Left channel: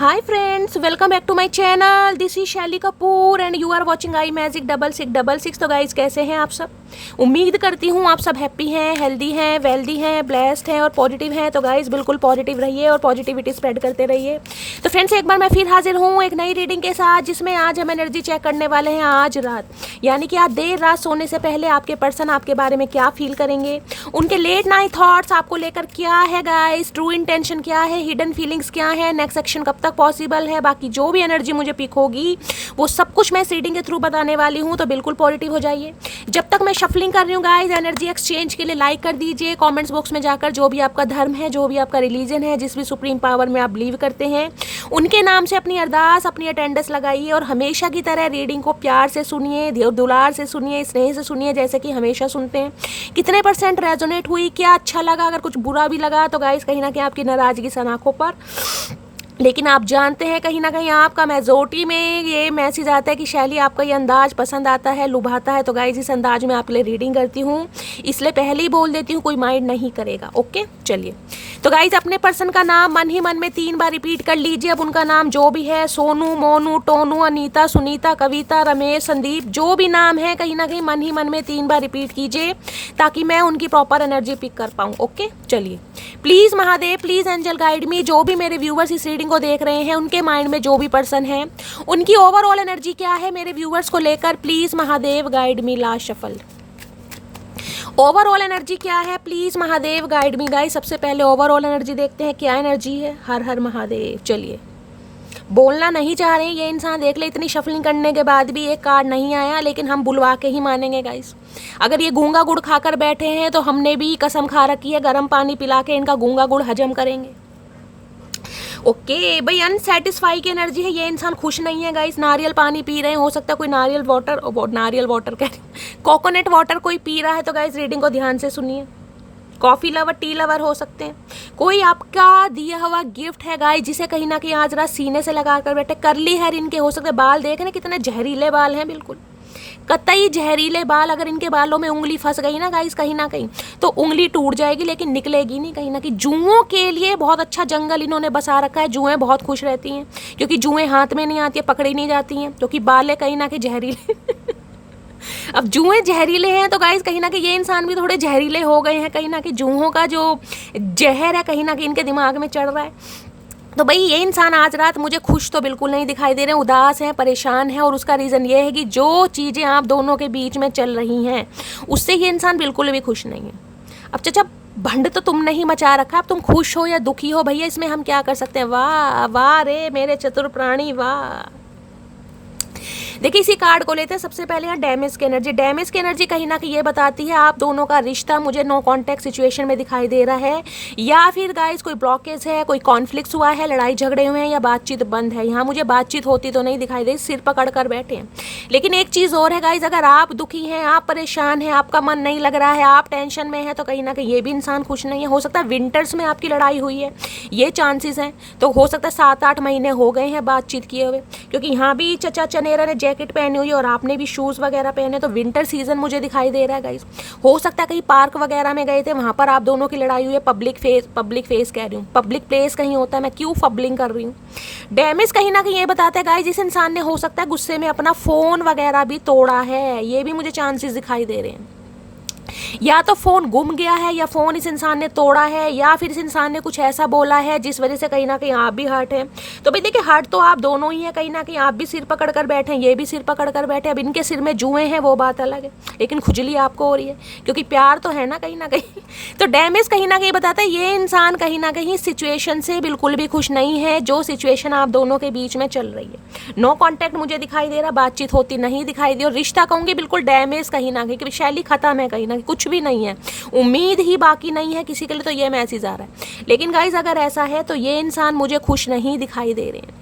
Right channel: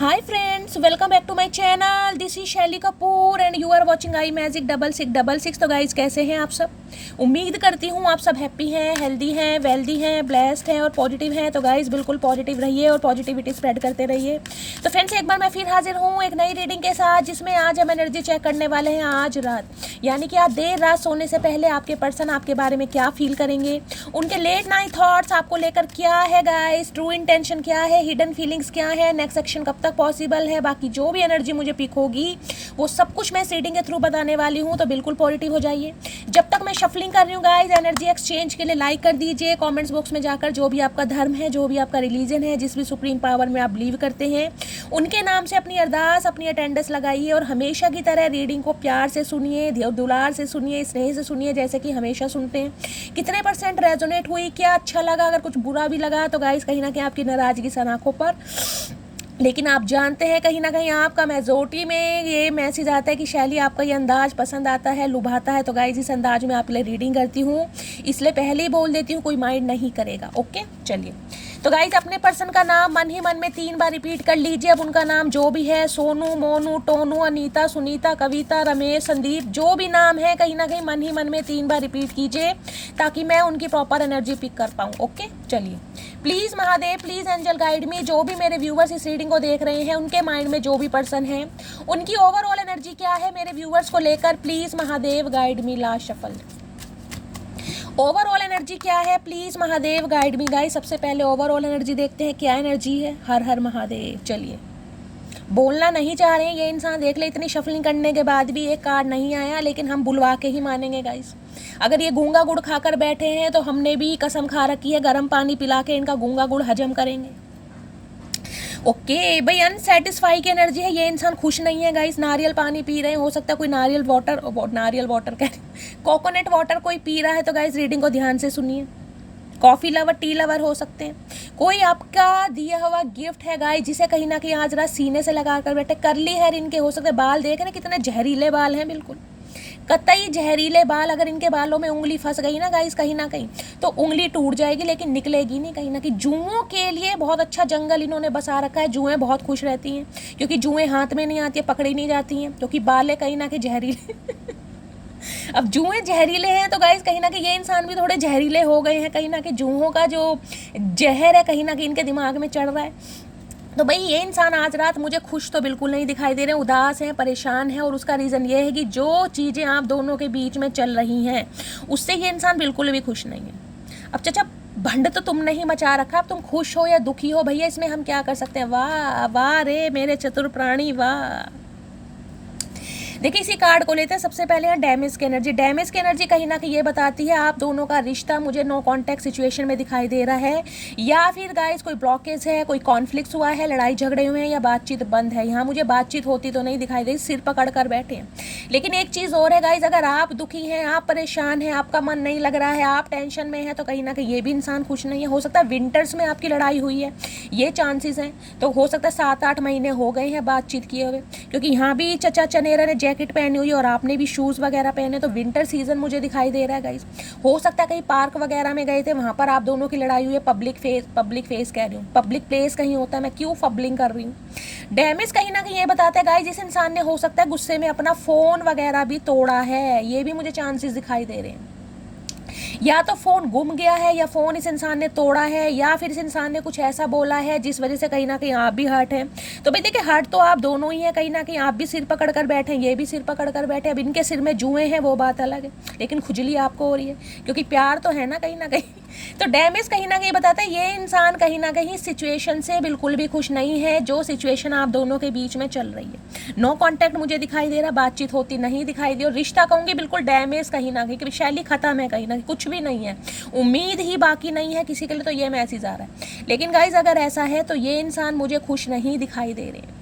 Hi friends, welcome back to my channel. This is शैली Kapoor and you are watching I magic 6666। तो guys कैसे हैं आप सब? उम्मीद करती हूँ आप सब हैप्पी हैं, हेल्दी हैं, वेल्दी हैं, ब्लेस्ड हैं और पॉजिटिव हैं। तो गाइज बिल्कुल पॉजिटिव रहिए और पॉजिटिविटी स्प्रेड करते रहिए। तो फ्रेंड्स एक बार मैं फिर हाजिर हूँ एक नई रीडिंग के साथ, जिसमें आज हम एनर्जी चेक करने वाले हैं आज रात, यानी कि आज देर रात सोने से पहले आपके पर्सन आपके बारे में क्या फील करेंगे, उनके लेट नाइट थॉट्स आपको लेकर क्या है गाइज, ट्रू इंटेंशन क्या है, हिडन फीलिंग्स क्या है, नेक्स्ट एक्शन कब तक पॉसिबल है। बाकी जो भी एनर्जी मुझे पिक होगी वो सब कुछ मैं इस रीडिंग के थ्रू बताने वाली हूँ। तो बिल्कुल पॉजिटिव हो जाइए। जब तक मैं शफलिंग कर रही हूँ गाइज, एनर्जी एक्सचेंज के लिए लाइक कर दीजिए, कमेंट्स बॉक्स में जाकर जो भी आपका धर्म है, जो भी आपका रिलीजन है, जिस भी सुप्रीम पावर में आप बिलीव करते हैं, उनके नाम से अपनी अरदास, अपनी अटेंडेंस लगाइए और हमेशा की तरह रीडिंग को प्यार से सुनिए, दुलार से सुनिए, स्नेह से सुनिए, जैसे कि हमेशा सुनते हैं। कितने % रेजोनेट हुई, क्या अच्छा लगा, अगर कुछ बुरा भी लगा तो गाइज कहीं ना कहीं आपकी नाराजगी सन आंखों पर, लेकिन आप जानते हैं कहीं ना कहीं आपका मेजोरिटी में ये मैसेज आता है कि शैली आपका ये अंदाज पसंद आता है, लुभाता है। तो गाइज इस अंदाज में आपके लिए रीडिंग करती हूँ, इसलिए पहले ही बोल देती हूँ कोई माइंड नहीं करेगा। ओके चलिए। तो गाइज अपने पर्सन का नाम मन ही मन में 3 बार रिपीट कर लीजिए। अब उनका नाम जो भी है, सोनू, मोनू, टोनू, अनीता, सुनीता, कविता, रमेश, संदीप, जो भी नाम है कहीं ना कहीं मन ही मन में 3 बार रिपीट कीजिए ताकि मैं उनकी प्रॉपर एनर्जी पिक कर पाऊँ। ओके चलिए। Please Mahadev, please angel guide me. जो भी मेरे व्यूवर्स इस रीडिंग को देख रहे हैं उनके माइंड में जो भी पर्सन है उनकी ओवरऑल एनर्जी क्या है मेरे व्यूवर्स को लेकर, please Mahadev guide me. Last shuffle, overall energy क्या है, please Mahadev guide me. Guys सबसे पहले ओवरऑल एनर्जी देखते हैं क्या एनर्जी है। हर हर महादेव। चलिए, बोलना नहीं चाह रहे हैं ये इंसान, देख ले इतनी शफलिंग करने के बाद भी एक कार्ड नहीं आया, लेकिन हम बुलवा के ही मानेंगे गाइस। अगर ये गूंगा गुड़ खाकर बैठे हैं तो हमने भी कसम खा रखी है, गर्म पानी पिला के इनका गूंगा गुड़ हजम करेंगे। ओके भाई, अनसेटिस्फाई की एनर्जी है, ये इंसान खुश नहीं है गाइस। नारियल पानी पी रहे हैं, हो सकता है कोई नारियल वाटर का कोकोनट वाटर कोई पी रहा है। तो गाइस रीडिंग को ध्यान से सुनिए। कॉफ़ी लवर, टी लवर हो सकते हैं। कोई आपका दिया हुआ गिफ्ट है गाइस, जिसे कहीं ना कहीं आज रात सीने से लगा कर बैठे। करली हेयर इनके हो सकते, बाल देख रहे कितने जहरीले बाल हैं, बिल्कुल कतई जहरीले बाल। अगर इनके बालों में उंगली फंस गई ना गाइस कहीं ना कहीं, तो उंगली टूट जाएगी लेकिन निकलेगी नहीं कहीं ना कहीं। जुओं के लिए बहुत अच्छा जंगल इन्होंने बसा रखा है। जुएं बहुत खुश रहती हैं क्योंकि जुएं हाथ में नहीं आती है, पकड़ी नहीं जाती हैं, क्योंकि बाल है कहीं ना कहीं जहरीले अब जुएं जहरीले हैं तो गाइस कहीं ना कहीं ये इंसान भी थोड़े जहरीले हो गए हैं। कहीं ना कहीं जुओं का जो जहर है कहीं ना कहीं इनके दिमाग में चढ़ रहा है। तो भाई ये इंसान आज रात मुझे खुश तो बिल्कुल नहीं दिखाई दे रहे हैं, उदास है, परेशान है। और उसका रीज़न ये है कि जो चीज़ें आप दोनों के बीच में चल रही हैं उससे ये इंसान बिल्कुल भी खुश नहीं है। अब चाचा भंड तो तुमने ही मचा रखा, अब तुम खुश हो या दुखी हो भैया, इसमें हम क्या कर सकते हैं। वाह वाह रे मेरे चतुर प्राणी, वाह। देखिए इसी कार्ड को लेते हैं। सबसे पहले है डैमेज की एनर्जी। डैमेज की एनर्जी कहीं ना कहीं ये बताती है आप दोनों का रिश्ता मुझे नो कॉन्टैक्ट सिचुएशन में दिखाई दे रहा है, या फिर गाइस कोई ब्लॉकेज है, कोई कॉन्फ्लिक्ट हुआ है, लड़ाई झगड़े हुए हैं या बातचीत बंद है। यहाँ मुझे बातचीत होती तो नहीं दिखाई दे, सिर पकड़ कर बैठे हैं। लेकिन एक चीज़ और है गाइस, अगर आप दुखी हैं, आप परेशान हैं, आपका मन नहीं लग रहा है, आप टेंशन में हैं, तो कहीं ना कहीं ये भी इंसान खुश नहीं है। हो सकता है विंटर्स में आपकी लड़ाई हुई है, ये चांसेस हैं। तो हो सकता है 7-8 महीने हो गए हैं बातचीत किए हुए, क्योंकि यहाँ भी चचा चनेरा ने जैकेट पहनी हुई है और आपने भी शूज़ वगैरह पहने, तो विंटर सीजन मुझे दिखाई दे रहा है गाइस। हो सकता है कहीं पार्क वगैरह में गए थे, वहाँ पर आप दोनों की लड़ाई हुई है। पब्लिक फेस कह रही हूँ, पब्लिक प्लेस कहीं होता है, मैं क्यों फबलिंग कर रही हूँ। डैमेज कहीं ना कहीं ये बताता है गाइस, जिस इंसान ने हो सकता है गुस्से में अपना फ़ोन वगैरह भी तोड़ा है, ये भी मुझे चांसेस दिखाई दे रहे हैं। या तो फ़ोन गुम गया है, या फ़ोन इस इंसान ने तोड़ा है, या फिर इस इंसान ने कुछ ऐसा बोला है जिस वजह से कहीं ना कहीं आप भी हर्ट हैं। तो भाई देखिए हर्ट तो आप दोनों ही हैं, कहीं ना कहीं आप भी सिर पकड़ कर बैठे हैं, ये भी सिर पकड़ कर बैठे। अब इनके सिर में जुएं हैं वो बात अलग है, लेकिन खुजली आपको हो रही है क्योंकि प्यार तो है ना कहीं ना कहीं। तो डैमेज कहीं ना कहीं बताता है ये इंसान कहीं ना कहीं सिचुएशन से बिल्कुल भी खुश नहीं है, जो सिचुएशन आप दोनों के बीच में चल रही है। नो कॉन्टैक्ट मुझे दिखाई दे रहा, बातचीत होती नहीं दिखाई दी, और रिश्ता कहूँगी बिल्कुल डैमेज कहीं ना कहीं, शैली खत्म है, कहीं ना कहीं कुछ भी नहीं है, उम्मीद ही बाकी नहीं है किसी के लिए। तो ये मैसेज आ रहा है। लेकिन गाइस अगर ऐसा है तो ये इंसान मुझे खुश नहीं दिखाई दे रहे हैं।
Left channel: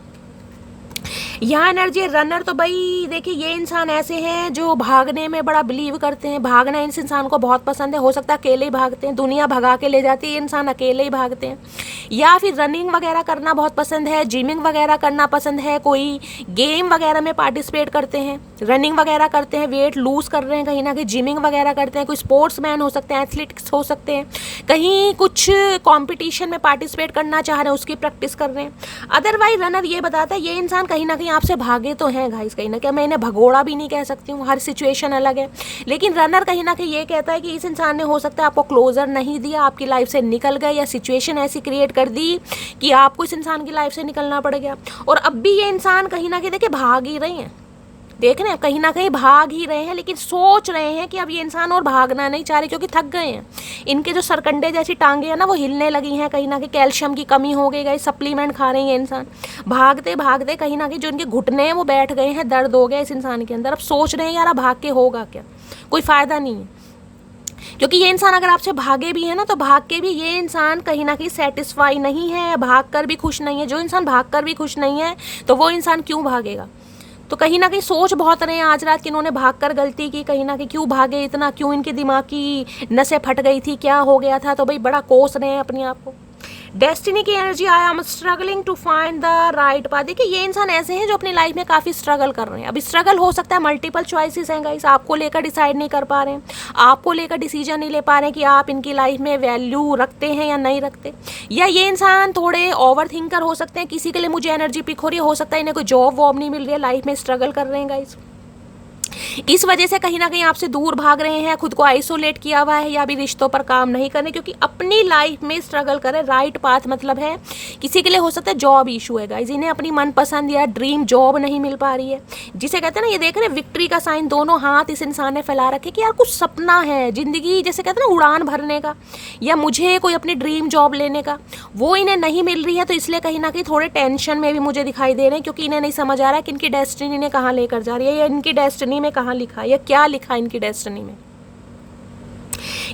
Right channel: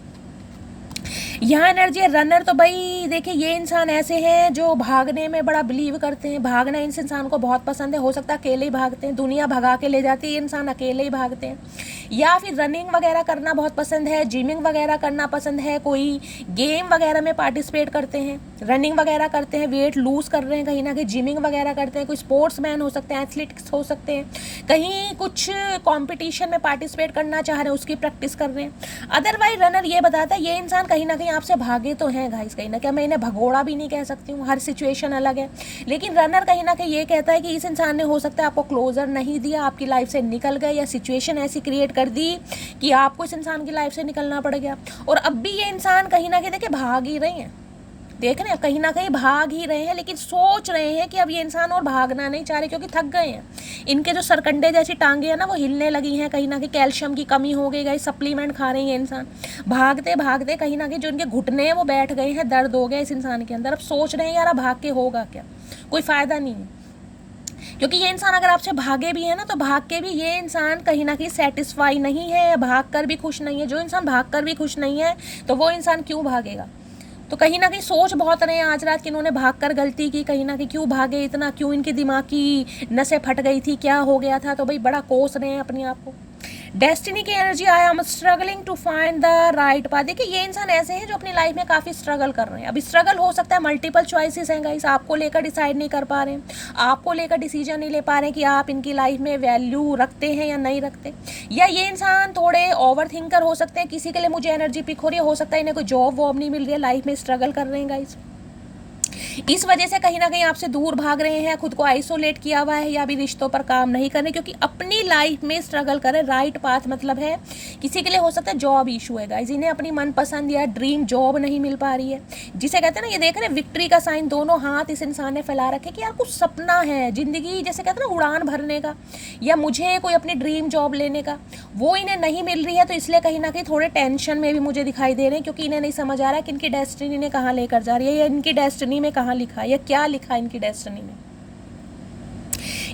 यहाँ एनर्जी है रनर। तो भाई देखिए ये इंसान ऐसे हैं जो भागने में बड़ा बिलीव करते हैं। भागना इस इंसान को बहुत पसंद है। हो सकता है अकेले ही भागते हैं, दुनिया भगा के ले जाती है, ये इंसान अकेले ही भागते हैं। या फिर रनिंग वगैरह करना बहुत पसंद है, जिमिंग वगैरह करना पसंद है, कोई गेम वगैरह में पार्टिसिपेट करते हैं, रनिंग वगैरह करते हैं, वेट लूज कर रहे हैं कहीं ना कहीं, जिमिंग वगैरह करते हैं, कोई स्पोर्ट्स मैन हो सकते हैं, एथलीट्स हो सकते हैं, कहीं कुछ कॉम्पिटिशन में पार्टिसिपेट करना चाह रहे हैं, उसकी प्रैक्टिस कर रहे हैं। अदरवाइज रनर ये बताता है ये इंसान कहीं ना कहीं आपसे भागे तो हैं गाइस, कहीं ना कहीं। मैं इन्हें भगोड़ा भी नहीं कह सकती हूँ, हर सिचुएशन अलग है, लेकिन रनर कहीं ना कहीं ये कहता है कि इस इंसान ने हो सकता है आपको क्लोजर नहीं दिया, आपकी लाइफ से निकल गए, या सिचुएशन ऐसी क्रिएट कर दी कि आपको इस इंसान की लाइफ से निकलना पड़ गया। और अब भी ये इंसान कहीं ना कहीं देखिए भाग ही रहे हैं, देख रहे हैं कहीं ना कहीं भाग ही रहे हैं, लेकिन सोच रहे हैं कि अब ये इंसान और भागना नहीं चाह रहे क्योंकि थक गए हैं। इनके जो सरकंडे जैसी टांगे हैं ना वो हिलने लगी हैं, कहीं ना कहीं कैल्शियम की कमी हो गई, गई सप्लीमेंट खा रहे हैं ये इंसान। भागते भागते कहीं ना कहीं जो इनके घुटने हैं वो बैठ गए हैं, दर्द हो गया इस इंसान के अंदर। अब सोच रहे हैं यार अब भाग के होगा क्या, कोई फ़ायदा नहीं है। क्योंकि ये इंसान अगर आपसे भागे भी है ना तो भाग के भी ये इंसान कहीं ना कहीं सेटिस्फाई नहीं है, भाग कर भी खुश नहीं है। जो इंसान भाग कर भी खुश नहीं है तो वो इंसान क्यों भागेगा। तो कहीं ना कहीं सोच बहुत रहे हैं आज रात कि इन्होंने भागकर गलती की, कहीं ना कहीं क्यों भागे इतना, क्यों इनके दिमाग की नसें फट गई थी, क्या हो गया था। तो भाई बड़ा कोस रहे हैं अपने आप को। डेस्टिनी की energy, I am struggling to find the right path. देखिए ये इंसान ऐसे हैं जो अपनी लाइफ में काफ़ी स्ट्रगल कर रहे हैं। अब स्ट्रगल हो सकता है मल्टीपल चॉइसेस हैं गाइस, आपको लेकर डिसाइड नहीं कर पा रहे हैं, आपको लेकर डिसीजन नहीं ले पा रहे हैं कि आप इनकी लाइफ में वैल्यू रखते हैं या नहीं रखते। या ये इंसान थोड़े ओवर थिंकर हो सकते हैं, किसी के लिए मुझे एनर्जी पिक हो रही है, हो सकता है इन्हें कोई जॉब वॉब नहीं मिल रही है, लाइफ में स्ट्रगल कर रहे हैं गाइस, इस वजह से कहीं ना कहीं आपसे दूर भाग रहे हैं, खुद को आइसोलेट किया हुआ है, या भी रिश्तों पर काम नहीं करने क्योंकि अपनी लाइफ में स्ट्रगल करें। राइट पाथ मतलब है किसी के लिए हो सकता है जॉब इशू है गाइस, इन्हें अपनी मनपसंद या ड्रीम जॉब नहीं मिल पा रही है, जिसे कहते हैं ना, ये देख रहे हैं विक्ट्री का साइन, दोनों हाथ इस इंसान ने फैला रखे कि यार कुछ सपना है जिंदगी, जैसे कहते हैं ना उड़ान भरने का, या मुझे कोई अपनी ड्रीम जॉब लेने का, वो इन्हें नहीं मिल रही है। तो इसलिए कहीं ना कहीं थोड़े टेंशन में भी मुझे दिखाई दे रहे हैं क्योंकि इन्हें नहीं समझ आ रहा है कि इनकी डेस्टिनी ने कहाँ लेकर जा रही है, या इनकी डेस्टिनी में कहाँ लिखा है, या क्या लिखा है इनकी डेस्टिनी में।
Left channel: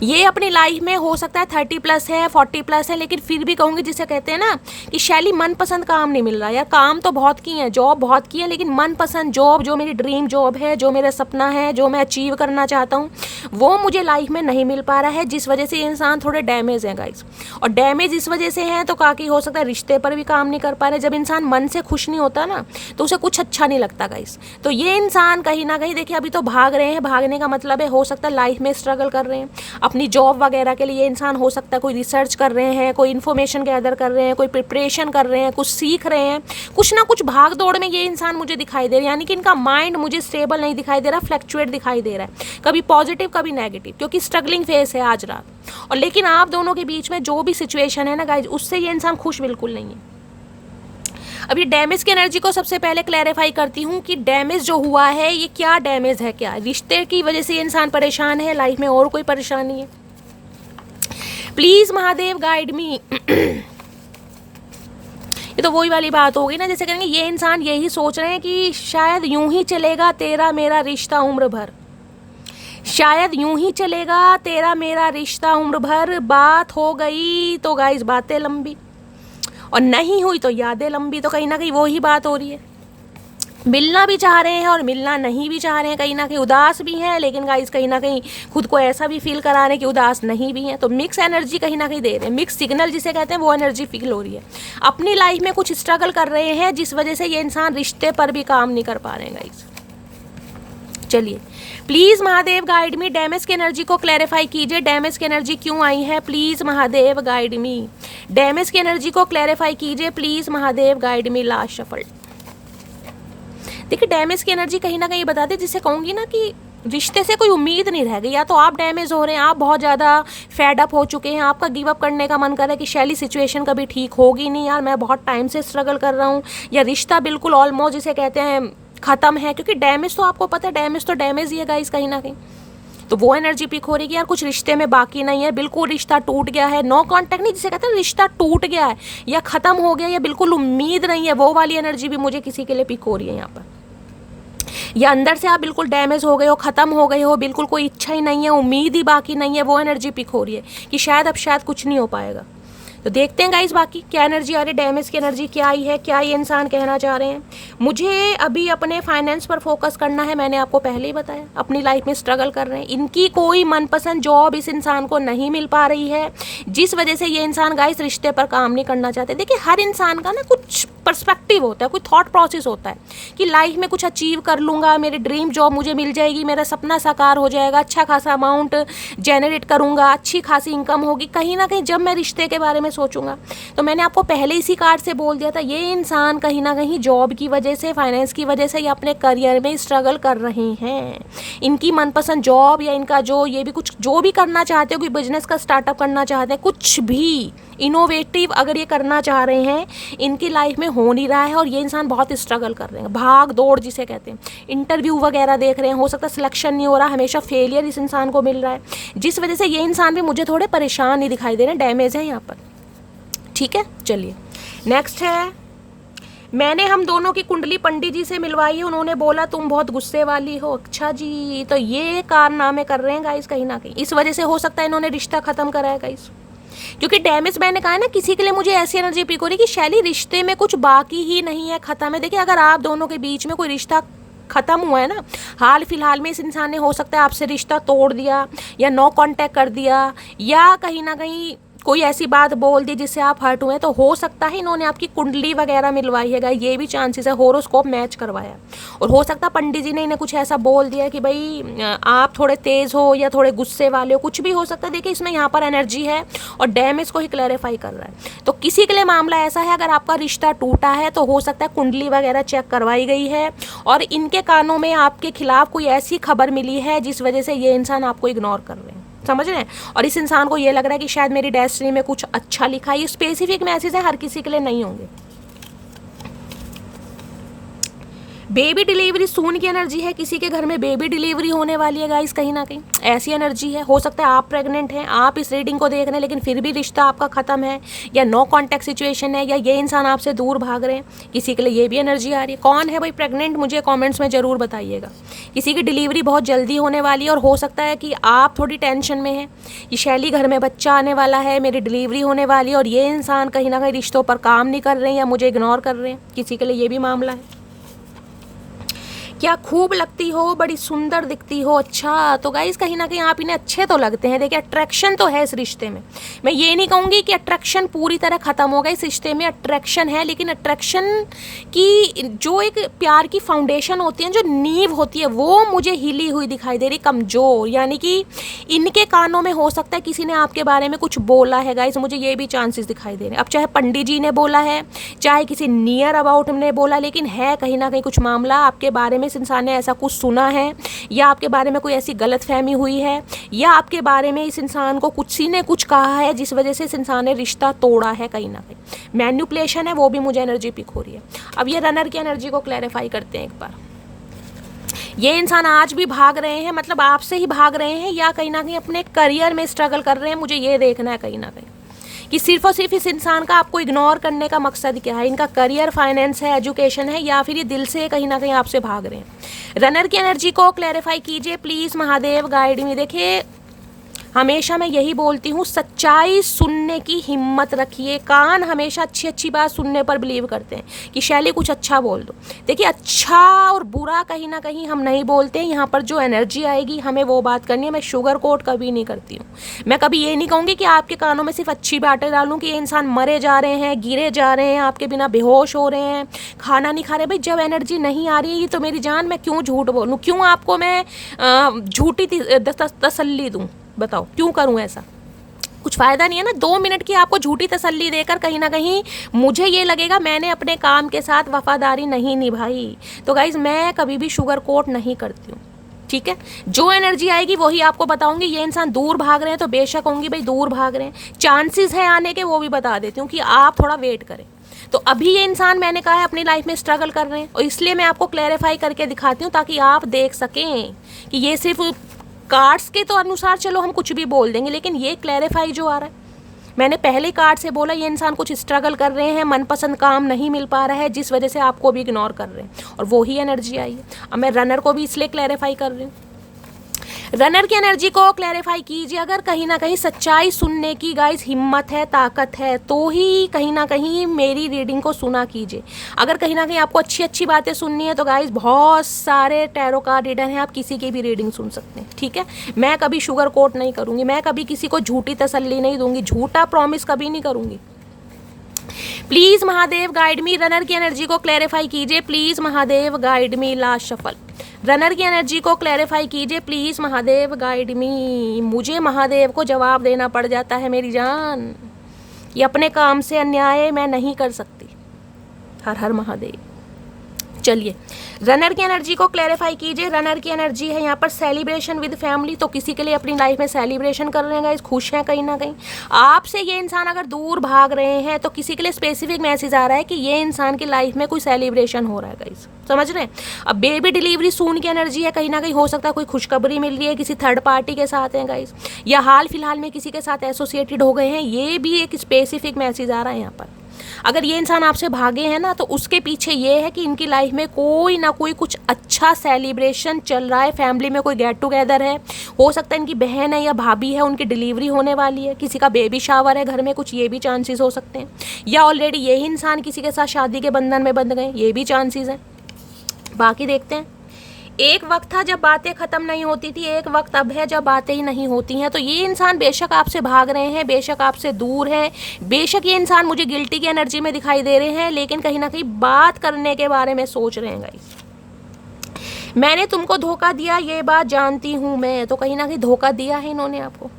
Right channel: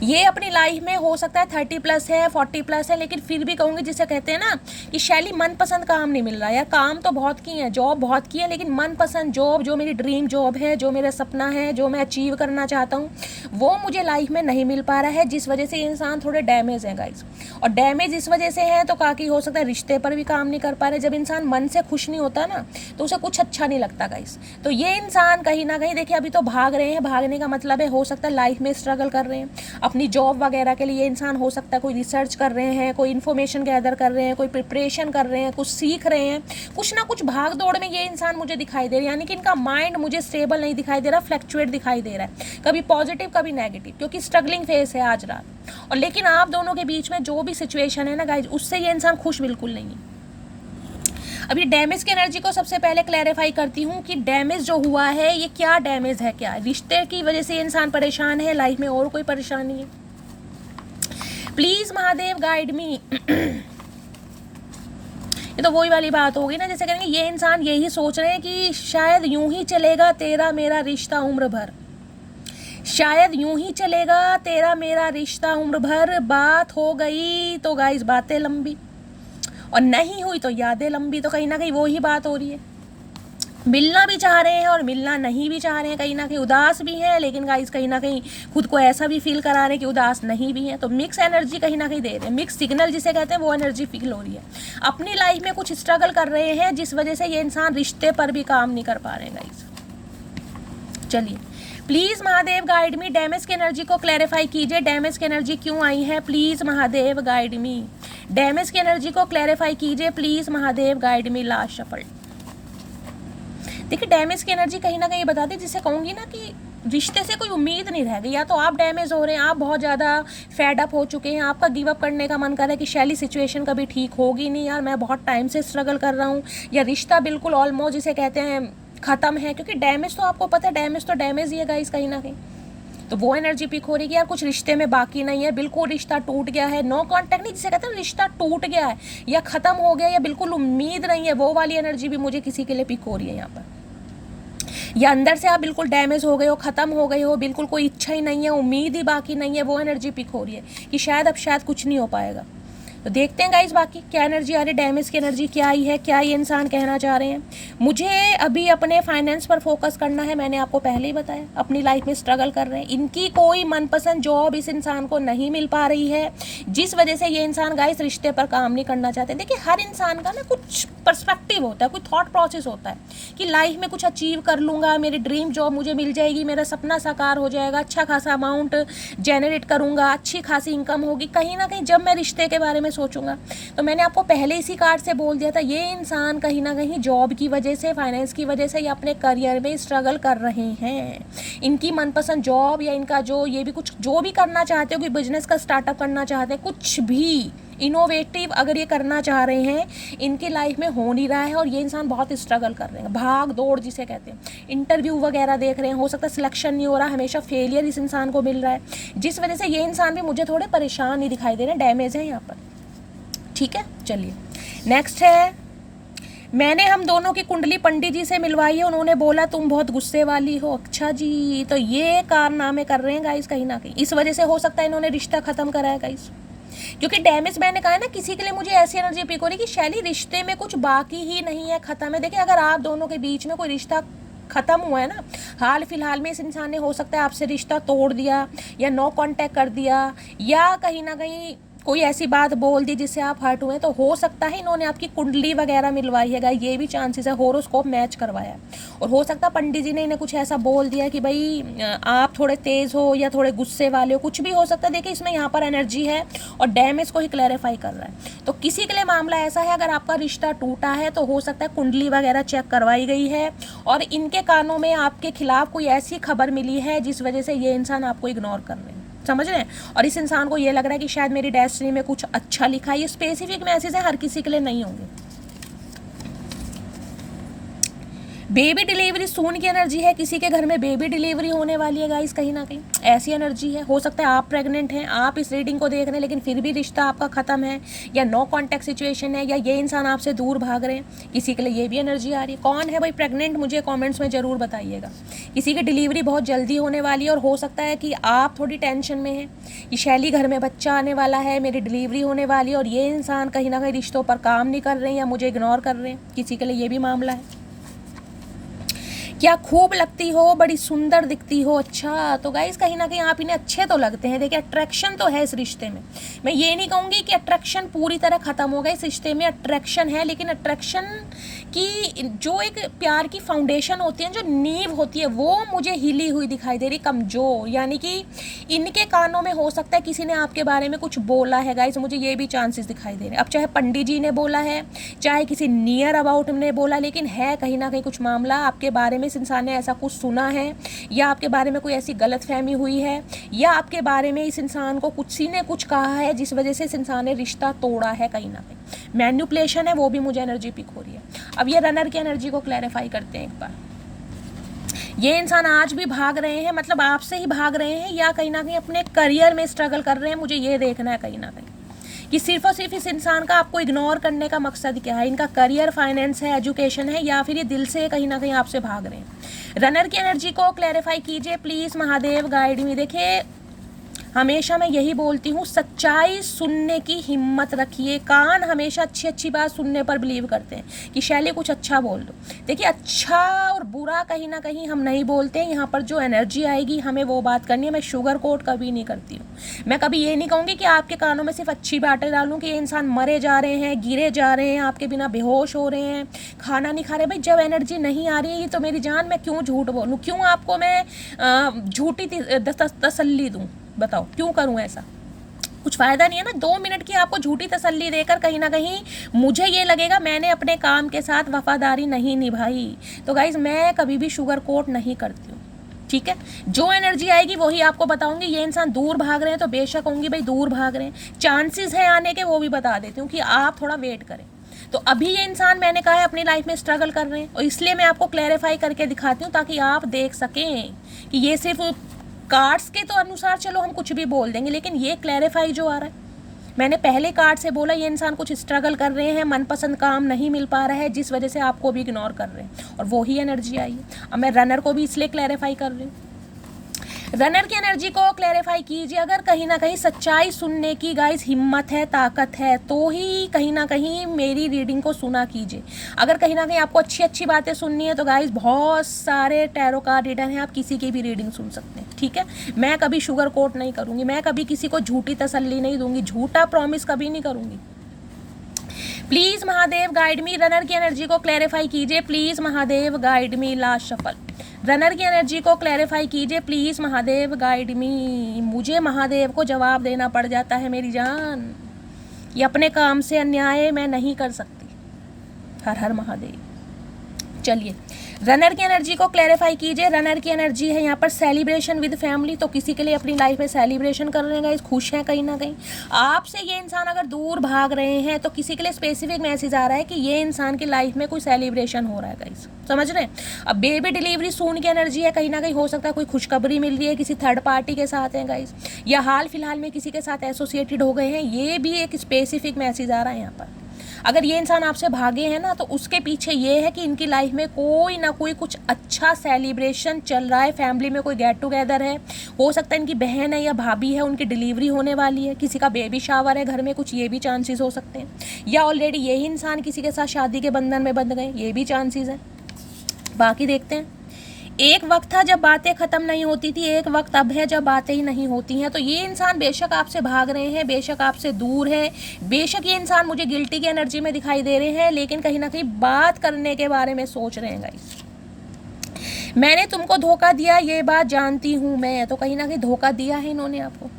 ये अपनी लाइफ में हो सकता है 30+ है, 40+ है, लेकिन फिर भी कहूँगी जिसे कहते हैं ना कि शैली मनपसंद काम नहीं मिल रहा है। काम तो बहुत किए हैं, जॉब बहुत की है, लेकिन मनपसंद जॉब जो मेरी ड्रीम जॉब है, जो मेरा सपना है, जो मैं अचीव करना चाहता हूँ, वो मुझे लाइफ में नहीं मिल पा रहा है, जिस वजह से ये इंसान थोड़े डैमेज है गाइस। और डैमेज इस वजह से है तो काफ़ी हो सकता है रिश्ते पर भी काम नहीं कर पा रहे। जब इंसान मन से खुश नहीं होता ना तो उसे कुछ अच्छा नहीं लगता गाइस। तो ये इंसान कहीं ना कहीं देखिए अभी तो भाग रहे हैं, भागने का मतलब है हो सकता है लाइफ में स्ट्रगल कर रहे हैं अपनी जॉब वगैरह के लिए। ये इंसान हो सकता है कोई रिसर्च कर रहे हैं, कोई इन्फॉर्मेशन गैदर कर रहे हैं, कोई प्रिपरेशन कर रहे हैं, कुछ सीख रहे हैं, कुछ ना कुछ भाग दौड़ में ये इंसान मुझे दिखाई दे रहा है। यानी कि इनका माइंड मुझे स्टेबल नहीं दिखाई दे रहा, फ्लक्चुएट दिखाई दे रहा है, कभी पॉजिटिव कभी नेगेटिव, क्योंकि स्ट्रगलिंग फेस है आज रात। और लेकिन आप दोनों के बीच में जो भी सिचुएशन है ना गाइज, उससे ये इंसान खुश बिल्कुल नहीं है। अभी डैमेज की एनर्जी को सबसे पहले क्लैरिफाई करती हूँ कि डैमेज जो हुआ है ये क्या डैमेज है, क्या रिश्ते की वजह से ये इंसान परेशान है, लाइफ में और कोई परेशानी है। प्लीज महादेव गाइड मी। ये तो वही वाली बात होगी ना, जैसे कहेंगे ये इंसान यही सोच रहे हैं कि शायद यूं ही चलेगा तेरा मेरा रिश्ता उम्र भर, शायद यूं ही चलेगा तेरा मेरा रिश्ता उम्र भर, बात हो गई तो गाइस बातें लंबी, और नहीं हुई तो यादें लंबी। तो कहीं ना कहीं वो ही बात हो रही है, मिलना भी चाह रहे हैं और मिलना नहीं भी चाह रहे हैं, कहीं ना कहीं उदास भी हैं, लेकिन गाइस कहीं ना कहीं खुद को ऐसा भी फील करा रहे हैं कि उदास नहीं भी हैं। तो मिक्स एनर्जी कहीं ना कहीं दे रहे हैं, मिक्स सिग्नल जिसे कहते हैं वो एनर्जी फील हो रही है। अपनी लाइफ में कुछ स्ट्रगल कर रहे हैं जिस वजह से ये इंसान रिश्ते पर भी काम नहीं कर पा रहे हैं गाइस। चलिए please Mahadev guide me, damage की एनर्जी को क्लैरिफाई कीजिए, डैमेज की एनर्जी क्यों आई है, please Mahadev guide me, damage की एनर्जी को क्लैरिफाई कीजिए, please Mahadev guide me. Last shuffle. देखिए डैमेज की एनर्जी कहीं ना कहीं बताती, जिसे कहूँगी ना कि रिश्ते से कोई उम्मीद नहीं रह गई, या तो आप डैमेज हो रहे हैं, आप बहुत ज़्यादा फेड अप हो चुके हैं, आपका गिव अप करने का मन कर रहा है कि शैली सिचुएशन कभी ठीक होगी नहीं यार, मैं बहुत टाइम से स्ट्रगल कर रहा हूँ, या रिश्ता बिल्कुल ऑलमोस्ट जिसे कहते हैं ख़त्म है। क्योंकि डैमेज तो आपको पता है, डैमेज तो डैमेज ही है गाइस कहीं ना कहीं। तो वो एनर्जी पिक हो रही है यार कुछ रिश्ते में बाकी नहीं है, बिल्कुल रिश्ता टूट गया है, नो कांटेक्ट नहीं, जिसे कहते हैं रिश्ता टूट गया है या ख़त्म हो गया, या बिल्कुल उम्मीद नहीं है, वो वाली एनर्जी भी मुझे किसी के लिए पिक हो रही है यहाँ पर। या अंदर से आप बिल्कुल डैमेज हो गए हो, ख़त्म हो गए हो, बिल्कुल कोई इच्छा ही नहीं है, उम्मीद ही बाकी नहीं है, वो एनर्जी पिक हो रही है कि शायद अब शायद कुछ नहीं हो पाएगा। तो देखते हैं गाइस बाकी क्या एनर्जी आ रही है, डैमेज की एनर्जी क्या आई है, क्या ये इंसान कहना चाह रहे हैं। मुझे अभी अपने फाइनेंस पर फोकस करना है, मैंने आपको पहले ही बताया, अपनी लाइफ में स्ट्रगल कर रहे हैं। इनकी कोई मनपसंद जॉब इस इंसान को नहीं मिल पा रही है, जिस वजह से ये इंसान गाइस रिश्ते पर काम नहीं करना चाहते। देखिए हर इंसान का ना कुछ पर्सपेक्टिव होता है, कोई थॉट प्रोसेस होता है कि लाइफ में कुछ अचीव कर लूँगा, मेरी ड्रीम जॉब मुझे मिल जाएगी, मेरा सपना साकार हो जाएगा, अच्छा खासा अमाउंट जनरेट करूँगा, अच्छी खासी इनकम होगी। कहीं ना कहीं जब मैं रिश्ते के बारे में सोचूंगा, तो मैंने आपको पहले इसी कार्ड से बोल दिया था, ये इंसान कहीं ना कहीं जॉब की वजह से, फाइनेंस की वजह से या अपने करियर में स्ट्रगल कर रहे हैं। इनकी मनपसंद जॉब या इनका जो ये भी कुछ जो भी करना चाहते हो, कोई बिजनेस का स्टार्टअप करना चाहते हैं, कुछ भी इनोवेटिव अगर ये करना चाह रहे हैं, इनकी लाइफ में हो नहीं रहा है। और ये इंसान बहुत स्ट्रगल कर रहे हैं, भाग दौड़ जिसे कहते हैं, इंटरव्यू वगैरह देख रहे हैं, हो सकता है सिलेक्शन नहीं हो रहा, हमेशा फेलियर इस इंसान को मिल रहा है, जिस वजह से ये इंसान भी मुझे थोड़े परेशान नहीं दिखाई दे रहे हैं, डैमेज है यहाँ पर। ठीक है, चलिए नेक्स्ट है, मैंने हम दोनों की कुंडली पंडित जी से मिलवाई है, उन्होंने बोला तुम बहुत गुस्से वाली हो। अच्छा जी, तो ये कारनामे कर रहे हैं गाइस कहीं ना कहीं, इस वजह से हो सकता है इन्होंने रिश्ता खत्म करा है गाइस, क्योंकि डैमेज मैंने कहा ना, किसी के लिए मुझे ऐसी एनर्जी पिक हो रही कि शैली रिश्ते में कुछ बाकी ही नहीं है, खत्म है। देखिए अगर आप दोनों के बीच में कोई रिश्ता खत्म हुआ है ना, हाल फिलहाल में इस इंसान ने हो सकता है आपसे रिश्ता तोड़ दिया या नो कांटेक्ट कर दिया, या कहीं ना कहीं कोई ऐसी बात बोल दी जिससे आप हर्ट हुए, तो हो सकता है इन्होंने आपकी कुंडली वगैरह मिलवाई है, ये भी चांसेस है, होरोस्कोप मैच करवाया। और हो सकता है पंडित जी ने इन्हें कुछ ऐसा बोल दिया कि भाई आप थोड़े तेज हो या थोड़े गुस्से वाले हो, कुछ भी हो सकता है। देखिए इसमें यहाँ पर एनर्जी है और डैमेज को ही क्लैरिफाई कर रहा है। तो किसी के लिए मामला ऐसा है, अगर आपका रिश्ता टूटा है तो हो सकता है कुंडली वगैरह चेक करवाई गई है और इनके कानों में आपके खिलाफ कोई ऐसी खबर मिली है जिस वजह से ये इंसान आपको इग्नोर कर रहे हैं, समझ रहे हैं। और इस इंसान को ये लग रहा है कि शायद मेरी डेस्टिनी में कुछ अच्छा लिखा है। ये स्पेसिफिक मैसेज है, हर किसी के लिए नहीं होंगे। बेबी डिलीवरी सून की एनर्जी है, किसी के घर में बेबी डिलीवरी होने वाली है गाइस, कहीं ना कहीं ऐसी एनर्जी है। हो सकता है आप प्रेग्नेंट हैं, आप इस रीडिंग को देख रहे हैं, लेकिन फिर भी रिश्ता आपका खत्म है, या नो कांटेक्ट सिचुएशन है, या ये इंसान आपसे दूर भाग रहे हैं। किसी के लिए ये भी एनर्जी आ रही है। कौन है भाई प्रेग्नेंट, मुझे कॉमेंट्स में जरूर बताइएगा। किसी की डिलीवरी बहुत जल्दी होने वाली है और हो सकता है कि आप थोड़ी टेंशन में हैं कि शैली घर में बच्चा आने वाला है, मेरी डिलीवरी होने वाली है, और ये इंसान कहीं ना कहीं रिश्तों पर काम नहीं कर रहे हैं या मुझे इग्नोर कर रहे हैं। किसी के लिए ये भी मामला है। क्या खूब लगती हो, बड़ी सुंदर दिखती हो। अच्छा, तो गाइस कहीं ना कहीं आप इन्हें अच्छे तो लगते हैं। देखिए अट्रैक्शन तो है इस रिश्ते में, मैं ये नहीं कहूँगी कि अट्रैक्शन पूरी तरह खत्म हो गई, इस रिश्ते में अट्रैक्शन है, लेकिन अट्रैक्शन की जो एक प्यार की फाउंडेशन होती है, जो नींव होती है, वो मुझे हिली हुई दिखाई दे रही, कमजोर। यानी कि इनके कानों में हो सकता है किसी ने आपके बारे में कुछ बोला है गाइस, मुझे ये भी चांसेस दिखाई दे रहे हैं। अब चाहे पंडित जी ने बोला है, चाहे किसी नियर अबाउट ने बोला, लेकिन है कहीं ना कहीं कुछ मामला आपके बारे में, इस इंसान ने ऐसा कुछ सुना है, या आपके बारे में कोई ऐसी गलतफहमी हुई है, या आपके बारे में इस इंसान को किसी ने कुछ कहा है जिस वजह से इस इंसान ने रिश्ता तोड़ा है। कहीं ना कहीं मैनिपुलेशन है, वो भी मुझे एनर्जी पिक हो रही है। अब ये रनर की एनर्जी को क्लैरिफाई करते हैं एक बार। ये इंसान आज भी भाग रहे हैं, मतलब आपसे ही भाग रहे हैं, या कहीं ना कहीं अपने करियर में स्ट्रगल कर रहे हैं। मुझे ये देखना है कहीं ना कहीं कि सिर्फ और सिर्फ इस इंसान का आपको इग्नोर करने का मकसद क्या है। इनका करियर, फाइनेंस है, एजुकेशन है, या फिर ये दिल से कहीं ना कहीं आपसे भाग रहे हैं। रनर की एनर्जी को क्लैरिफाई कीजिए प्लीज़, महादेव गाइड मी। देखिए हमेशा मैं यही बोलती हूँ, सच्चाई सुनने की हिम्मत रखिए। कान हमेशा अच्छी अच्छी बात सुनने पर बिलीव करते हैं कि शैली कुछ अच्छा बोल दो। देखिए अच्छा और बुरा कहीं ना कहीं हम नहीं बोलते हैं, यहाँ पर जो एनर्जी आएगी हमें वो बात करनी है। मैं शुगर कोट कभी नहीं करती हूँ। मैं कभी ये नहीं कहूँगी कि आपके कानों में सिर्फ अच्छी बातें डालूँ कि ये इंसान मरे जा रहे हैं, गिरे जा रहे हैं, आपके बिना बेहोश हो रहे हैं, खाना नहीं खा रहे। भाई जब एनर्जी नहीं आ रही तो मेरी जान, मैं क्यों झूठ बोलूँ, क्यों आपको मैं झूठी तसल्ली दूँ, बताओ क्यों करूं ऐसा। कुछ फायदा नहीं है ना। 2 मिनट की आपको झूठी तसल्ली देकर कहीं ना कहीं मुझे ये लगेगा मैंने अपने काम के साथ वफादारी नहीं निभाई। तो गाइज मैं कभी भी शुगर कोट नहीं करती हूँ, ठीक है। जो एनर्जी आएगी वही आपको बताऊंगी। ये इंसान दूर भाग रहे हैं तो बेशक होंगी भाई, दूर भाग रहे हैं, चांसेस हैं आने के, वो भी बता देती हूँ कि आप थोड़ा वेट करें। तो अभी ये इंसान मैंने कहा है अपनी लाइफ में स्ट्रगल कर रहे हैं, और इसलिए मैं आपको क्लैरिफाई करके दिखाती हूँ ताकि आप देख सकें कि ये सिर्फ कार्ड्स के तो अनुसार चलो हम कुछ भी बोल देंगे, लेकिन ये क्लैरिफाई जो आ रहा है, मैंने पहले कार्ड से बोला ये इंसान कुछ स्ट्रगल कर रहे हैं, मनपसंद काम नहीं मिल पा रहा है जिस वजह से आपको भी इग्नोर कर रहे हैं, और वो ही एनर्जी आई है। अब मैं रनर को भी इसलिए क्लैरिफाई कर रही हूँ। रनर की एनर्जी को क्लैरिफाई कीजिए। अगर कहीं ना कहीं सच्चाई सुनने की गाइस हिम्मत है, ताकत है, तो ही कहीं ना कहीं मेरी रीडिंग को सुना कीजिए। अगर कहीं ना कहीं आपको अच्छी अच्छी बातें सुननी है तो गाइस बहुत सारे टैरो कार्ड रीडर हैं, आप किसी की भी रीडिंग सुन सकते हैं, ठीक है। मैं कभी शुगर कोट नहीं करूँगी, मैं कभी किसी को झूठी तसल्ली नहीं दूंगी, झूठा प्रॉमिस कभी नहीं करूँगी। Please Mahadev guide me, runner की एनर्जी को क्लैरिफाई कीजिए। Please Mahadev guide me, last shuffle. Runner की एनर्जी को क्लैरिफाई कीजिए। प्लीज महादेव गाइड मी। मुझे महादेव को जवाब देना पड़ जाता है मेरी जान, ये अपने काम से अन्याय मैं नहीं कर सकती। हर हर महादेव। चलिए रनर की एनर्जी को क्लैरिफाई कीजिए। रनर की एनर्जी है यहाँ पर सेलिब्रेशन विद फैमिली, तो किसी के लिए अपनी लाइफ में सेलिब्रेशन कर रहे हैं गाइस, खुश हैं कहीं ना कहीं। आपसे ये इंसान अगर दूर भाग रहे हैं तो किसी के लिए स्पेसिफिक मैसेज आ रहा है कि ये इंसान की लाइफ में कोई सेलिब्रेशन हो रहा है गाइस, समझ रहे हैं। अब बेबी डिलीवरी सून की एनर्जी है, कहीं ना कहीं हो सकता है कोई खुशखबरी मिल रही है, किसी थर्ड पार्टी के साथ है गाइस, या हाल फिलहाल में किसी के साथ एसोसिएटेड हो गए हैं, ये भी एक स्पेसिफिक मैसेज आ रहा है यहाँ पर। अगर ये इंसान आपसे भागे हैं ना तो उसके पीछे ये है कि इनकी लाइफ में कोई ना कोई कुछ अच्छा सेलिब्रेशन चल रहा है, फैमिली में कोई गेट टुगेदर है, हो सकता है इनकी बहन है या भाभी है, उनकी डिलीवरी होने वाली है, किसी का बेबी शावर है घर में, कुछ ये भी चांसेस हो सकते हैं, या ऑलरेडी यही इंसान किसी के साथ शादी के बंधन में बंध गए, ये भी चांसेस हैं। बाकी देखते हैं। एक वक्त था जब बातें खत्म नहीं होती थी, एक वक्त अब है जब बातें ही नहीं होती हैं। तो ये इंसान बेशक आपसे भाग रहे हैं, बेशक आपसे दूर है, बेशक ये इंसान मुझे गिल्टी की एनर्जी में दिखाई दे रहे हैं, लेकिन कहीं ना कहीं बात करने के बारे में सोच रहे हैं गाइस। मैंने तुमको धोखा दिया, ये बात जानती हूँ मैं, तो कहीं ना कहीं धोखा दिया है इन्होंने आपको।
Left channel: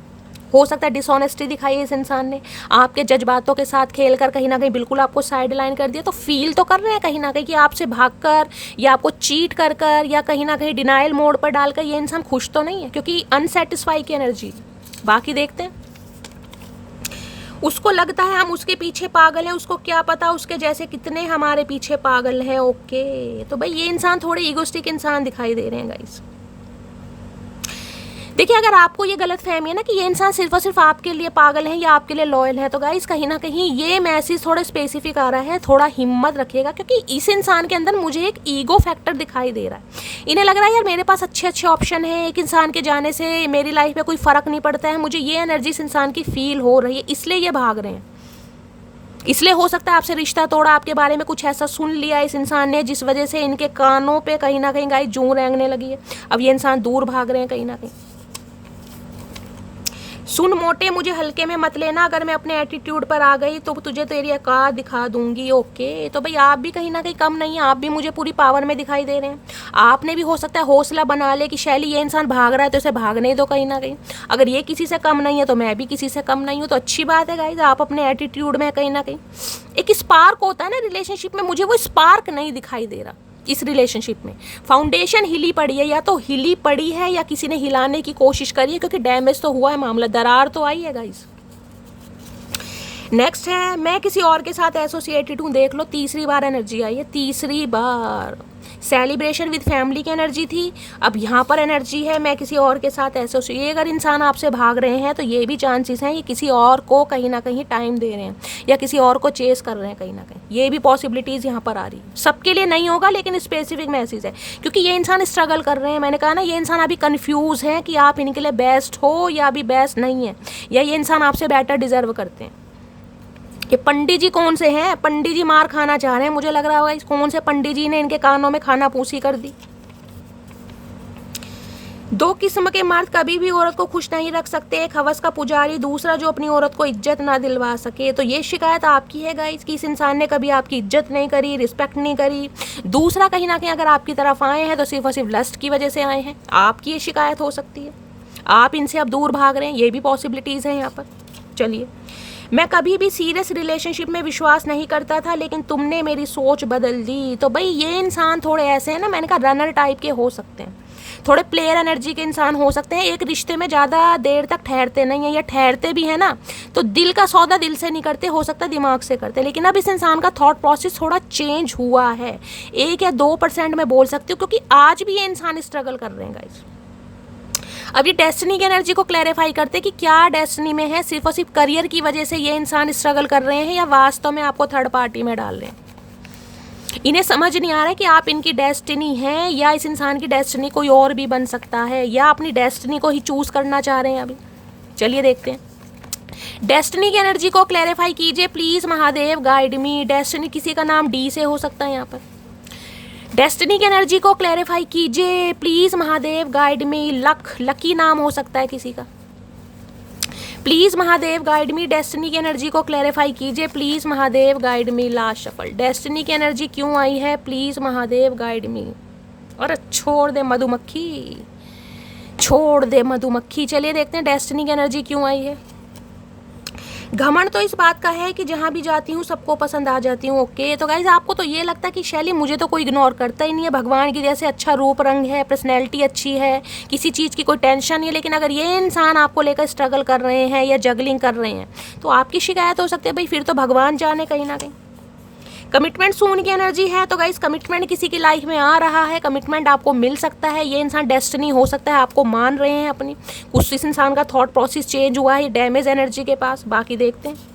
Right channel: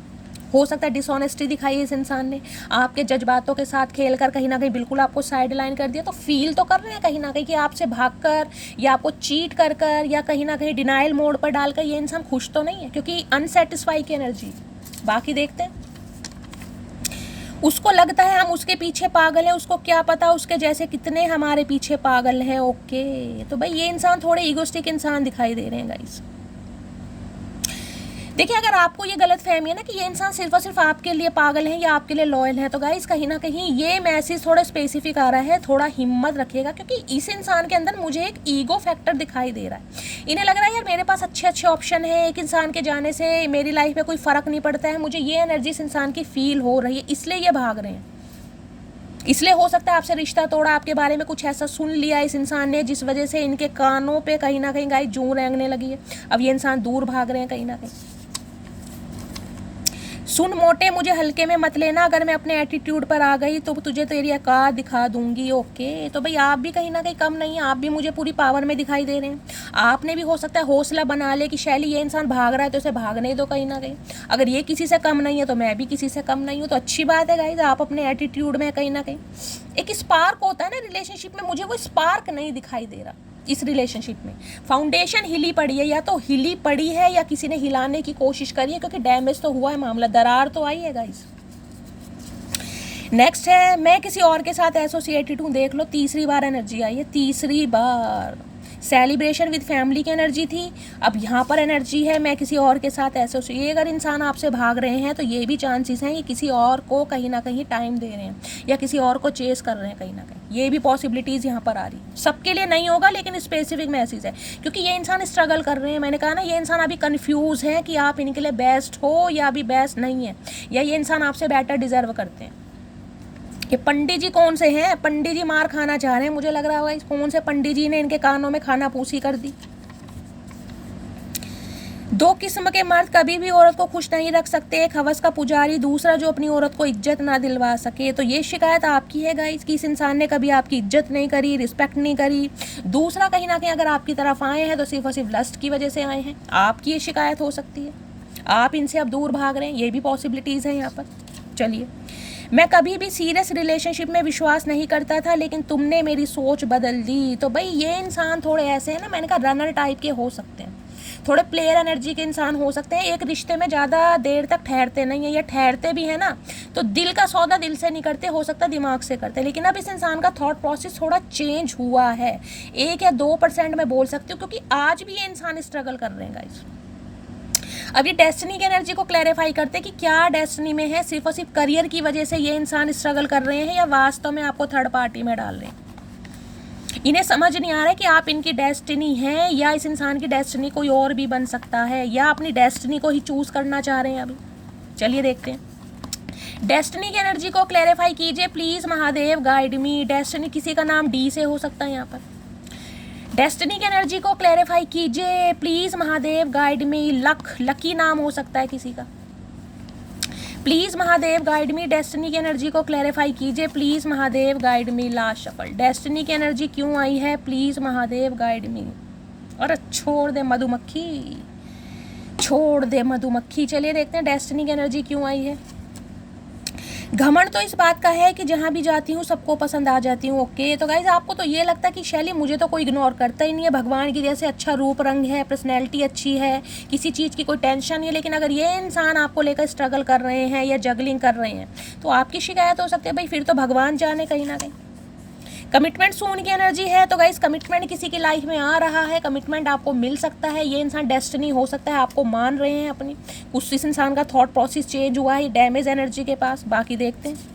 हो सकता है डिसऑनेस्टी दिखाई है इस इंसान ने, आपके जज्बातों के साथ खेलकर कहीं ना कहीं बिल्कुल आपको साइड लाइन कर दिया। तो फील तो कर रहे हैं कहीं ना कहीं कि आपसे भागकर या आपको चीट कर कर या कहीं ना कहीं डिनाइल मोड पर डालकर ये इंसान खुश तो नहीं है, क्योंकि अनसेटिस्फाई की एनर्जी। बाकी देखते हैं। उसको लगता है हम उसके पीछे पागल हैं, उसको क्या पता उसके जैसे कितने हमारे पीछे पागल हैं। ओके, तो भाई ये इंसान थोड़े ईगोस्टिक इंसान दिखाई दे रहे हैं गाइस। देखिए अगर आपको ये गलत फहमी है ना कि ये इंसान सिर्फ और सिर्फ आपके लिए पागल है या आपके लिए लॉयल है, तो गाइस कहीं ना कहीं ये मैसेज थोड़ा स्पेसिफिक आ रहा है, थोड़ा हिम्मत रखिएगा, क्योंकि इस इंसान के अंदर मुझे एक ईगो फैक्टर दिखाई दे रहा है। इन्हें लग रहा है यार मेरे पास अच्छे अच्छे ऑप्शन है, एक इंसान के जाने से मेरी लाइफ में कोई फ़र्क नहीं पड़ता है, मुझे ये एनर्जी इस इंसान की फील हो रही है, इसलिए ये भाग रहे हैं। इसलिए हो सकता है आपसे रिश्ता तोड़ा, आपके बारे में कुछ ऐसा सुन लिया इस इंसान ने जिस वजह से इनके कानों पे कहीं ना कहीं गाइस जूं रेंगने लगी है। अब ये इंसान दूर भाग रहे हैं कहीं ना कहीं। सुन मोटे, मुझे हल्के में मत लेना, अगर मैं अपने एटीट्यूड पर आ गई तो तुझे तेरी औकात दिखा दूंगी। ओके, तो भाई आप भी कहीं ना कहीं कम नहीं है, आप भी मुझे पूरी पावर में दिखाई दे रहे हैं। आपने भी हो सकता है हौसला बना ले कि शैली ये इंसान भाग रहा है तो इसे भागने दो कहीं ना कहीं। अगर ये किसी से कम नहीं है तो मैं भी किसी से कम नहीं हूँ, तो अच्छी बात है गाइस, आप अपने एटीट्यूड में कहीं ना कहीं एक स्पार्क होता है ना रिलेशनशिप में, मुझे वो स्पार्क नहीं दिखाई दे रहा इस रिलेशनशिप में। फाउंडेशन हिली पड़ी है, या तो हिली पड़ी है या किसी ने हिलाने की कोशिश करी है, क्योंकि डैमेज तो हुआ है, मामला दरार तो आई है गाइस। नेक्स्ट है मैं किसी और के साथ एसोसिएटेड हूँ। देख लो तीसरी बार एनर्जी आई है, तीसरी बार। सेलिब्रेशन विद फैमिली की एनर्जी थी, अब यहाँ पर एनर्जी है मैं किसी और के साथ एसोसिएट। ये अगर इंसान आपसे भाग रहे हैं तो ये भी चांसेस हैं ये किसी और को कहीं ना कहीं टाइम दे रहे हैं या किसी और को चेस कर रहे हैं कहीं ना कहीं, ये भी पॉसिबिलिटीज़ यहाँ पर आ रही है। सबके लिए नहीं होगा लेकिन स्पेसिफिक मैसेज है, क्योंकि ये इंसान स्ट्रगल कर रहे हैं। मैंने कहा ना ये इंसान अभी कन्फ्यूज़ है कि आप इनके लिए बेस्ट हो या अभी बेस्ट नहीं है, या ये इंसान आपसे बेटर डिजर्व करते हैं। ये पंडित जी कौन से हैं, पंडित जी मार खाना चाह रहे हैं, मुझे लग रहा होगा इस कौन से पंडित जी ने इनके कानों में खाना पूसी कर दी। दो किस्म के मर्द कभी भी औरत को खुश नहीं रख सकते, एक हवस का पुजारी, दूसरा जो अपनी औरत को इज्जत ना दिलवा सके। तो ये शिकायत आपकी है गाइस कि इस इंसान ने कभी आपकी इज्जत नहीं करी, रिस्पेक्ट नहीं करी। दूसरा कहीं ना कहीं अगर आपकी तरफ आए हैं तो सिर्फ और सिर्फ लस्ट की वजह से आए हैं, आपकी ये शिकायत हो सकती है। आप इनसे अब दूर भाग रहे हैं, ये भी पॉसिबिलिटीज़ हैं यहाँ पर। चलिए, मैं कभी भी सीरियस रिलेशनशिप में विश्वास नहीं करता था, लेकिन तुमने मेरी सोच बदल दी। तो भाई ये इंसान थोड़े ऐसे हैं ना, मैंने कहा रनर टाइप के हो सकते हैं, थोड़े प्लेयर एनर्जी के इंसान हो सकते हैं। एक रिश्ते में ज़्यादा देर तक ठहरते नहीं है, या ठहरते भी है ना तो दिल का सौदा दिल से नहीं करते, हो सकता है दिमाग से करते। लेकिन अब इस इंसान का थॉट प्रोसेस थोड़ा चेंज हुआ है, 1 या 2% में बोल सकती हूँ, क्योंकि आज भी ये इंसान स्ट्रगल कर रहे हैं गाइस। अब ये डेस्टिनी की एनर्जी को क्लैरिफाई करते कि क्या डेस्टिनी में है, सिर्फ और सिर्फ करियर की वजह से ये इंसान स्ट्रगल कर रहे हैं या वास्तव में आपको थर्ड पार्टी में डाल रहे हैं। इन्हें समझ नहीं आ रहा है कि आप इनकी डेस्टिनी हैं या इस इंसान की डेस्टिनी कोई और भी बन सकता है, या अपनी डेस्टिनी को ही चूज करना चाह रहे हैं अभी। चलिए देखते हैं। डेस्टिनी की एनर्जी को क्लैरिफाई कीजिए please Mahadev, guide me. Destiny किसी का नाम डी से हो सकता है यहाँ पर। डेस्टिनी की एनर्जी को क्लैरिफाई कीजिए please Mahadev, guide me. Lucky नाम हो सकता है किसी का। Please Mahadev guide me. Destiny की एनर्जी को क्लैरिफाई कीजिए please Mahadev, guide me. Last shuffle. Destiny की एनर्जी क्यों आई है, प्लीज महादेव गाइड मी। और छोड़ दे मधुमक्खी, छोड़ दे मधुमक्खी। चलिए देखते हैं डेस्टिनी की एनर्जी क्यों आई है। घमंड तो इस बात का है कि जहाँ भी जाती हूँ सबको पसंद आ जाती हूँ। ओके, तो गाइज आपको तो ये लगता है कि शैली मुझे तो कोई इग्नोर करता ही नहीं है, भगवान की जैसे अच्छा रूप रंग है, पर्सनैलिटी अच्छी है, किसी चीज़ की कोई टेंशन नहीं है। लेकिन अगर ये इंसान आपको लेकर स्ट्रगल कर रहे हैं या जगलिंग कर रहे हैं तो आपकी शिकायत हो सकती है भाई, फिर तो भगवान जाने कहीं ना कहीं। कमिटमेंट सून की एनर्जी है, तो गाइस कमिटमेंट किसी की लाइफ में आ रहा है, कमिटमेंट आपको मिल सकता है। ये इंसान डेस्टिनी हो सकता है, आपको मान रहे हैं अपनी, कुछ इस इंसान का थॉट प्रोसेस चेंज हुआ है डैमेज एनर्जी के पास। बाकी देखते हैं।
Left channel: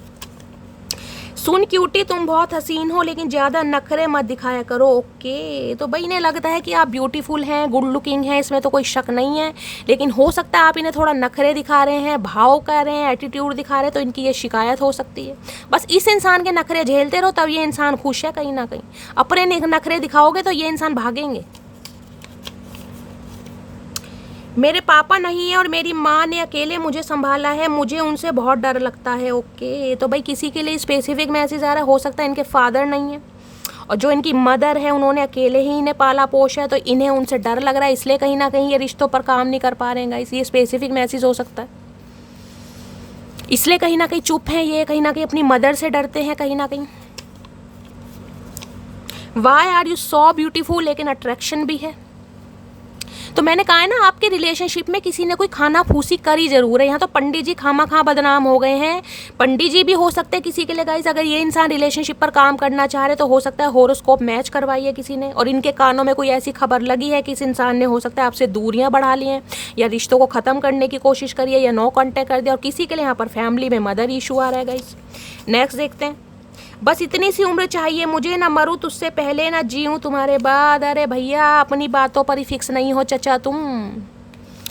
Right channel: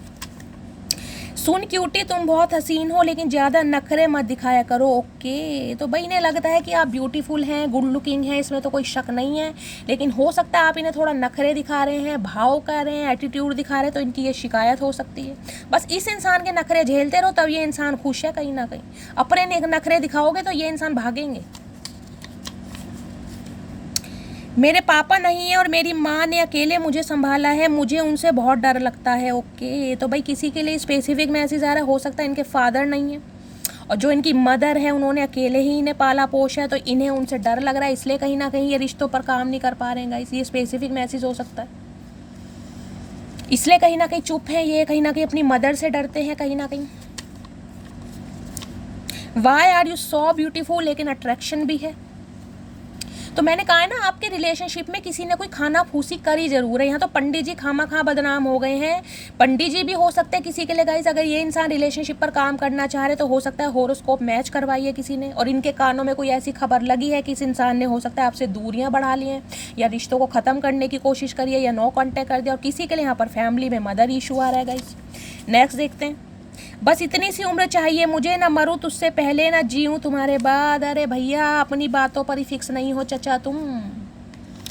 सुन क्यूटी, तुम बहुत हसीन हो लेकिन ज़्यादा नखरे मत दिखाया करो। ओके, तो भाई इन्हें लगता है कि आप ब्यूटीफुल हैं, गुड लुकिंग हैं, इसमें तो कोई शक नहीं है। लेकिन हो सकता है आप इन्हें थोड़ा नखरे दिखा रहे हैं, भाव कर रहे हैं, एटीट्यूड दिखा रहे हैं, तो इनकी ये शिकायत हो सकती है। बस इस इंसान के नखरे झेलते रहो, तब ये इंसान खुश है कहीं ना कहीं। अपने नखरे दिखाओगे तो ये इंसान भागेंगे। मेरे पापा नहीं है और मेरी माँ ने अकेले मुझे संभाला है, मुझे उनसे बहुत डर लगता है। ओके, तो भाई किसी के लिए स्पेसिफिक मैसेज आ रहा है, हो सकता है इनके फादर नहीं है और जो इनकी मदर है उन्होंने अकेले ही इन्हें पाला पोषा है, तो इन्हें उनसे डर लग रहा है, इसलिए कहीं ना कहीं ये रिश्तों पर काम नहीं कर पा रहे हैं गाइस। ये स्पेसिफिक मैसेज हो सकता है, इसलिए कहीं ना कहीं चुप है ये, कहीं ना कहीं अपनी मदर से डरते हैं कहीं ना कहीं। Why are you so beautiful, लेकिन अट्रैक्शन भी है। तो मैंने कहा है ना, आपके रिलेशनशिप में किसी ने कोई खाना फूसी करी जरूर है। यहाँ तो पंडित जी खामा खा बदनाम हो गए हैं। पंडित जी भी हो सकते हैं किसी के लिए गाइस। अगर ये इंसान रिलेशनशिप पर काम करना चाह रहे तो हो सकता है होरोस्कोप मैच करवाई है किसी ने, और इनके कानों में कोई ऐसी खबर लगी है कि इस इंसान ने हो सकता है आपसे दूरियां बढ़ा ली हैं, या रिश्तों को ख़त्म करने की कोशिश करी है, या नो कॉन्टेक्ट कर दिया। और किसी के लिए यहाँ पर फैमिली में मदर इशू आ रहा है गाइस। नेक्स्ट देखते हैं। बस इतनी सी उम्र चाहिए मुझे, ना मरूं तुझसे पहले ना जीऊं तुम्हारे बाद। अरे भैया, अपनी बातों पर ही फिक्स नहीं हो चचा, तुम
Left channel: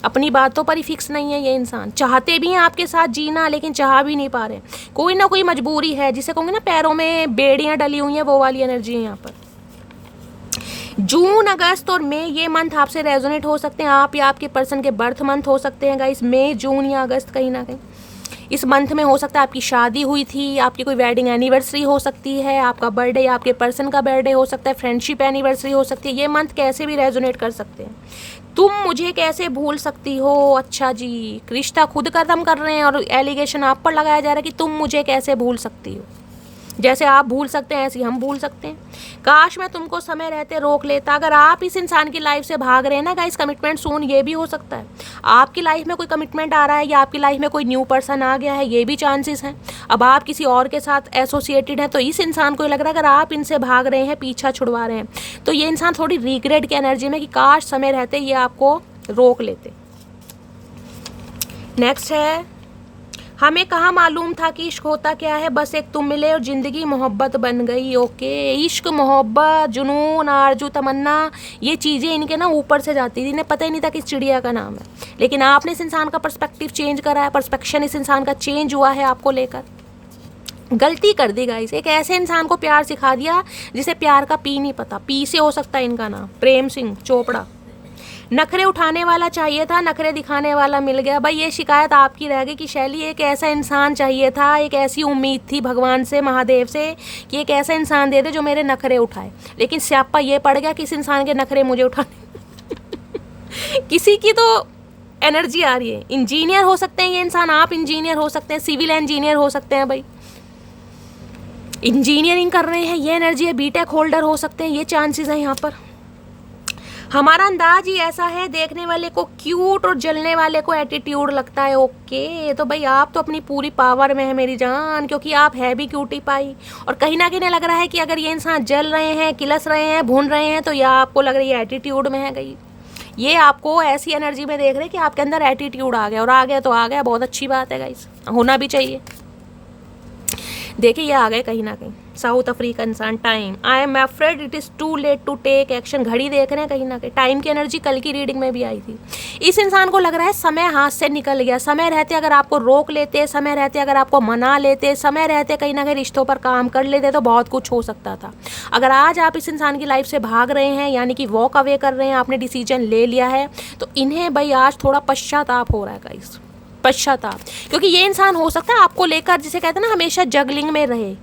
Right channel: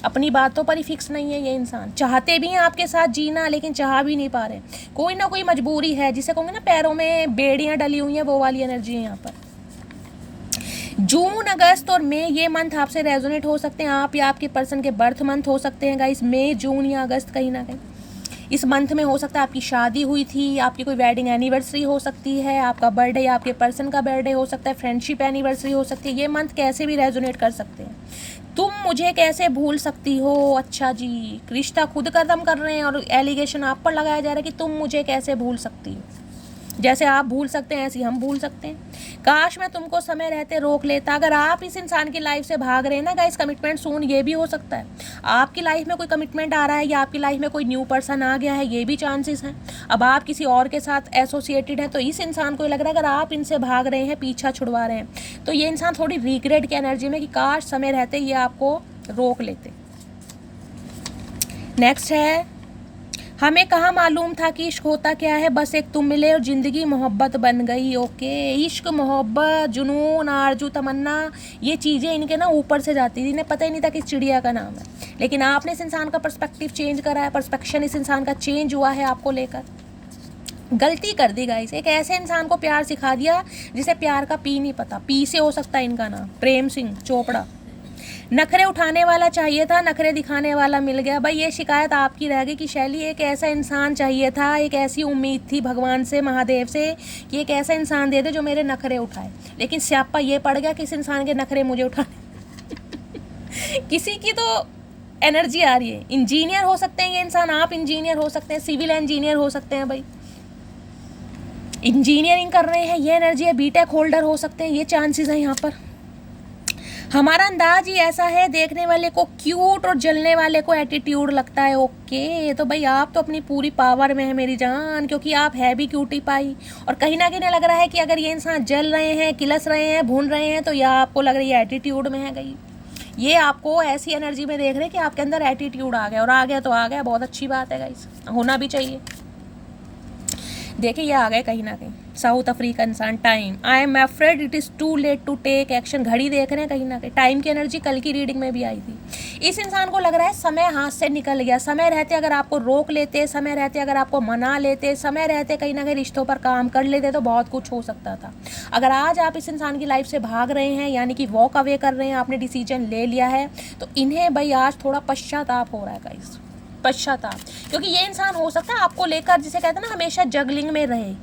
अपनी बातों पर ही फिक्स नहीं है। ये इंसान चाहते भी हैं आपके साथ जीना, लेकिन चाह भी नहीं पा रहे। कोई ना कोई मजबूरी है, जिसे कहूँगी ना पैरों में बेड़ियाँ डली हुई हैं, वो वाली एनर्जी है यहाँ पर। जून, अगस्त और मई, ये मंथ आपसे रेजोनेट हो सकते हैं। आप या आपके पर्सन के बर्थ मंथ हो सकते हैं गाइस, मई, जून या अगस्त कहीं ना कहीं। इस मंथ में हो सकता है आपकी शादी हुई थी, आपकी कोई वेडिंग एनिवर्सरी हो सकती है, आपका बर्थडे या आपके पर्सन का बर्थडे हो सकता है, फ्रेंडशिप एनिवर्सरी हो सकती है। ये मंथ कैसे भी रेजोनेट कर सकते हैं। तुम मुझे कैसे भूल सकती हो, अच्छा जी, रिश्ता खुद खत्म कर रहे हैं और एलिगेशन आप पर लगाया जा रहा है कि तुम मुझे कैसे भूल सकती हो। जैसे आप भूल सकते हैं ऐसे हम भूल सकते हैं। काश मैं तुमको समय रहते रोक लेता। अगर आप इस इंसान की लाइफ से भाग रहे हैं ना गाइस, कमिटमेंट सून, ये भी हो सकता है आपकी लाइफ में कोई कमिटमेंट आ रहा है, या आपकी लाइफ में कोई न्यू पर्सन आ गया है, ये भी चांसेस हैं। अब आप किसी और के साथ एसोसिएटेड है, तो इस इंसान को लग रहा है अगर आप इनसे भाग रहे हैं, पीछा छुड़वा रहे हैं, तो ये इंसान थोड़ी रिग्रेट की एनर्जी में कि काश समय रहते ये आपको रोक लेते। नेक्स्ट है, हमें कहाँ मालूम था कि इश्क होता क्या है, बस एक तुम मिले और ज़िंदगी मोहब्बत बन गई। ओके, इश्क, मोहब्बत, जुनून, आरजू, तमन्ना, ये चीज़ें इनके ना ऊपर से जाती थी, इन्हें पता ही नहीं था कि इस चिड़िया का नाम है। लेकिन आपने इस इंसान का पर्सपेक्टिव चेंज करा है, पर्सपेक्शन इस इंसान का चेंज हुआ है आपको लेकर। गलती कर दी गाइस, एक ऐसे इंसान को प्यार सिखा दिया जिसे प्यार का पी नहीं पता। पी से हो सकता है इनका नाम, प्रेम सिंह चोपड़ा। नखरे उठाने वाला चाहिए था, नखरे दिखाने वाला मिल गया। भाई ये शिकायत आपकी रह गई कि शैली, एक ऐसा इंसान चाहिए था, एक ऐसी उम्मीद थी भगवान से, महादेव से, कि एक ऐसा इंसान दे दे जो मेरे नखरे उठाए। लेकिन स्यापा ये पड़ गया कि इस इंसान के नखरे मुझे उठाने किसी की तो एनर्जी आ रही है। इंजीनियर हो सकते हैं ये इंसान, आप इंजीनियर हो सकते हैं, सिविल इंजीनियर हो सकते हैं, भाई इंजीनियरिंग कर रहे हैं, ये एनर्जी है। बीटेक होल्डर हो सकते हैं, ये चांसेस हैं यहाँ पर। हमारा अंदाज ही ऐसा है, देखने वाले को क्यूट और जलने वाले को एटीट्यूड लगता है। ओके, तो भाई आप तो अपनी पूरी पावर में है मेरी जान, क्योंकि आप है भी क्यूटी पाई। और कहीं ना कहीं लग रहा है कि अगर ये इंसान जल रहे हैं, किलस रहे हैं, भून रहे हैं, तो यह आपको लग रही है एटीट्यूड में है गई। ये आपको ऐसी एनर्जी में देख रहे हैं कि आपके अंदर एटीट्यूड आ गया, और आ गया तो आ गया, बहुत अच्छी बात है गाइस, होना भी चाहिए। देखिए ये आ गए कहीं ना कहीं साउथ अफ्रीका इंसान। Time, I am afraid it is too late to take action. घड़ी देख रहे हैं कहीं ना कहीं, टाइम की एनर्जी कल की रीडिंग में भी आई थी। इस इंसान को लग रहा है समय हाथ से निकल गया। समय रहते अगर आपको रोक लेते, समय रहते अगर आपको मना लेते, समय रहते कहीं ना कहीं रिश्तों पर काम कर लेते तो बहुत कुछ हो सकता था। अगर आज आप इस इंसान की लाइफ से भाग रहे हैं, यानी कि वॉक अवे कर रहे हैं, आपने डिसीजन ले लिया है, तो इन्हें भाई आज थोड़ा पश्चाताप हो रहा है गाइस, पश्चाताप। क्योंकि ये इंसान हो सकता है आपको लेकर, जिसे कहते हैं ना, हमेशा जगलिंग में रहे,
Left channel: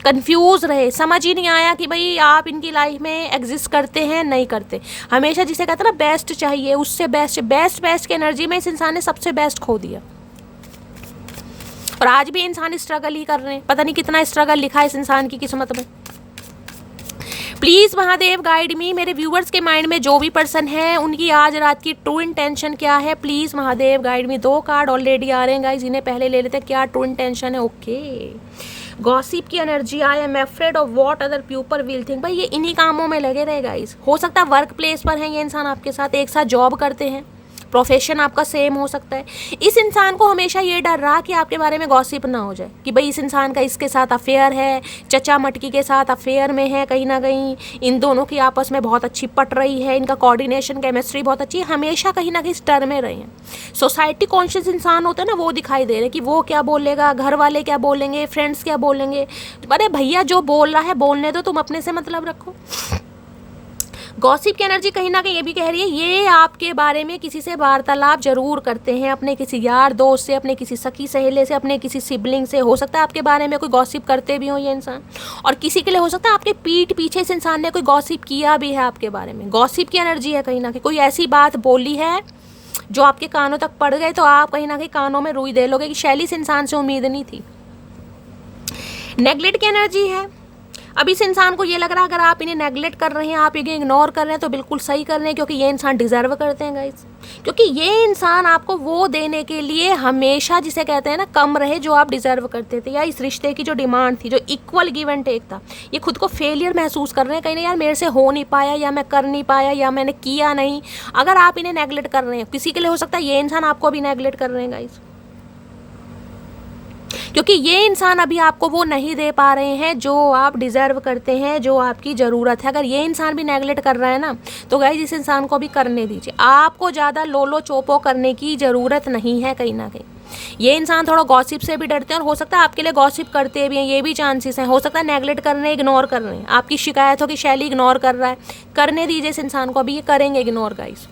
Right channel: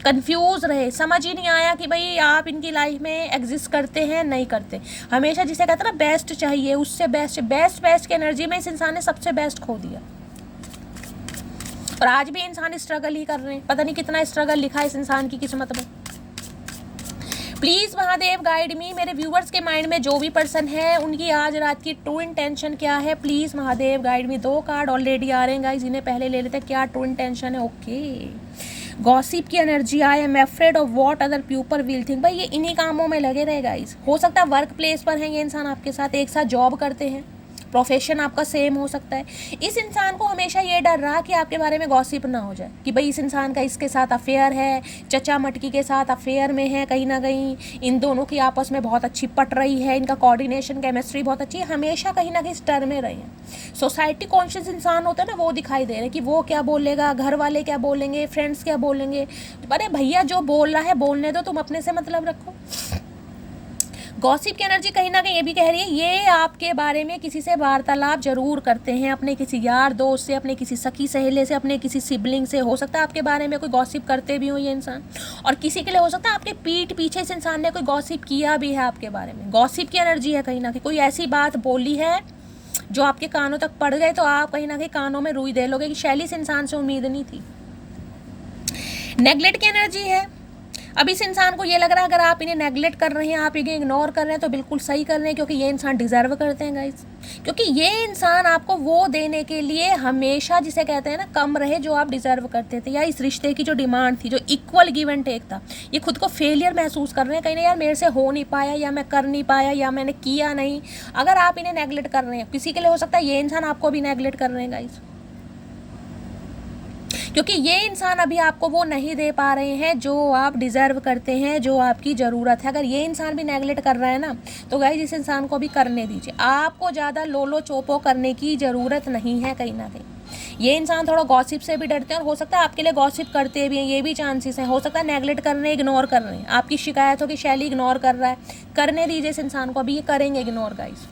कंफ्यूज रहे, समझ ही नहीं आया कि भाई आप इनकी लाइफ में एग्जिस्ट करते हैं नहीं करते। हमेशा जिसे कहते हैं ना बेस्ट चाहिए, उससे बेस्ट बेस्ट बेस्ट की एनर्जी में इस इंसान ने सबसे बेस्ट खो दिया। और आज भी इंसान स्ट्रगल ही कर रहे हैं। पता नहीं कितना स्ट्रगल लिखा है इस इंसान की किस्मत में। प्लीज़ महादेव गाइड मी। मेरे व्यूवर्स के माइंड में जो भी पर्सन है उनकी आज रात की ट्रू इंटेंशन क्या है, please Mahadev guide me. 2 card already आ रहे हैं गाइज, इन्हें पहले ले लेते हैं। क्या ट्रू इंटेंशन है? ओके, गॉसिप की energy. I am afraid of what other people will think. भाई ये इन्हीं कामों में लगे रहे गाइज। हो सकता है वर्क प्लेस पर है ये इंसान आपके साथ, एक साथ जॉब करते हैं, प्रोफेशन आपका सेम हो सकता है। इस इंसान को हमेशा ये डर रहा कि आपके बारे में गॉसिप ना हो जाए कि भाई इस इंसान का इसके साथ अफेयर है, चचा मटकी के साथ अफेयर में है, कहीं ना कहीं इन दोनों की आपस में बहुत अच्छी पट रही है, इनका कोऑर्डिनेशन केमिस्ट्री बहुत अच्छी है। हमेशा कहीं ना कहीं इस डर में रहे हैं। सोसाइटी कॉन्शियस इंसान होता है ना, वो दिखाई दे रहे कि वो क्या बोलेगा, घर वाले क्या बोलेंगे, फ्रेंड्स क्या बोलेंगे। अरे भैया जो बोल रहा है बोलने दो, तुम अपने से मतलब रखो। गॉसिप की एनर्जी कहीं ना कहीं ये भी कह रही है ये आपके बारे में किसी से वार्तालाप जरूर करते हैं, अपने किसी यार दोस्त से, अपने किसी सखी सहेले से, अपने किसी सिबलिंग से। हो सकता है आपके बारे में कोई गॉसिप करते भी हो ये इंसान, और किसी के लिए हो सकता है आपके पीठ पीछे इस इंसान ने कोई गॉसिप किया भी है आपके बारे में। गॉसिप की एनर्जी है कहीं ना कहीं, कोई ऐसी बात बोली है जो आपके कानों तक पड़ गए तो आप कहीं ना कहीं कानों में रुई दे लोगे कि शैली इस इंसान से उम्मीद नहीं थी। नेगलेक्ट की एनर्जी है। अब इस इंसान को ये लग रहा है अगर आप इन्हें नेगलेक्ट कर रहे हैं, आप इन्हें इग्नोर कर रहे हैं तो बिल्कुल सही कर रहे हैं, क्योंकि ये इंसान डिजर्व करते हैं गाइस। क्योंकि ये इंसान आपको वो देने के लिए हमेशा, जिसे कहते हैं ना, कम रहे जो आप डिजर्व करते थे, या इस रिश्ते की जो डिमांड थी, जो इक्वल गिव एंड टेक था, ये खुद को फेलियर महसूस कर रहे हैं कहीं ना, यार मेरे से हो नहीं पाया, या मैं कर नहीं पाया, या मैंने किया नहीं। अगर आप इन्हें नेगलेक्ट कर रहे हैं, किसी के लिए हो सकता है ये इंसान आपको भी नेगलेक्ट कर रहे हैं गाइस, क्योंकि ये इंसान अभी आपको वो नहीं दे पा रहे हैं जो आप डिज़र्व करते हैं, जो आपकी ज़रूरत है। अगर ये इंसान भी नेगलेक्ट कर रहा है ना, तो गाइस इस इंसान को भी करने दीजिए। आपको ज़्यादा लोलो चोपो करने की ज़रूरत नहीं है कहीं ना कहीं। ये इंसान थोड़ा गॉसिप से भी डरते हैं, और हो सकता है आपके लिए गॉसिप करते भी हैं, ये भी चांसेस हैं। हो सकता है नेगलेक्ट कर रहे हैं, इग्नोर कर रहे हैं, आपकी शिकायत हो कि शैली इग्नोर कर रहा है, करने दीजिए इस इंसान को, अभी ये करेंगे इग्नोर गाइस।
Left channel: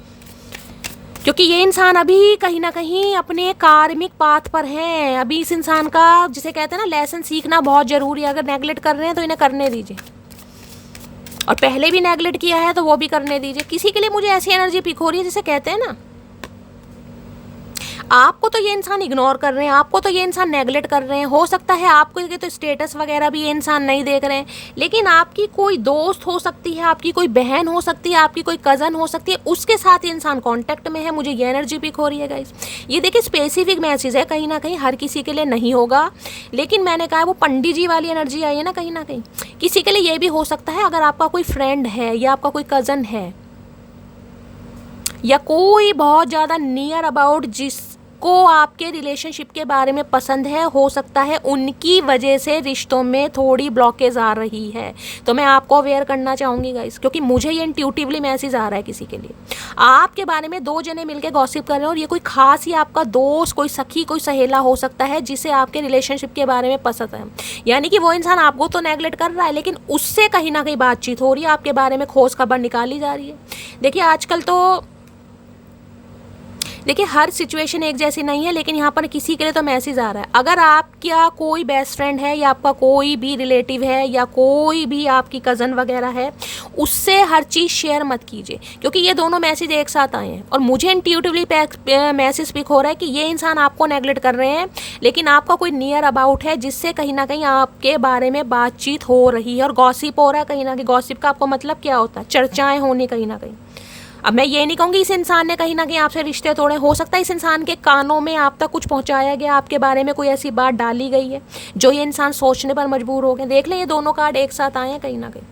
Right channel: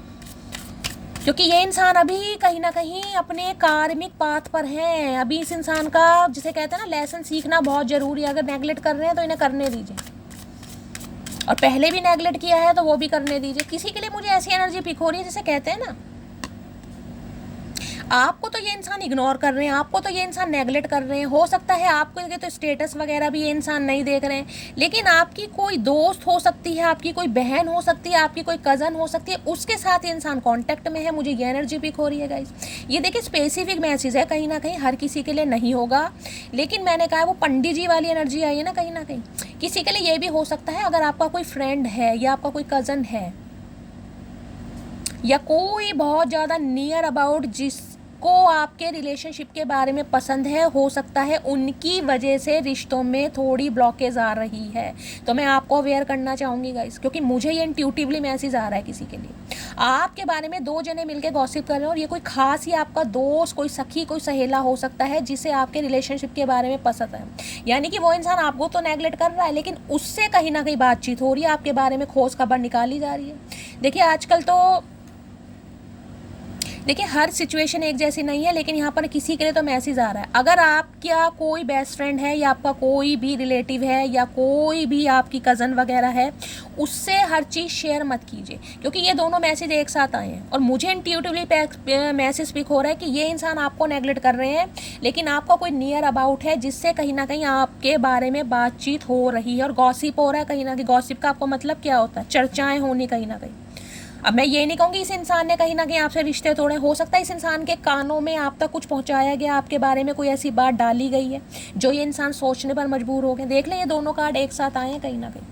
क्योंकि ये इंसान अभी कहीं ना कहीं अपने कार्मिक पाथ पर है। अभी इस इंसान का, जिसे कहते हैं ना, लेसन सीखना बहुत ज़रूरी है। अगर नेगलेक्ट कर रहे हैं तो इन्हें करने दीजिए, और पहले भी नेगलेक्ट किया है तो वो भी करने दीजिए। किसी के लिए मुझे ऐसी एनर्जी पिक हो रही है जिसे कहते हैं ना, आपको तो ये इंसान इग्नोर कर रहे हैं, आपको तो ये इंसान नेगलेक्ट कर रहे हैं। हो सकता है आपको ये तो स्टेटस वगैरह भी ये इंसान नहीं देख रहे हैं, लेकिन आपकी कोई दोस्त हो सकती है, आपकी कोई बहन हो सकती है, आपकी कोई कज़न हो सकती है, उसके साथ ये इंसान कांटेक्ट में है। मुझे ये एनर्जी पिक हो रही है गाइस। ये देखिए स्पेसिफिक मैसेज है, कहीं ना कहीं हर किसी के लिए नहीं होगा, लेकिन मैंने कहा वो पंडित जी वाली एनर्जी आई है ना, कहीं ना कहीं किसी के लिए ये भी हो सकता है। अगर आपका कोई फ्रेंड है, या आपका कोई कज़न है, या कोई बहुत ज़्यादा नियर अबाउट जिसको आपके रिलेशनशिप के बारे में पसंद है, हो सकता है उनकी वजह से रिश्तों में थोड़ी ब्लॉकेज आ रही है। तो मैं आपको अवेयर करना चाहूँगी गाइस, क्योंकि मुझे ये इंट्यूटिवली मैसेज आ रहा है किसी के लिए। आपके बारे में 2 जने मिलकर गॉसिप कर रहे हैं, और ये कोई खास ही आपका दोस्त, कोई सखी, कोई सहेला हो सकता है जिसे आपके रिलेशनशिप के बारे में पसंद है। यानी कि वो इंसान आपको तो नेगलेक्ट कर रहा है, लेकिन उससे कहीं ना कहीं बातचीत हो रही है, आपके बारे में खोज खबर निकाली जा रही है। देखिए आजकल तो देखिए हर सिचुएशन एक जैसी नहीं है, लेकिन यहाँ पर किसी के लिए तो मैसेज आ रहा है। अगर आपका कोई बेस्ट फ्रेंड है, या आपका कोई भी रिलेटिव है, या कोई भी आपकी कज़न वगैरह है, उससे हर चीज़ शेयर मत कीजिए, क्योंकि ये दोनों मैसेज एक साथ आए हैं। और मुझे इंट्यूटिवली मैसेज पिक हो रहा है कि ये इंसान आपको नेगलेक्ट कर रहे हैं, लेकिन आपका कोई नियर अबाउट है जिससे कहीं ना कहीं आपके बारे में बातचीत हो रही है, और गॉसिप हो रहा है कहीं ना कहीं। गॉसिप का आपको मतलब क्या होता है? चर्चाएँ होनी कहीं ना कहीं। अब मैं ये नहीं कहूँगी इस इंसान ने कहीं ना कहीं आपसे रिश्ते तोड़े, हो सकता है इस इंसान के कानों में आप तक कुछ पहुँचाया गया, आपके बारे में कोई ऐसी बात डाली गई है जो ये इंसान सोचने पर मजबूर हो गए। देख लें ये दोनों कार्ड एक साथ आए हैं कहीं ना कहीं,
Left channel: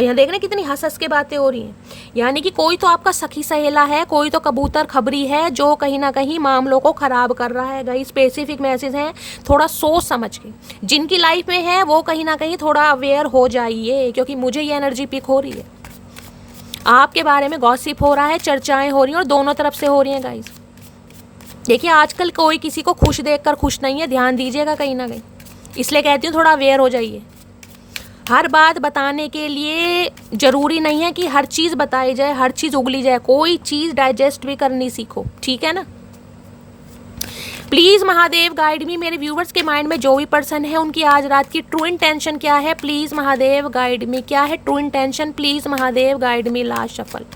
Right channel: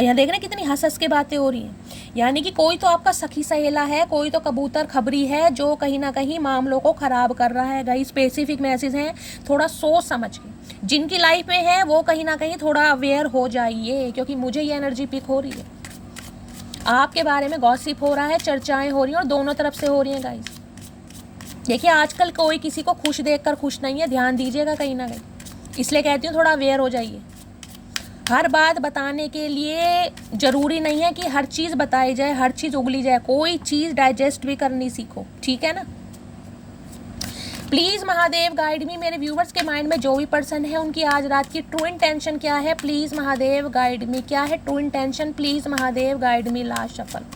और यहाँ देखना कितनी हंस हंस के बातें हो रही हैं, यानी कि कोई तो आपका सखी सहेला है, कोई तो कबूतर खबरी है जो कहीं ना कहीं मामलों को ख़राब कर रहा है। गाइस स्पेसिफिक मैसेज है, थोड़ा सोच समझ के जिनकी लाइफ में है वो कहीं ना कहीं थोड़ा अवेयर हो जाइए, क्योंकि मुझे ये एनर्जी पिक हो रही है। आपके बारे में गॉसिप हो रहा है, चर्चाएं हो रही हैं और दोनों तरफ से हो रही हैं गाइस। देखिए आजकल कोई किसी को खुश देखकर खुश नहीं है, ध्यान दीजिएगा कहीं ना कहीं, इसलिए कहती हूँ थोड़ा अवेयर हो जाइए। हर बात बताने के लिए ज़रूरी नहीं है कि हर चीज़ बताई जाए, हर चीज़ उगली जाए, कोई चीज़ डाइजेस्ट भी करनी सीखो, ठीक है ना। प्लीज़ महादेव गाइड मी, मेरे व्यूवर्स के माइंड में जो भी पर्सन है उनकी आज रात की ट्रू इंटेंशन क्या है, प्लीज़ महादेव गाइड मी, क्या है true intention, please Mahadev guide me. Last shuffle,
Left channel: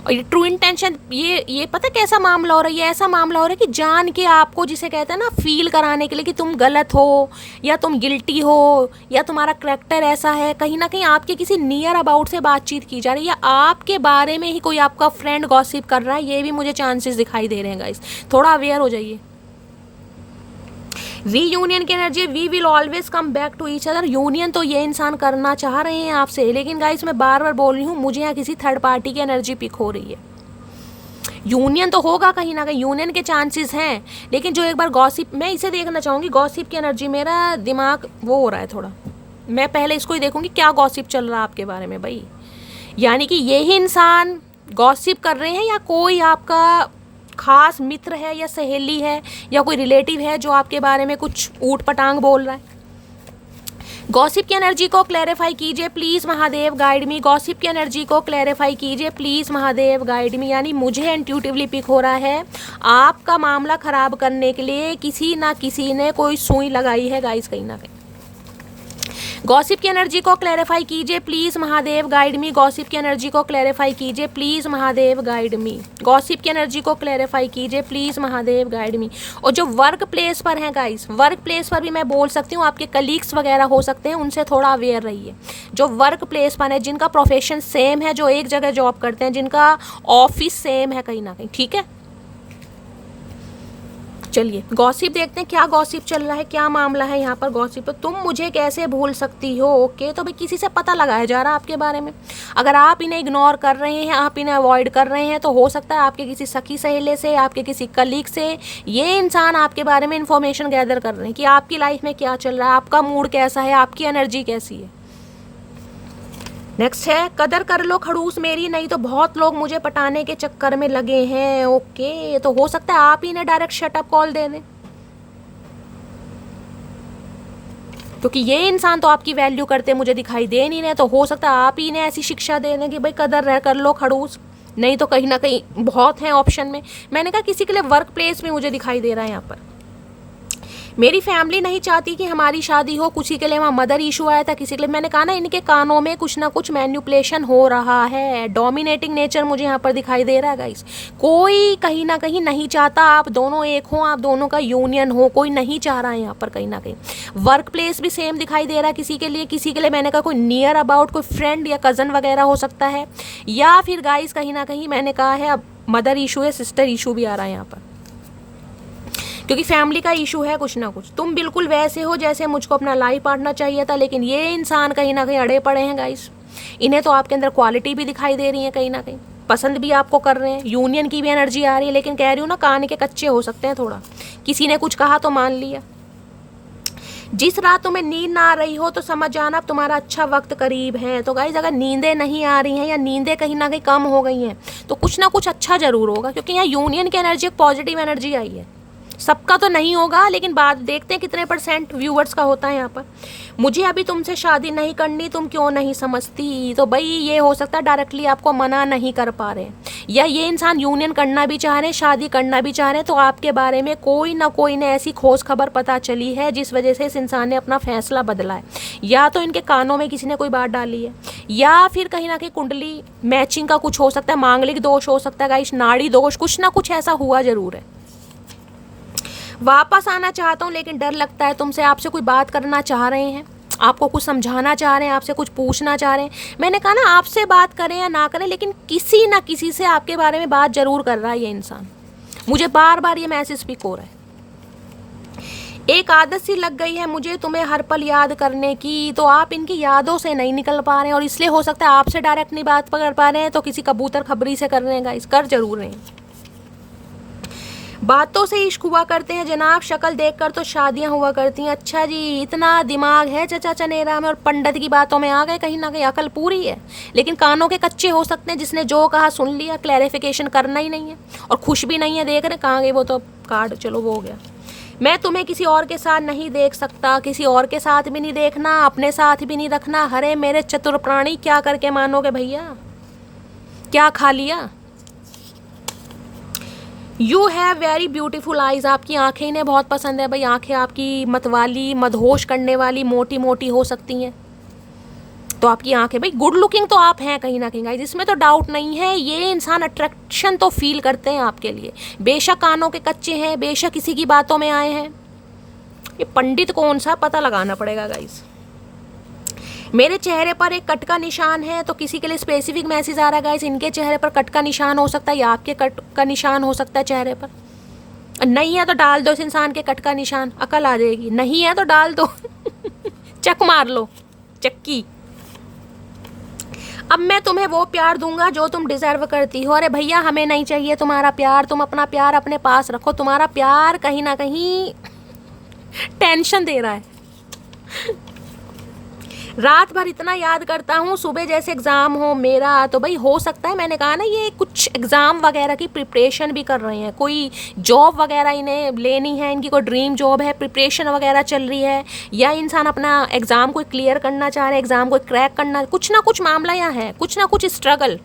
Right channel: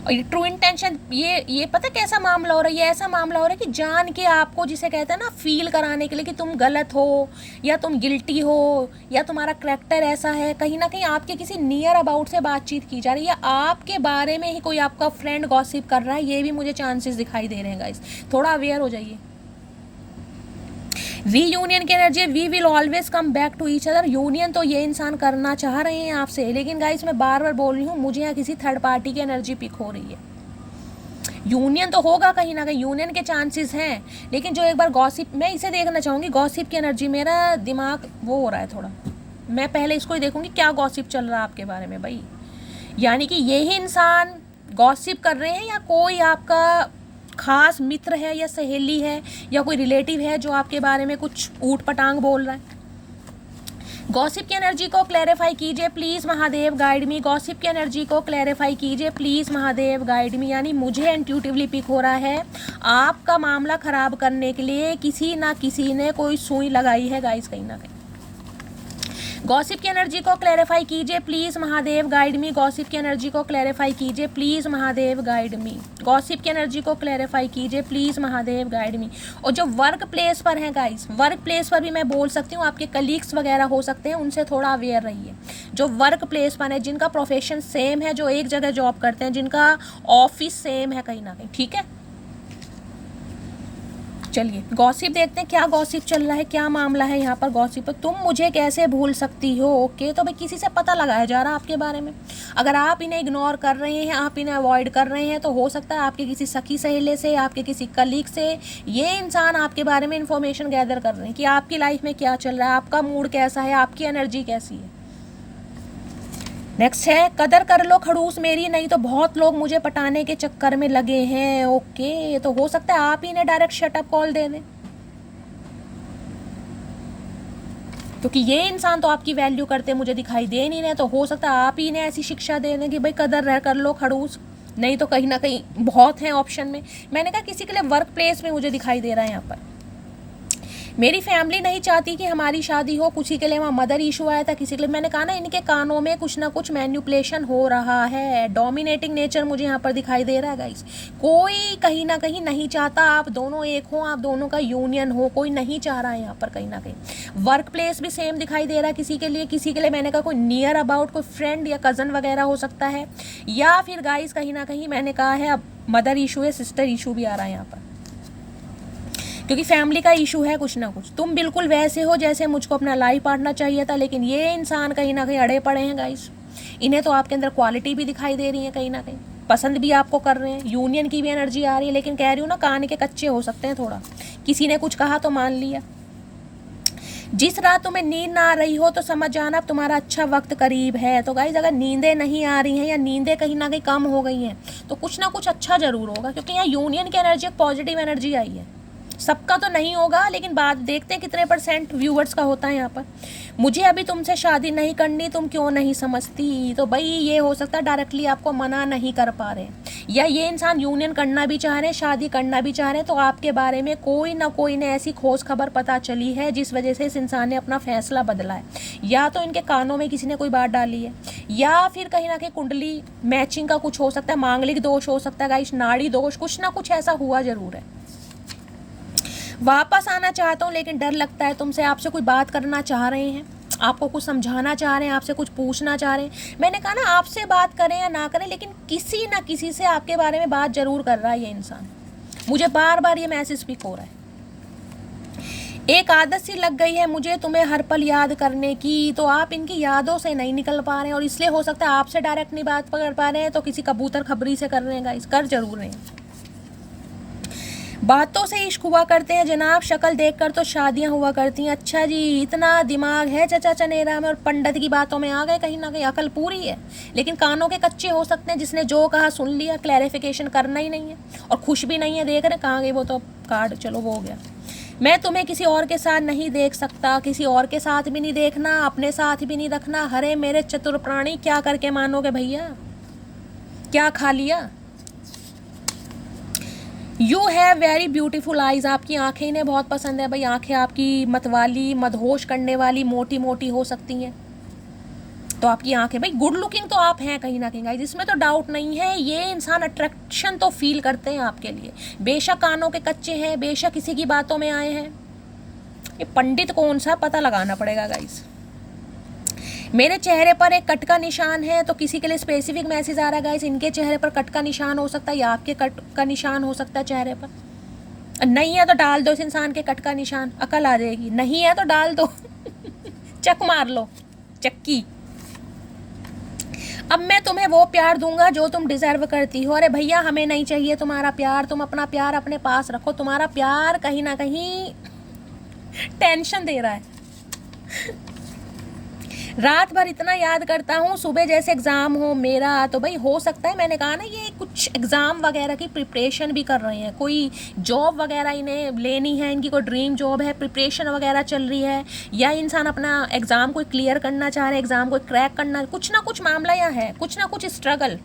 और ये ट्रू इंटेंशन, ये पता कैसा मामला हो रहा है, ये ऐसा मामला हो रहा है कि जान के आपको, जिसे कहते हैं ना, फील कराने के लिए कि तुम गलत हो या तुम गिल्टी हो या तुम्हारा करैक्टर ऐसा है। कहीं ना कहीं आपके किसी नियर अबाउट से बातचीत की जा रही है, या आपके बारे में ही कोई आपका फ्रेंड गॉसिप कर रहा है, ये भी मुझे चांसेस दिखाई दे रहे हैं गाइस, थोड़ा अवेयर हो जाइए। रीयूनियन की energy, we will always come back to each other. Union तो ये इंसान करना चाह रहे हैं आपसे, लेकिन गाइस मैं बार बार बोल रही हूँ, मुझे यहाँ किसी थर्ड पार्टी की एनर्जी पिक हो रही है। यूनियन तो होगा कहीं ना कहीं, यूनियन के चांसेस हैं, लेकिन जो एक बार गॉसिप, मैं इसे देखना चाहूँगी गॉसिप की एनर्जी, मेरा दिमाग वो हो रहा है थोड़ा, मैं पहले इसको ही देखूँगी क्या गॉसिप चल रहा है आपके बारे में भाई। यानी कि यही इंसान गॉसिप कर रहे हैं, या कोई आपका खास मित्र है या सहेली है या कोई रिलेटिव है जो आपके बारे में कुछ ऊट पटांग बोल रहा है। गॉसिप की एनर्जी को क्लैरिफाई कीजिए please Mahadev guide me. Gossip की एनर्जी को क्लैरिफाई कीजिए प्लीज़ महादेव गाइड मी। यानी मुझे इंट्यूटिवली पिक हो रहा है, आपका मामला ख़राब करने के लिए किसी ना किसी ने कोई सुई लगाई है गाइस कहीं ना कहीं। गॉसिप की एनर्जी को क्लैरिफाई कीजिए please Mahadev guide me. Gossip की एनर्जी को क्लैरिफाई कीजिए please Mahadev guide me. Gossip की एनर्जी को क्लैरिफाई कीजिए प्लीज़ महादेव गाइड मी। और जो वर्क प्लेस पर हैं गाइस, वर्क प्लेस पर भी मैं बोल सकती हूँ, आपके कलीग्स वगैरह हो सकते हैं, उनसे थोड़ा अवेयर रहिए। जो वर्क प्लेस पर है, जिनका प्रोफेशन सेम है, जो एक जगह जॉब करते हैं, जिनका ऑफिस सेम है कहीं ना कहीं, ठीक है। चलिए गॉसिप देखते हैं, क्या गॉसिप चल रहा है, क्या मामला है यहाँ पर गॉसिप पर। तुम मुझे कैसे भूल सकती हो, ओके। तो भाई किसी से पता लगाया जा रहा है आपके बारे में। अगर आप इन्हें इग्नोर कर रहे हैं, आप इन्हें अवॉइड कर रहे हैं, तो हो सकता है आपके किसी सखी सहेले से, आपके किसी कलीग से ये इंसान आपके बारे में इंफॉर्मेशन गैदर कर रहे हैं कि आपकी लाइफ में क्या चल रहा है, आपका मूड कैसा है, आपकी एनर्जी कैसी है। नेक्स्ट है, कदर कर लो खड़ूस मेरी, नहीं तो बहुत लोग मुझे पटाने के चक्कर में लगे हैं, ओके। तो हो सकता है आप ही ने डायरेक्ट शटअप कॉल दे दें, क्योंकि ये इंसान तो आपकी वैल्यू करते मुझे दिखाई दे नहीं रहे। तो हो सकता है आप ही ने ऐसी शिक्षा दे दें कि भाई कदर कर लो खड़ूस, नहीं तो कहीं ना कहीं बहुत है ऑप्शन में। मैंने कहा किसी के लिए वर्क प्लेस में मुझे दिखाई दे रहा है यहाँ पर। मेरी फैमिली नहीं चाहती कि हमारी शादी हो, किसी के लिए वहाँ मदर इशू आया था, किसी के लिए। मैंने कहा ना, इनके कानों में कुछ ना कुछ मैन्युपुलेशन हो रहा है, डोमिनेटिंग नेचर मुझे यहाँ पर दिखाई दे रहा है गाइस। कोई कहीं ना कहीं नहीं चाहता आप दोनों एक हो, आप दोनों का यूनियन हो, कोई नहीं चाह रहा है यहाँ पर कहीं ना कहीं। वर्क प्लेस भी सेम दिखाई दे रहा है किसी के लिए, किसी के लिए मैंने कहा कोई नियर अबाउट, कोई फ्रेंड या कज़न वगैरह हो सकता है, या फिर गाइस कहीं ना कहीं मैंने कहा है अब मदर इशू है, सिस्टर इशू भी आ रहा है यहाँ पर, क्योंकि फैमिली का इशू है कुछ ना कुछ। तुम बिल्कुल वैसे हो जैसे मुझको अपना लाइफ पार्टनर चाहिए था, लेकिन ये इंसान कहीं ना कहीं अड़े पड़े हैं गाइस। इन्हें तो आपके अंदर क्वालिटी भी दिखाई दे रही है, कहीं ना कहीं पसंद भी आपको कर रहे हैं, यूनियन की भी एनर्जी आ रही है, लेकिन कह रही हूँ ना, कान के कच्चे हो सकते हैं थोड़ा, किसी ने कुछ कहा तो मान लिया। जिस रात तुम्हें नींद ना आ रही हो तो समझ जाना अब तुम्हारा अच्छा वक्त करीब है। तो गाइस अगर नींदें नहीं आ रही हैं या नींदें कहीं ना कहीं कम हो गई हैं, तो कुछ ना कुछ अच्छा जरूर होगा, क्योंकि यहाँ यूनियन की एनर्जी, एक पॉजिटिव एनर्जी आई है। सबका तो नहीं होगा, लेकिन बात देखते हैं कितने % व्यूवर्स का होता है यहाँ पर। मुझे अभी तुमसे शादी नहीं करनी, तुम क्यों नहीं समझती। तो भाई ये हो सकता है डायरेक्टली आपको मना नहीं कर पा रहे, या ये इंसान यूनियन करना भी चाह रहे हैं, शादी करना भी चाह रहे हैं, तो आपके बारे में कोई ना कोई ने ऐसी खोज खबर पता चली है जिस वजह से इस इंसान ने अपना फैसला बदला है। या तो इनके कानों में किसी ने कोई बात डाली है, या फिर कहीं ना कहीं कुंडली मैचिंग का कुछ हो सकता है, मांगलिक दोष हो सकता है गाइस, नाड़ी दोष, कुछ ना कुछ ऐसा हुआ जरूर है। वापस आना चाहता हूँ, लेकिन डर लगता है तुमसे। आपसे कोई बात करना चाह रहे हैं, आपको कुछ समझाना चाह रहे हैं, आपसे कुछ पूछना चाह रहे हैं। मैंने कहा ना, आपसे बात करें या ना करें, लेकिन किसी ना किसी से आपके बारे में बात जरूर कर रहा है ये इंसान। मुझे बार बार ये मैसेज पिक हो रहा है। एक आदत सी लग गई है मुझे तुम्हें हर पल याद करने की, तो आप इनकी यादों से नहीं निकल पा रहे हैं, और इसलिए हो सकता है आपसे डायरेक्ट नहीं बात कर पा रहे हैं तो किसी कबूतर खबरी से कर रहे हैं गाइस, कर जरूर रहे हैं। बातों से इश्क हुआ करते हैं जनाब, शक्ल देखकर तो शादियां हुआ करती हैं। अच्छा जी, इतना दिमाग है चचा चनेरा में, और पंडित की बातों में आ गए, कहीं ना कहीं अकल पूरी है लेकिन कानों के कच्चे हो सकते हैं। जिसने जो कहा सुन लिया, क्लैरिफिकेशन करना ही नहीं है और खुश भी नहीं है। देख रहे कहाँ गए वो तो कार्ड, चलो वो हो गया। मैं तुम्हें किसी और के साथ नहीं देख सकता, किसी और के साथ भी नहीं देखना, अपने साथ भी नहीं रखना। हरे मेरे चतुर प्राणी, क्या करके मानोगे भैया, क्या खा लिया। You have very beautiful eyes, आपकी आंखें इन्हें बहुत पसंद है भाई। आंखें आपकी मतवाली, मदहोश करने वाली, मोटी मोटी हो सकती हैं। तो आपकी आंखें भाई गुड लुकिंग तो आप हैं कहीं ना कहीं गाइस, इसमें तो डाउट नहीं है। ये इंसान अट्रैक्शन तो फील करते हैं आपके लिए, बेशक कानों के कच्चे हैं, बेशक किसी की बातों में आए हैं। ये पंडित कौन सा पता लगाना पड़ेगा गाइस। मेरे चेहरे पर एक कट का निशान है, तो किसी के लिए स्पेसिफिक मैसेज आ रहा है गाइस। इनके चेहरे पर कट का निशान हो सकता है या आपके कट का निशान हो सकता है चेहरे पर। नहीं है तो डाल दो इस इंसान के कट का निशान, अकल आ जाएगी। नहीं है तो डाल दो चक मार लो, चक्की। अब मैं तुम्हें वो प्यार दूंगा जो तुम डिजर्व करती हो। अरे भैया हमें नहीं चाहिए तुम्हारा प्यार, तुम अपना प्यार अपने पास रखो। तुम्हारा प्यार कहीं ना कहीं टेंशन दे रहा है। रात भर इतना याद करता हूँ, सुबह जैसे एग्जाम हो मेरा। तो भाई हो सकता है, मैंने कहा ना, ये कुछ एग्जाम वगैरह की प्रिपरेशन भी कर रहे हैं, कोई जॉब वगैरह इन्हें लेनी है, इनकी कोई ड्रीम जॉब है, प्रिपरेशन वगैरह चल रही है, या इंसान अपना एग्जाम को क्लियर करना चाह रहे हैं, एग्जाम को क्रैक करना, कुछ ना कुछ मामला यहाँ है, कुछ ना कुछ स्ट्रगल।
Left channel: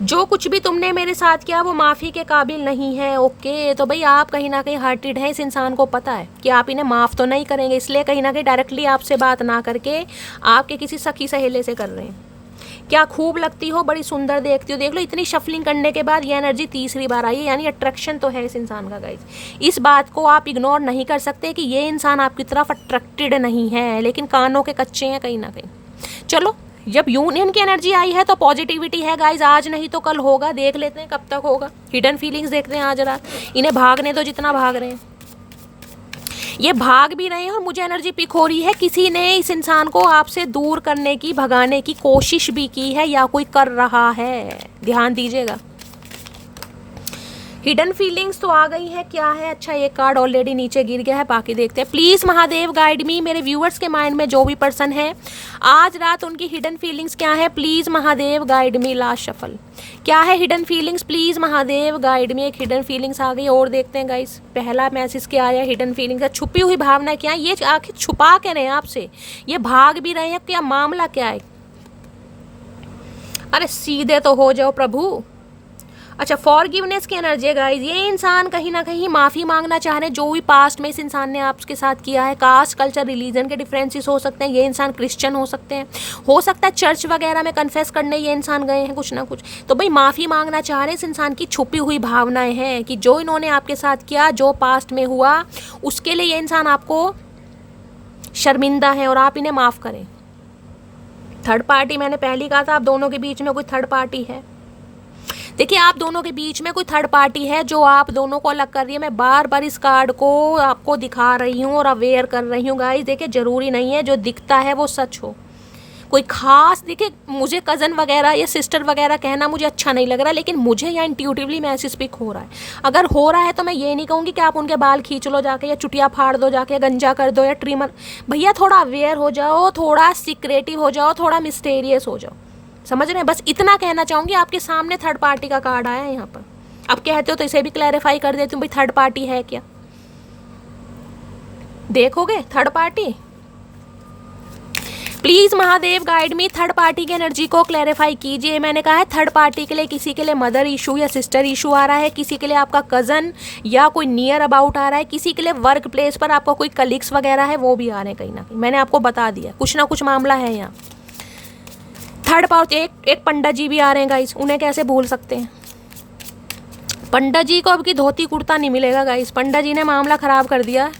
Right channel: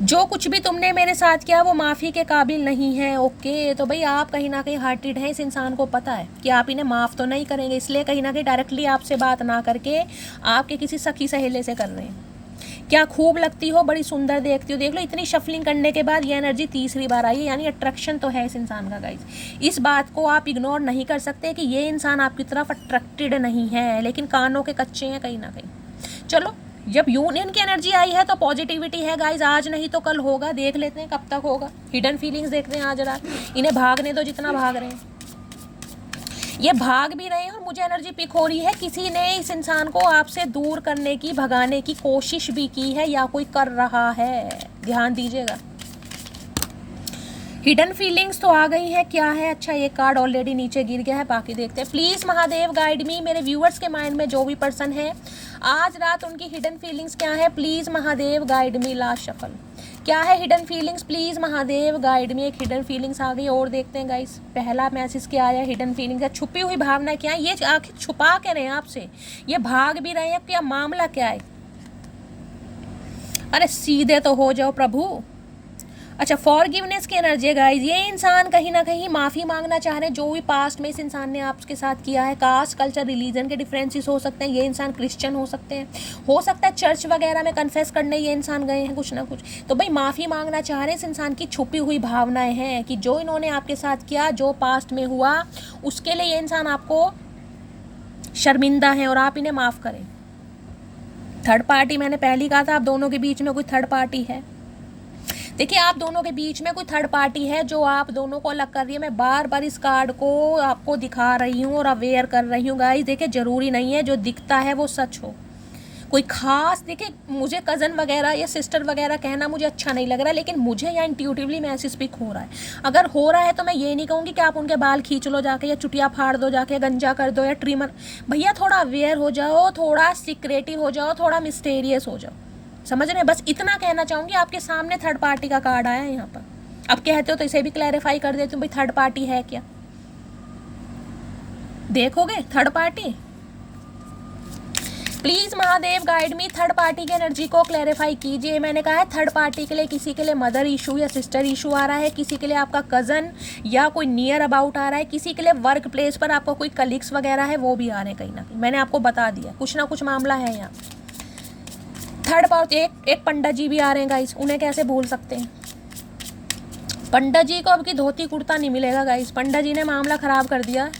जो कुछ भी तुमने मेरे साथ किया वो माफ़ी के काबिल नहीं है। ओके, तो भाई आप कहीं ना कहीं हर्टेड हैं, इस इंसान को पता है कि आप इन्हें माफ़ तो नहीं करेंगे, इसलिए कहीं ना कहीं डायरेक्टली आपसे बात ना करके आपके किसी सखी सहेले से कर रहे हैं। क्या खूब लगती हो, बड़ी सुंदर देखती हो। देख लो इतनी शफलिंग करने के बाद ये एनर्जी तीसरी बार आई है, यानी अट्रैक्शन तो है इस इंसान का गाइस। इस बात को आप इग्नोर नहीं कर सकते कि ये इंसान आपकी तरफ अट्रैक्टेड नहीं है, लेकिन कानों के कच्चे हैं कहीं ना कहीं। चलो, जब यूनियन की एनर्जी आई है तो पॉजिटिविटी है गाइज, आज नहीं तो कल होगा। देख लेते हैं कब तक होगा। हिडन फीलिंग्स देखते हैं आज रात, इन्हें भागने दो जितना भाग रहे हैं। ये भाग भी रहे हैं और मुझे एनर्जी पिक हो रही है, किसी ने इस इंसान को आपसे दूर करने की, भगाने की कोशिश भी की है या कोई कर रहा है, ध्यान दीजिएगा। हिडन फीलिंग्स तो आ गई है, क्या है। अच्छा, एक कार्ड ऑलरेडी नीचे गिर गया है, बाकी देखते हैं। प्लीज महादेव गाइड मी, मेरे व्यूअर्स के माइंड में जो भी पर्सन है आज रात उनकी हिडन फीलिंग्स क्या है, please Mahadev guide me. Last shuffle क्या है hidden feelings, please Mahadev guide मी। एक हिडन फीलिंग्स आ गई और देखते हैं गाइस। पहला मैसेज क्या आया हिडन फीलिंग्स, छुपी हुई भावना क्या है, ये आखिर छुपा के रहे आपसे, ये भाग भी रहे हैं, क्या मामला क्या है। अरे सीधे तो हो जाओ प्रभु। अच्छा, फॉरगिवनेस की एनर्जी गाइस, ये इंसान कहीं ना कहीं माफ़ी मांगना चाह रहे हैं जो भी पास्ट में इस इंसान ने आपके साथ किया है। कास्ट, कल्चर, रिलीजन के डिफरेंसेस हो सकते हैं, ये इंसान क्रिश्चियन हो सकते हैं, हो सकता है चर्च वगैरह में कन्फेस करने ये इंसान गए हैं कुछ ना कुछ। तो भाई माफ़ी मांगना चाह रहे हैं, इस इंसान की छुपी हुई भावनाएं हैं कि जो इन्होंने आपके साथ किया, जो पास्ट में हुआ, उसके लिए ये इंसान आपको शर्मिंदा है और आप इन्हें माफ़ करें। थर्ड पार्टी, मैंने पहले ही कहा था आप दोनों के बीच में कोई थर्ड पार्टी है। देखिए, आप दोनों के बीच में कोई थर्ड पार्टी है जो आप दोनों को अलग कर रही है। मैं बार बार इस कार्ड को आपको दिखा रही हूँ और अवेयर कर रही हूँ गाइस। देखिए, जरूरी नहीं है जो दिखता है वो सच हो, कोई खास। देखिए, मुझे कज़न वगैरह या सिस्टर वगैरह कहना मुझे अच्छा नहीं लग रहा, लेकिन मुझे या इंट्यूटिवली मैसेज पिक हो रहा है। अगर हो रहा है तो मैं ये नहीं कहूँगी कि आप उनके बाल खींच लो जाके, या चुटिया फाड़ दो जाके, गंजा कर दो, या ट्रिमर। भैया थोड़ा अवेयर हो जाओ, थोड़ा सीक्रेटिव हो जाओ, थोड़ा मिस्टेरियस हो जाओ, समझ रहे हैं। बस इतना कहना चाहूँगी। आपके सामने थर्ड पार्टी का कार्ड आया है यहाँ पर, अब कहते हो तो इसे भी क्लैरिफाई कर देती हूँ भाई, थर्ड पार्टी है क्या। देखोगे third party, please Mahadev guide me, third party की एनर्जी को क्लैरिफाई कीजिए। मैंने कहा है थर्ड पार्टी के लिए किसी के लिए मदर इशू या सिस्टर इशू आ रहा है, किसी के लिए आपका कजन या कोई नियर अबाउट आ रहा है, किसी के लिए वर्क प्लेस पर आपका कोई कलीग्स वगैरह है वो भी आ रहे हैं कहीं ना कहीं। मैंने आपको बता दिया कुछ ना कुछ मामला है यहाँ। थर्ड पार्टी, एक पंडित जी भी आ रहे हैं गाइस, उन्हें कैसे भूल सकते हैं। पंडित जी को अब की धोती कुर्ता नहीं मिलेगा गाइस, पंडित जी ने मामला खराब कर दिया।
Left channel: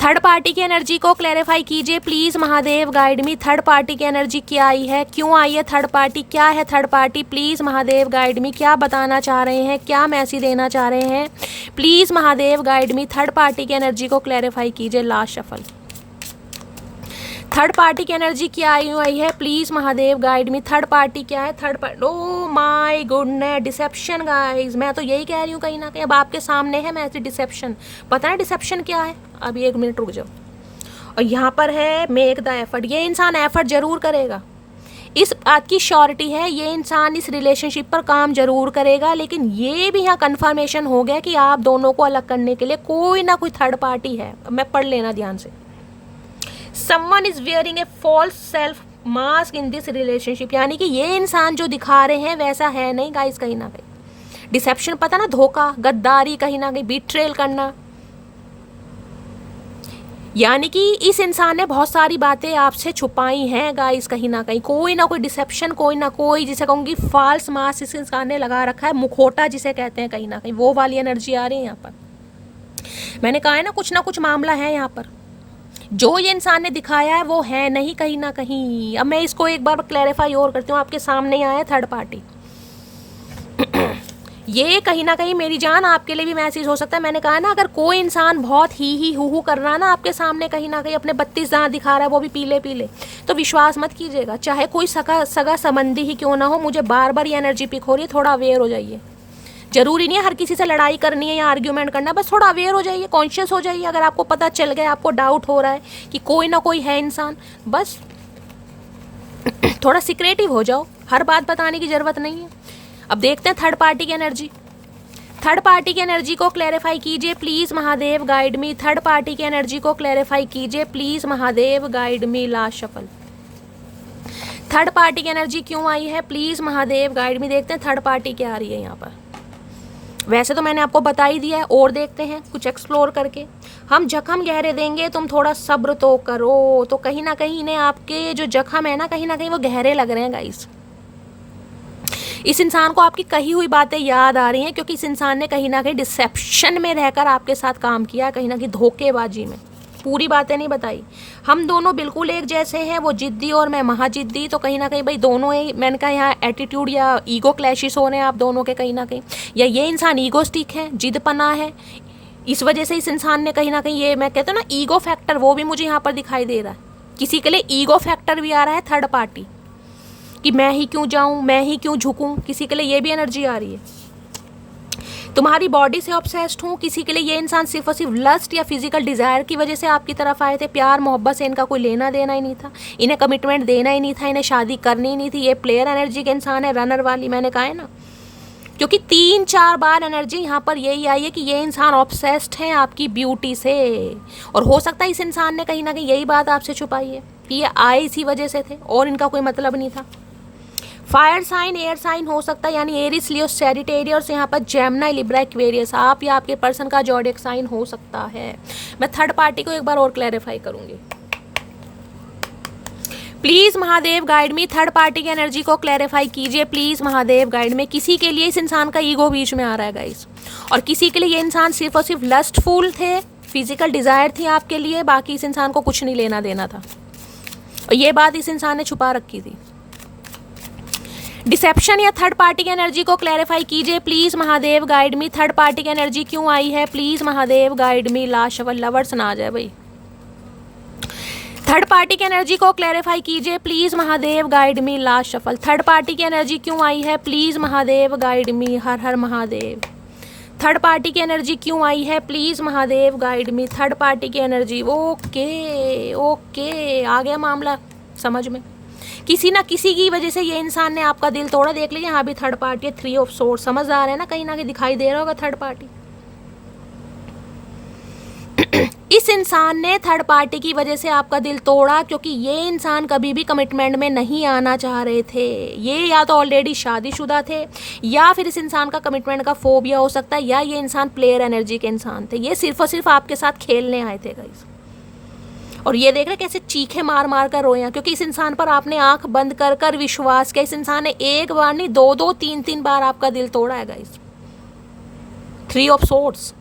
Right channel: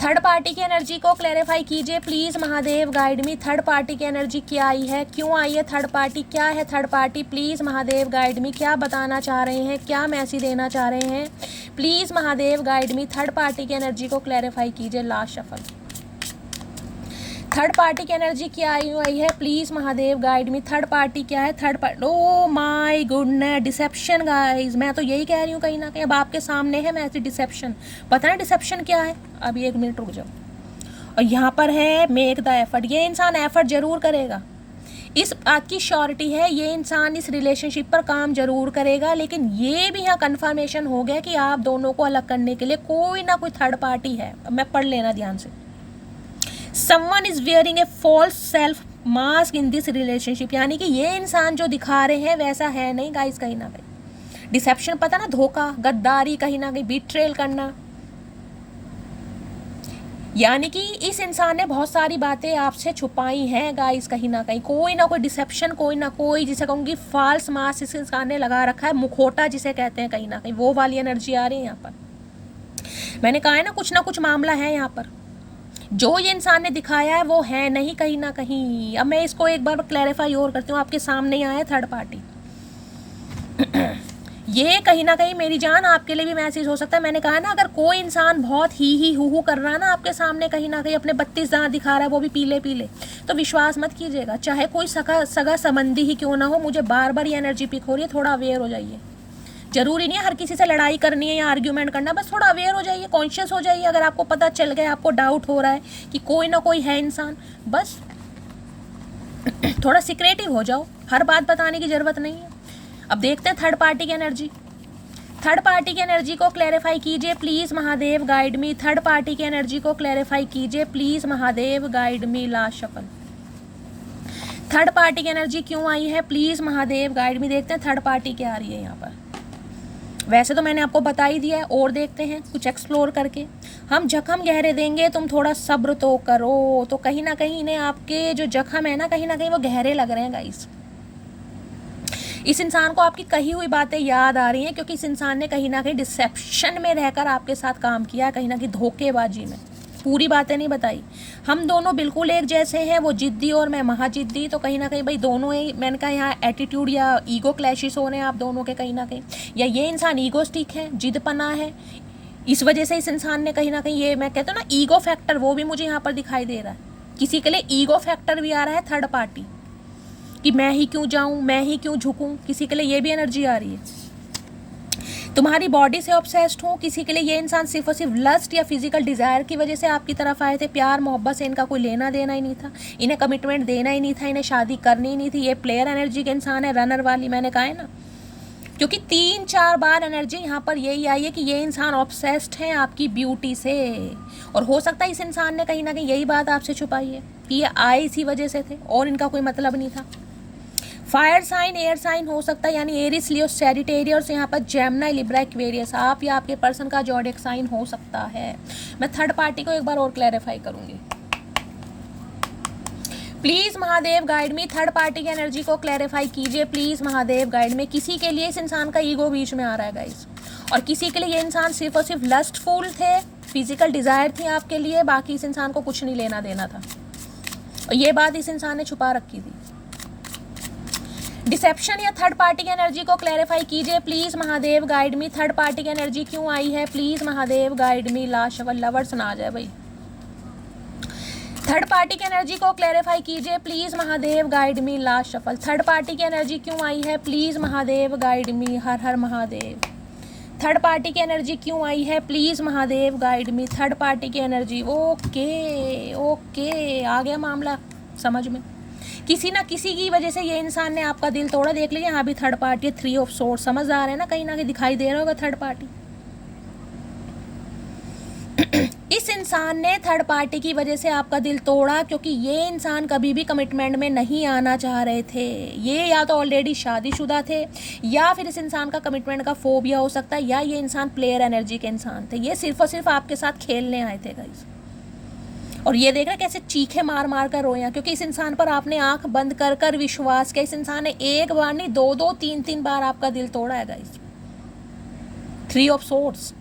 थर्ड पार्टी की एनर्जी को क्लैरिफाई कीजिए please Mahadev, guide me. Third party की एनर्जी क्या आई है, क्यों आई है थर्ड पार्टी, क्या है third party, please Mahadev guide मी। क्या बताना चाह रहे हैं, क्या मैसेज देना चाह रहे हैं, please Mahadev guide me. Third party की एनर्जी को क्लैरिफाई कीजिए। Last shuffle. थर्ड पार्टी की एनर्जी क्या आई हुई है, please Mahadev guide me. Third party क्या है, third party, oh my goodness, deception guys. मैं तो यही कह रही हूँ कहीं ना कहीं अब आपके सामने है मैसेज डिसेप्शन। पता है डिसेप्शन क्या है, अभी 1 मिनट रुक जाओ। और यहाँ पर है मेक द एफर्ट। ये इंसान एफर्ट जरूर करेगा, इस बात की श्योरिटी है, ये इंसान इस रिलेशनशिप पर काम जरूर करेगा। लेकिन ये भी यहाँ कंफर्मेशन हो गया कि आप दोनों को अलग करने के लिए कोई ना कोई थर्ड पार्टी है। अब मैं पढ़ लेना ध्यान से। Someone is wearing a false self mask in this relationship। यानी कि ये इंसान जो दिखा रहे हैं वैसा है नहीं गाइस। कहीं ना कहीं डिसेप्शन, पता ना, धोखा, गद्दारी, कहीं ना कहीं बिट्रेल करना। यानी कि इस इंसान ने बहुत सारी बातें आपसे छुपाई हैं गाइस। कहीं ना कहीं कोई ना कोई डिसेप्शन, कोई ना कोई, जिसे कहूँगी फॉल्स मास्क इस इंसान ने लगा रखा है, मुखौटा जिसे कहते हैं। कहीं ना कहीं वो वाली एनर्जी आ रही है यहाँ पर। मैंने कहा है ना कुछ मामला है यहाँ पर। जो ये इंसान ने दिखाया है वो है नहीं कहीं ना कहीं। अब मैं इसको एक बार क्लैरिफाई और करती हूँ। आपके सामने आया थर्ड पार्टी। ये कहीं ना कहीं मेरी जान आपके लिए भी मैसेज हो सकता है। मैंने कहा ना, अगर कोई इंसान बहुत ही हु कर रहा है ना आपके सामने, कहीं ना कहीं अपने 32 दांत दिखा रहा है, वो भी पीले पीले, तो विश्वास मत कीजिएगा। चाहे कोई सगा संबंधी ही क्यों ना हो। मुझे बार बार ये एनर्जी पिक हो रही है, थोड़ा अवेयर हो जाइए। जरूरी नहीं है हर किसी से लड़ाई करनी है या आर्ग्यूमेंट करना है, बस थोड़ा अवेयर हो जाइए, कॉन्शियस हो जाइए। अगर आपको पता चल गया, आपको डाउट हो रहा है कि कोई ना कोई है इंसान, बस थोड़ा सिक्रेटिव हो जाओ। हर बात बताने की जरूरत नहीं है। अब देखते हैं थर्ड पार्टी की एनर्जी। थर्ड पार्टी की एनर्जी को क्लैरिफाई कीजिए please Mahadev guide me. Third party की एनर्जी को क्लैरिफाई कीजिए please Mahadev guide me. Last shuffle. Third party की एनर्जी क्यों आई है, प्लीज महादेव गाइड मी। देखते हैं थर्ड पार्टी क्या आ रही है यहाँ पर। वैसे तो मैंने आपको बता ही दिया है, और देखते हैं कुछ एक्सप्लोर करके। हम जख्म गहरे देंगे, तुम थोड़ा सब्र तो करो। तो कहीं ना कहीं इन्हें आपके जो जख्म है ना, कहीं ना कहीं वो गहरे लग रहे हैं गाइस। इस इंसान को आपकी कही हुई बातें याद आ रही हैं, क्योंकि इस इंसान ने कहीं ना कहीं डिसेप्शन में रहकर आपके साथ काम किया, कहीं ना कहीं धोखेबाजी में। पूरी बातें नहीं बताई। हम दोनों बिल्कुल एक जैसे हैं, वो जिद्दी और मैं महाजिद्दी। तो कहीं ना कहीं भाई दोनों ही, मैंने कहा यहाँ एटीट्यूड या ईगो क्लैशेस हो रहे हैं आप दोनों के कहीं ना कहीं। या ये इंसान ईगोस्टिक है, जिदपना है, इस वजह से इस इंसान ने कहीं ना कहीं, ये मैं कहता हूँ ना ईगो फैक्टर, वो भी मुझे यहाँ पर दिखाई दे रहा है। किसी के लिए ईगो फैक्टर भी आ रहा है थर्ड पार्टी, कि मैं ही क्यों जाऊँ, मैं ही क्यों झुकूँ। किसी के लिए ये भी एनर्जी आ रही है। तुम्हारी बॉडी से ऑब्सेस्ड हूँ। किसी के लिए ये इंसान सिर्फ और सिर्फ लस्ट या फिजिकल डिजायर की वजह से आपकी तरफ आए थे। प्यार मोहब्बत से इनका कोई लेना देना ही नहीं था, इन्हें कमिटमेंट देना ही नहीं था, इन्हें शादी करनी ही नहीं थी। ये प्लेयर एनर्जी के इंसान है, रनर वाली, मैंने कहा है ना। क्योंकि 3-4 बार एनर्जी यहाँ पर यही आई है कि ये इंसान ऑब्सेस्ड है आपकी ब्यूटी से। और हो सकता है इस इंसान ने कहीं ना कहीं यही बात आपसे छुपाई है कि ये आए इसी वजह से थे और इनका कोई मतलब नहीं था। फायर साइन, एयर साइन हो सकता है, यानी एरिस, लियो, सैजिटेरियस, यहाँ पर जेमिनी, लिब्रा, एक्वेरियस, आप या आपके पर्सन का ज़ोडिएक साइन हो सकता है। मैं थर्ड पार्टी को एक बार और क्लैरिफाई करूंगी। Please Mahadev guide me. Third party की एनर्जी को क्लैरिफाई कीजिए प्लीज महादेव गाइड में। किसी के लिए इस इंसान का ईगो बीच में आ रहा है गाइस, और किसी के लिए ये इंसान सिर्फ और सिर्फ लस्टफुल थे, फिजिकल डिजायर थी आपके लिए, बाकी इस इंसान को कुछ नहीं लेना देना था। और ये बात इस इंसान ने छुपा रखी थी। डिसेप्शन या थर्ड पार्टी की एनर्जी को क्लैरिफाई कीजिए please Mahadev guide me. Third party की एनर्जी क्यों आई है, please Mahadev guide me. Last shuffle. Lovers ना आ जाए भाई। थर्ड पार्टी की एनर्जी को क्लैरिफाई कीजिए please Mahadev guide me. Last shuffle. Third party की एनर्जी क्यों आई है, please Mahadev guide me. Her her Mahadev. Third party की एनर्जी क्यों आई है, please Mahadev guide me. Third party की एनर्जी। ओके ओके, आ गया मामला समझ में। किसी ना किसी की वजह से ये इंसान ने आपका दिल तोड़ा। देख लीजिए यहाँ भी थर्ड पार्टी है, 3 ऑफ सोर्ड्स। समझदार है ना, कहीं ना कहीं दिखाई दे रहा होगा थर्ड पार्टी। इस इंसान ने थर्ड पार्टी की वजह से आपका दिल तोड़ा, क्योंकि ये इंसान कभी भी कमिटमेंट में नहीं आना चाह रहे थे। ये या तो ऑलरेडी शादीशुदा थे, या फिर इस इंसान का कमिटमेंट का फोबिया हो सकता है, या ये इंसान प्लेयर एनर्जी के इंसान थे। ये सिर्फ और सिर्फ आपके साथ खेलने आए थे गाइस। और ये देख रहे कैसे चीखे मार मार कर रोया, क्योंकि इस इंसान पर आपने आंख बंद कर कर विश्वास किया। इस इंसान ने एक बार नहीं, 2-2, 3-3 बार आपका दिल तोड़ा है गाइस। 3 of swords.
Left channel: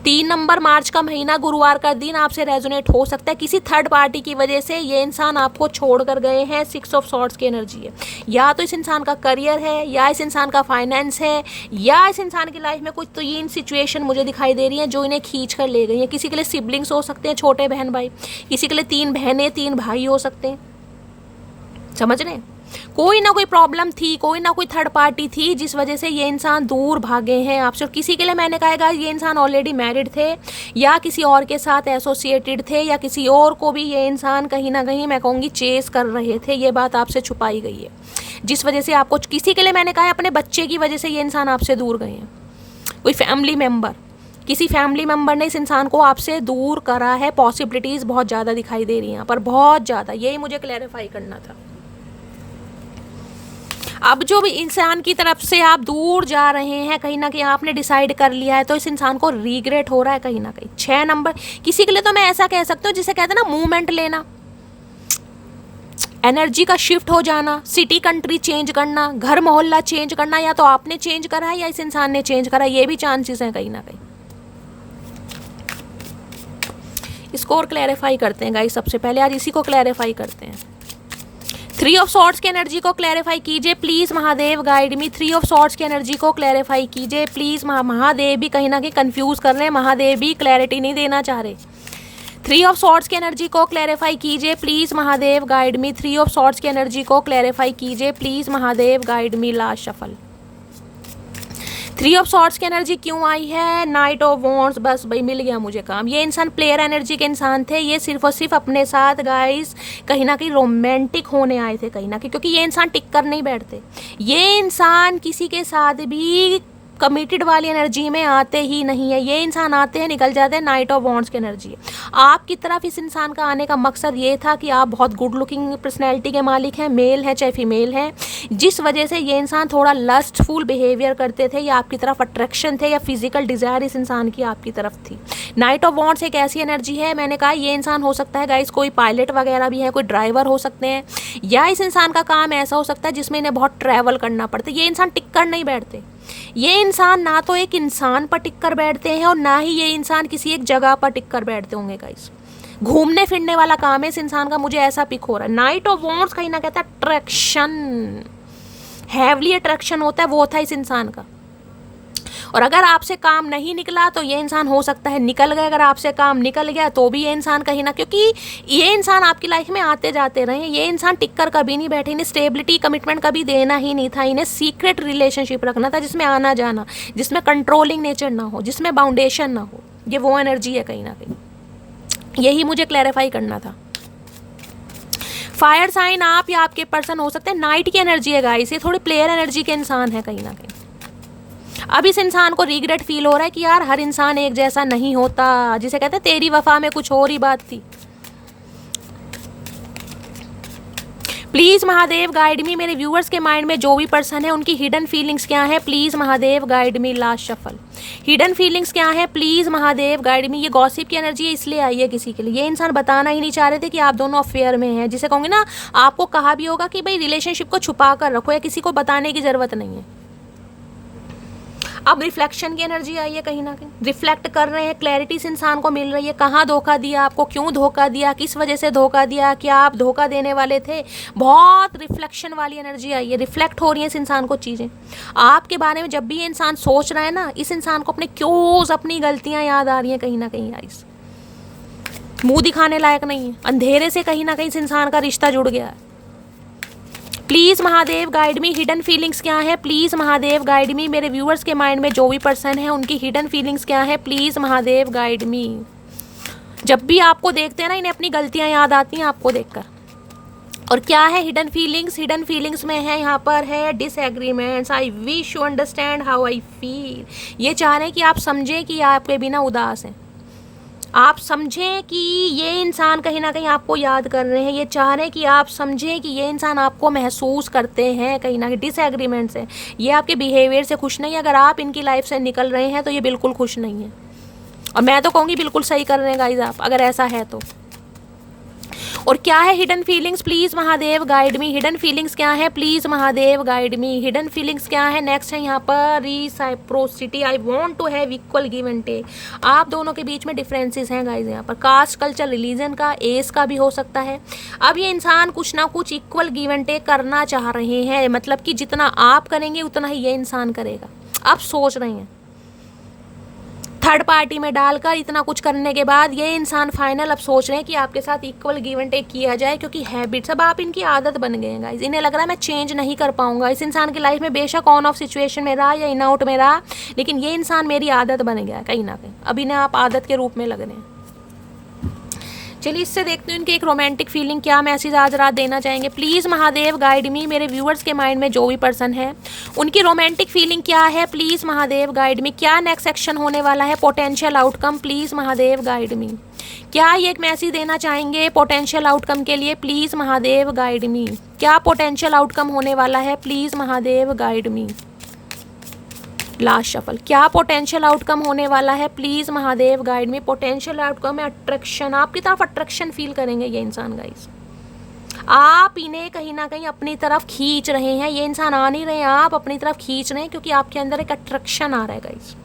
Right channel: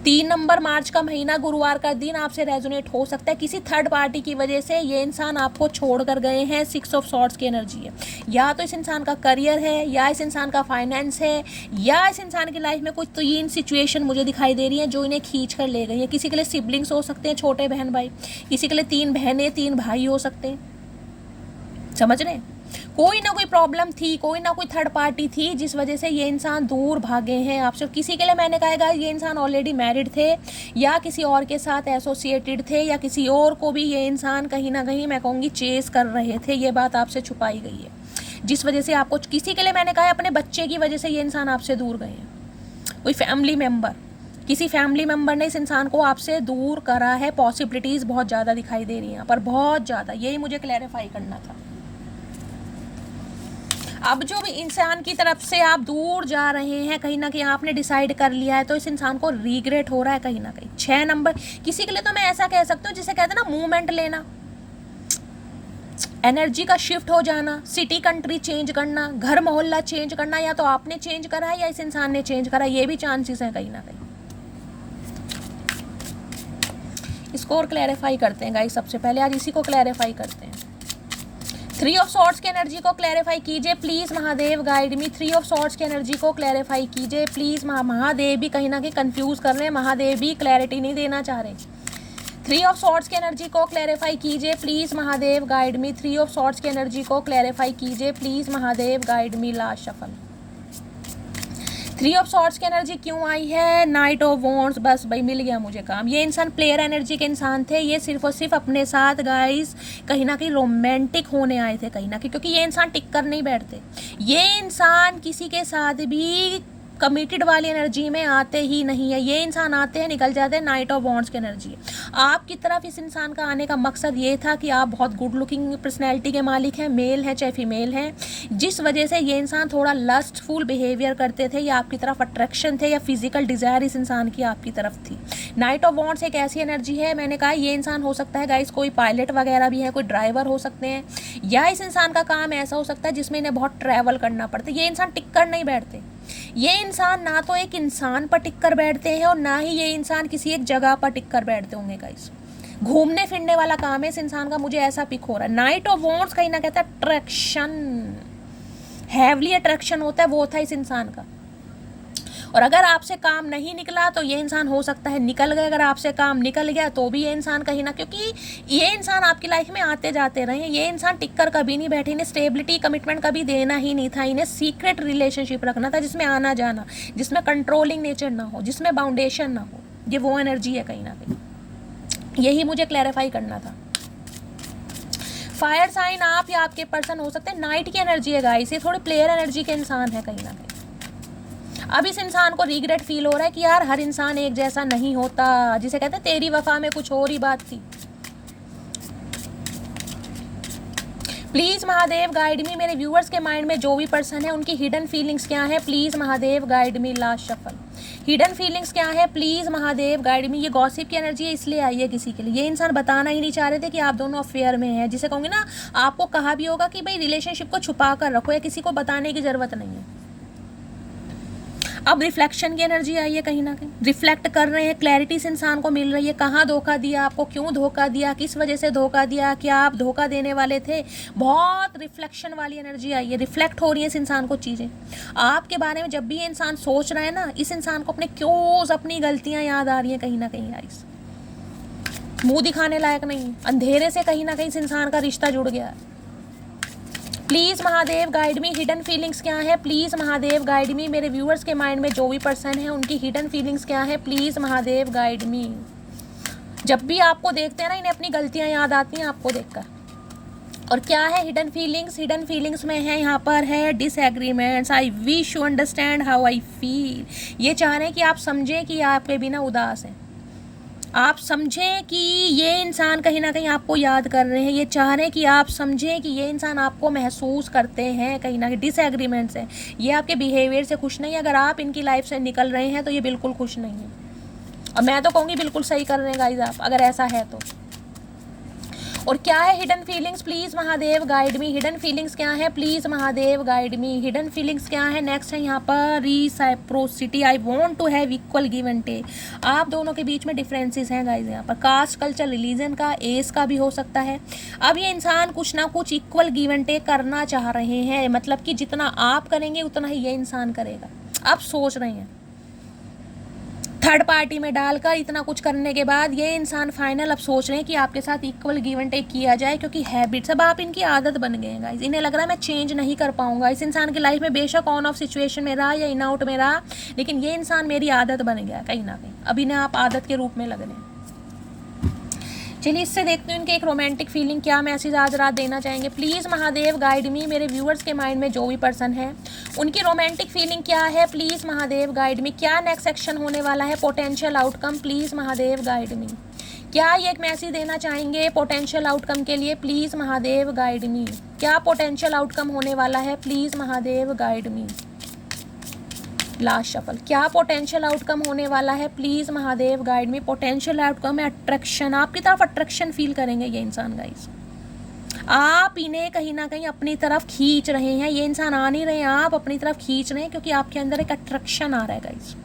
3 नंबर मार्च का महीना, गुरुवार का दिन आपसे रेजोनेट हो सकता है। किसी थर्ड पार्टी की वजह से ये इंसान आपको छोड़ कर गए हैं। 6 ऑफ सॉर्ड्स की एनर्जी है। या तो इस इंसान का करियर है, या इस इंसान का फाइनेंस है, या इस इंसान की लाइफ में कुछ 3 सिचुएशन मुझे दिखाई दे रही है जो इन्हें खींच कर ले गई है। किसी के लिए सिबलिंग्स हो सकते हैं, छोटे बहन भाई, किसी के लिए 3 बहनें 3 भाई हो सकते हैं। समझ रहे हैं? कोई ना कोई प्रॉब्लम थी, कोई ना कोई थर्ड पार्टी थी जिस वजह से ये इंसान दूर भागे हैं आपसे। और किसी के लिए मैंने कहा ये इंसान ऑलरेडी मैरिड थे, या किसी और के साथ एसोसिएटेड थे, या किसी और को भी ये इंसान कहीं ना कहीं मैं कहूँगी चेस कर रहे थे। ये बात आपसे छुपाई गई है, जिस वजह से आपको, किसी के लिए मैंने कहा अपने बच्चे की वजह से ये इंसान आपसे दूर गए हैं। कोई फैमिली मेम्बर, किसी फैमिली मेम्बर ने इस इंसान को आपसे दूर करा है। पॉसिबिलिटीज़ बहुत ज़्यादा दिखाई दे रही हैं यहाँ पर, बहुत ज़्यादा। यही मुझे क्लैरिफाई करना था। अब जो भी इंसान की तरफ से आप दूर जा रहे हैं, कहीं ना कहीं आपने डिसाइड कर लिया है, तो इस इंसान को रिग्रेट हो रहा है कहीं ना कहीं। 6 नंबर किसी के लिए तो मैं ऐसा कह सकती हूँ जिसे कहते हैं ना मूवमेंट लेना, एनर्जी का शिफ्ट हो जाना, सिटी कंट्री चेंज करना, घर मोहल्ला चेंज करना। या तो आपने चेंज करा है या इस इंसान ने चेंज करा है, ये भी चांसेस हैं कहीं ना कहीं। इसको और क्लैरिफाई करते हैं गाइस। सबसे पहले आज इसी को क्लैरिफाई करते हैं। 3 ऑफ सॉर्ड्स की एनर्जी को क्लैरिफाई कीजिए please Mahadev, guide me. 3 of swords की एनर्जी को क्लैरिफाई कीजिए प्लीज। महादेव भी कहीं ना कहीं कंफ्यूज कर रहे हैं, महादेव भी क्लैरिटी नहीं देना चाह रहे। 3 ऑफ सॉर्ड्स की एनर्जी को क्लैरिफाई कीजिए please Mahadev, guide me. 3 of swords की एनर्जी को क्लैरिफाई कीजिए please Mahadev, guide me. Last shuffle. 3 of swords की एनर्जी क्यों आई है? Night of wands. बस भाई मिल गया मुझे काम। ये इंसान प्लेयर एनर्जी के इंसान थे। ये सिर्फ और सिर्फ अपने साथ गाइस कहीं ना कहीं रोमांटिक होने आए थे कहीं ना कहीं, क्योंकि ये इंसान टिक कर नहीं बैठते। ये इंसान किसी के साथ भी कमिटेड वाली एनर्जी में आते ही नहीं है। ये इंसान आते हैं निकल जाते हैं। नाइट ऑफ वॉन्ड्स की एनर्जी। आपकी तरफ इस इंसान का आने का मकसद ये था कि आप बहुत गुड लुकिंग पर्सनैलिटी के मालिक हैं, मेल हैं चाहे फीमेल हैं, जिस वजह से ये इंसान थोड़ा लस्टफुल बिहेवियर करते थे, या आपकी तरफ अट्रैक्शन थे, या फिजिकल डिज़ायर इस इंसान की आपकी तरफ थी। नाइट ऑफ वॉन्ड्स एक ऐसी एनर्जी है, मैंने कहा ये इंसान हो सकता है गाइस कोई पायलट वगैरह भी है, कोई ड्राइवर हो सकते हैं, या इस इंसान का काम ऐसा हो सकता है जिसमें इन्हें बहुत ट्रैवल करना पड़ता है। ये इंसान टिक कर नहीं बैठते। ये इंसान ना तो एक इंसान पर टिक कर बैठते हैं, और ना ही ये इंसान किसी एक जगह पर टिक कर बैठते होंगे गाइस। घूमने फिरने वाला काम है इस इंसान का, मुझे ऐसा पिक हो रहा है। नाइट ऑफ वॉन्ड्स कहीं ना कहता है अट्रैक्शन, हैवली अट्रैक्शन होता है, वो था इस इंसान का। और अगर आपसे काम नहीं निकला तो ये इंसान हो सकता है निकल गया। अगर आपसे काम निकल गया तो भी ये इंसान कहीं ना, क्योंकि ये इंसान आपकी लाइफ में आते जाते रहे। ये इंसान टिक कर कभी नहीं बैठे। इन्हें स्टेबिलिटी कमिटमेंट कभी देना ही नहीं था। इन्हें सीक्रेट रिलेशनशिप रखना था जिसमें आना जाना, जिसमें कंट्रोलिंग नेचर ना हो, जिसमें बाउंडेशन ना हो। ये वो एनर्जी है कहीं ना कहीं। यही मुझे क्लैरिफाई करना था। फायर साइन आप या आपके पर्सन हो सकते हैं। नाइट की एनर्जी है गाइस, ये थोड़ी प्लेयर एनर्जी के इंसान है कहीं ना कहीं। अब इस इंसान को रिग्रेट फील हो रहा है कि यार हर इंसान एक जैसा नहीं होता, जिसे कहते हैं तेरी वफा में कुछ और ही बात थी। प्लीज महादेव गाइड मी। मेरे व्यूअर्स के माइंड में जो भी पर्सन है उनकी हिडन फीलिंग्स क्या है, please Mahadev guide me. Last shuffle. Hidden feelings क्या है, प्लीज महादेव गाइड मी। ये गॉसिप की एनर्जी है, इसलिए आई है किसी के लिए। ये इंसान बताना ही नहीं चाह रहे थे कि आप दोनों अफेयर में हैं, जिसे कहूँगे ना, आपको कहा भी होगा कि भाई रिलेशनशिप को छुपा कर रखो, या किसी को बताने की जरूरत नहीं है। अब रिफ्लेक्शन की एनर्जी आई है कहीं ना कहीं। रिफ्लेक्ट कर रहे हैं, क्लैरिटी इस इंसान को मिल रही है। कहाँ धोखा दिया आपको, क्यों धोखा दिया, किस वजह से धोखा दिया, क्या आप धोखा देने वाले थे। बहुत रिफ्लेक्शन वाली एनर्जी आई है। रिफ्लेक्ट हो रही है इस इंसान को चीज़ें आपके बारे में। जब भी ये इंसान सोच रहा है ना, इस इंसान को अपने क्यों अपनी गलतियाँ याद आ रही हैं कहीं ना कहीं। गाइस मुँह दिखाने लायक नहीं है। अंधेरे से कहीं ना कहीं इस इंसान का रिश्ता जुड़ गया है। Please Mahadev guide me. Hidden feelings क्या है, प्लीज महादेव गाइड मी। मेरे व्यूअर्स के माइंड में जो भी पर्सन है उनकी हिडन फीलिंग्स क्या है, प्लीज महादेव गाइड मी। जब भी आपको देखते हैं ना, इन्हें अपनी गलतियां याद आती हैं आपको देखकर। और क्या है हिडन फीलिंग्स? हिडन फीलिंग्स में है यहाँ पर है disagreements. I wish you understand how I feel. ये चाह रहे हैं कि आप समझें कि आपके बिना उदास हैं। आप समझें कि ये इंसान कहीं ना कहीं आपको याद कर रहे हैं। ये चाह रहे हैं कि आप समझें कि ये इंसान आपको महसूस करते हैं कहीं ना कहीं। डिसएग्रीमेंट्स है, ये आपके बिहेवियर से खुश नहीं है। अगर आप इनकी लाइफ से निकल रहे हैं तो ये बिल्कुल खुश नहीं है। और मैं तो कहूँगी बिल्कुल सही कर रहे हैं गाइस आप, अगर ऐसा है तो। और क्या है hidden feelings, please Mahadev guide me. Hidden feelings क्या है, please Mahadev guide me. Hidden feelings क्या है, नेक्स्ट है यहाँ पर reciprocity, I want to have equal give and take. आप दोनों के बीच में डिफरेंसेस हैं गाइज यहाँ पर, कास्ट, कल्चर, रिलीजन का, एज का भी हो सकता है। अब ये इंसान कुछ ना कुछ इक्वल गिव एंड टेक करना चाह रहे हैं, मतलब कि जितना आप करेंगे उतना ही ये इंसान करेगा। अब सोच रहे हैं थर्ड पार्टी में डालकर इतना कुछ करने के बाद ये इंसान फाइनल अब सोच रहे हैं कि आपके साथ इक्वल गिव एंड टेक किया जाए, क्योंकि हैबिट्स अब आप इनकी आदत बन गए हैं गाइज। इन्हें लग रहा है मैं चेंज नहीं कर पाऊंगा। इस इंसान की लाइफ में बेशक ऑन ऑफ सिचुएशन में रहा या इन आउट में रहा, लेकिन ये इंसान मेरी आदत बन गया है कहीं ना कहीं। अब इन्हें आप आदत के रूप में लग रहे हैं। चलिए इससे देखते हैं इनके एक रोमांटिक फीलिंग क्या मैसेज आज रात देना चाहेंगे। प्लीज़ महादेव गाइड मी। मेरे व्यूअर्स के माइंड में जो भी पर्सन है उनकी रोमांटिक फीलिंग क्या है, प्लीज़ महादेव गाइड मी। क्या नेक्स्ट एक्शन होने वाला है, potential outcome, please Mahadev guide मी। क्या ये एक मैसेज देना चाहेंगे पोटेंशियल आउटकम के लिए, प्लीज़ महादेव गाइड मी। क्या पोटेंशियल आउटकम होने वाला है, please Mahadev guide me. Last shuffle, क्या पोटेंशियल आउटकम होने वाला है, प्लीज महादेव गाइड में। पोटेंशियल आउटकम है अट्रैक्शन, आपकी तरफ अट्रैक्शन फील करेंगे ये इंसान गाइस। आप इन्हें कहीं ना कहीं अपनी तरफ खींच रहे हैं, ये इंसान आ नहीं रहे हैं, आप अपनी तरफ खींच रहे हैं, क्योंकि आपके अंदर एक अट्रैक्शन आ रहा है गाइस।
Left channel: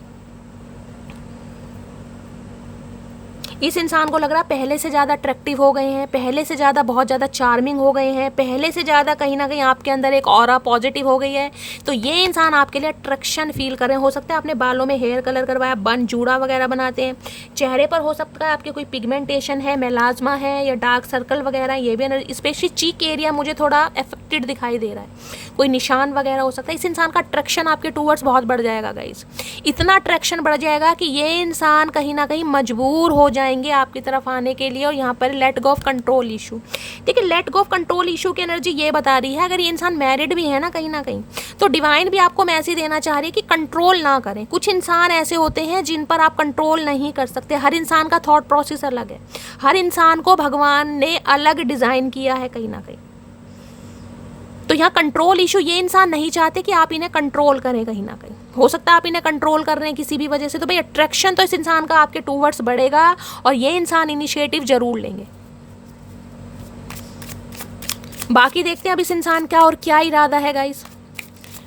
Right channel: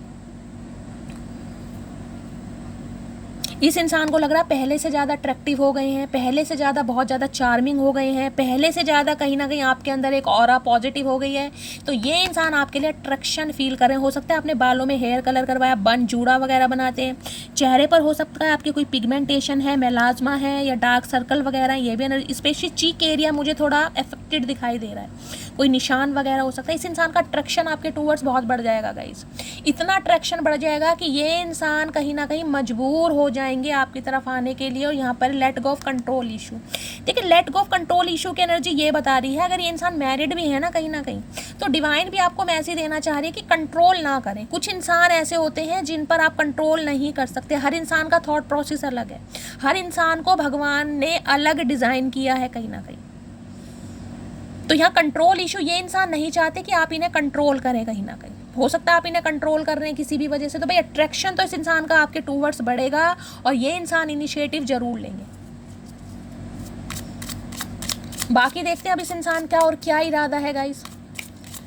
इस इंसान को लग रहा है पहले से ज़्यादा अट्रैक्टिव हो गए हैं, पहले से ज़्यादा बहुत ज़्यादा चार्मिंग हो गए हैं, पहले से ज़्यादा कहीं ना कहीं आपके अंदर एक ऑरा पॉजिटिव हो गई है। तो ये इंसान आपके लिए अट्रैक्शन फील कर रहे हैं। हो सकता है आपने बालों में हेयर कलर करवाया, बन जूड़ा वगैरह बनाते हैं, चेहरे पर हो सकता है आपके कोई पिगमेंटेशन है, मेलाज्मा है या डार्क सर्कल वगैरह, ये भी स्पेशली चीक एरिया मुझे थोड़ा अफेक्टेड दिखाई दे रहा है, कोई निशान वगैरह हो सकता है। इस इंसान का अट्रैक्शन आपके टूवर्ड्स बहुत बढ़ जाएगा गाइस। इतना अट्रैक्शन बढ़ जाएगा कि ये इंसान कहीं ना कहीं मजबूर हो जाएंगे आपकी तरफ आने के लिए। और यहाँ पर let go of control issue, देखिए let go of control issue की एनर्जी ये बता रही है, अगर ये इंसान मैरिड भी है ना कहीं ना कहीं, तो डिवाइन भी आपको मैसेज देना चाह रही है कि कंट्रोल ना करें। कुछ इंसान ऐसे होते हैं जिन पर आप कंट्रोल नहीं कर सकते। हर इंसान का थॉट प्रोसेस अलग है, हर इंसान को भगवान ने अलग डिजाइन किया है कहीं ना कहीं। तो यहाँ कंट्रोल इशू, ये इंसान नहीं चाहते कि आप इन्हें कंट्रोल करें कहीं ना कहीं। हो सकता है आप इन्हें कंट्रोल कर रहे हैं किसी भी वजह से, तो भाई अट्रैक्शन तो इस इंसान का आपके टूवर्ड्स बढ़ेगा और ये इंसान इनिशिएटिव जरूर लेंगे। बाकी देखते हैं अब इस इंसान का और क्या इरादा है गाइस।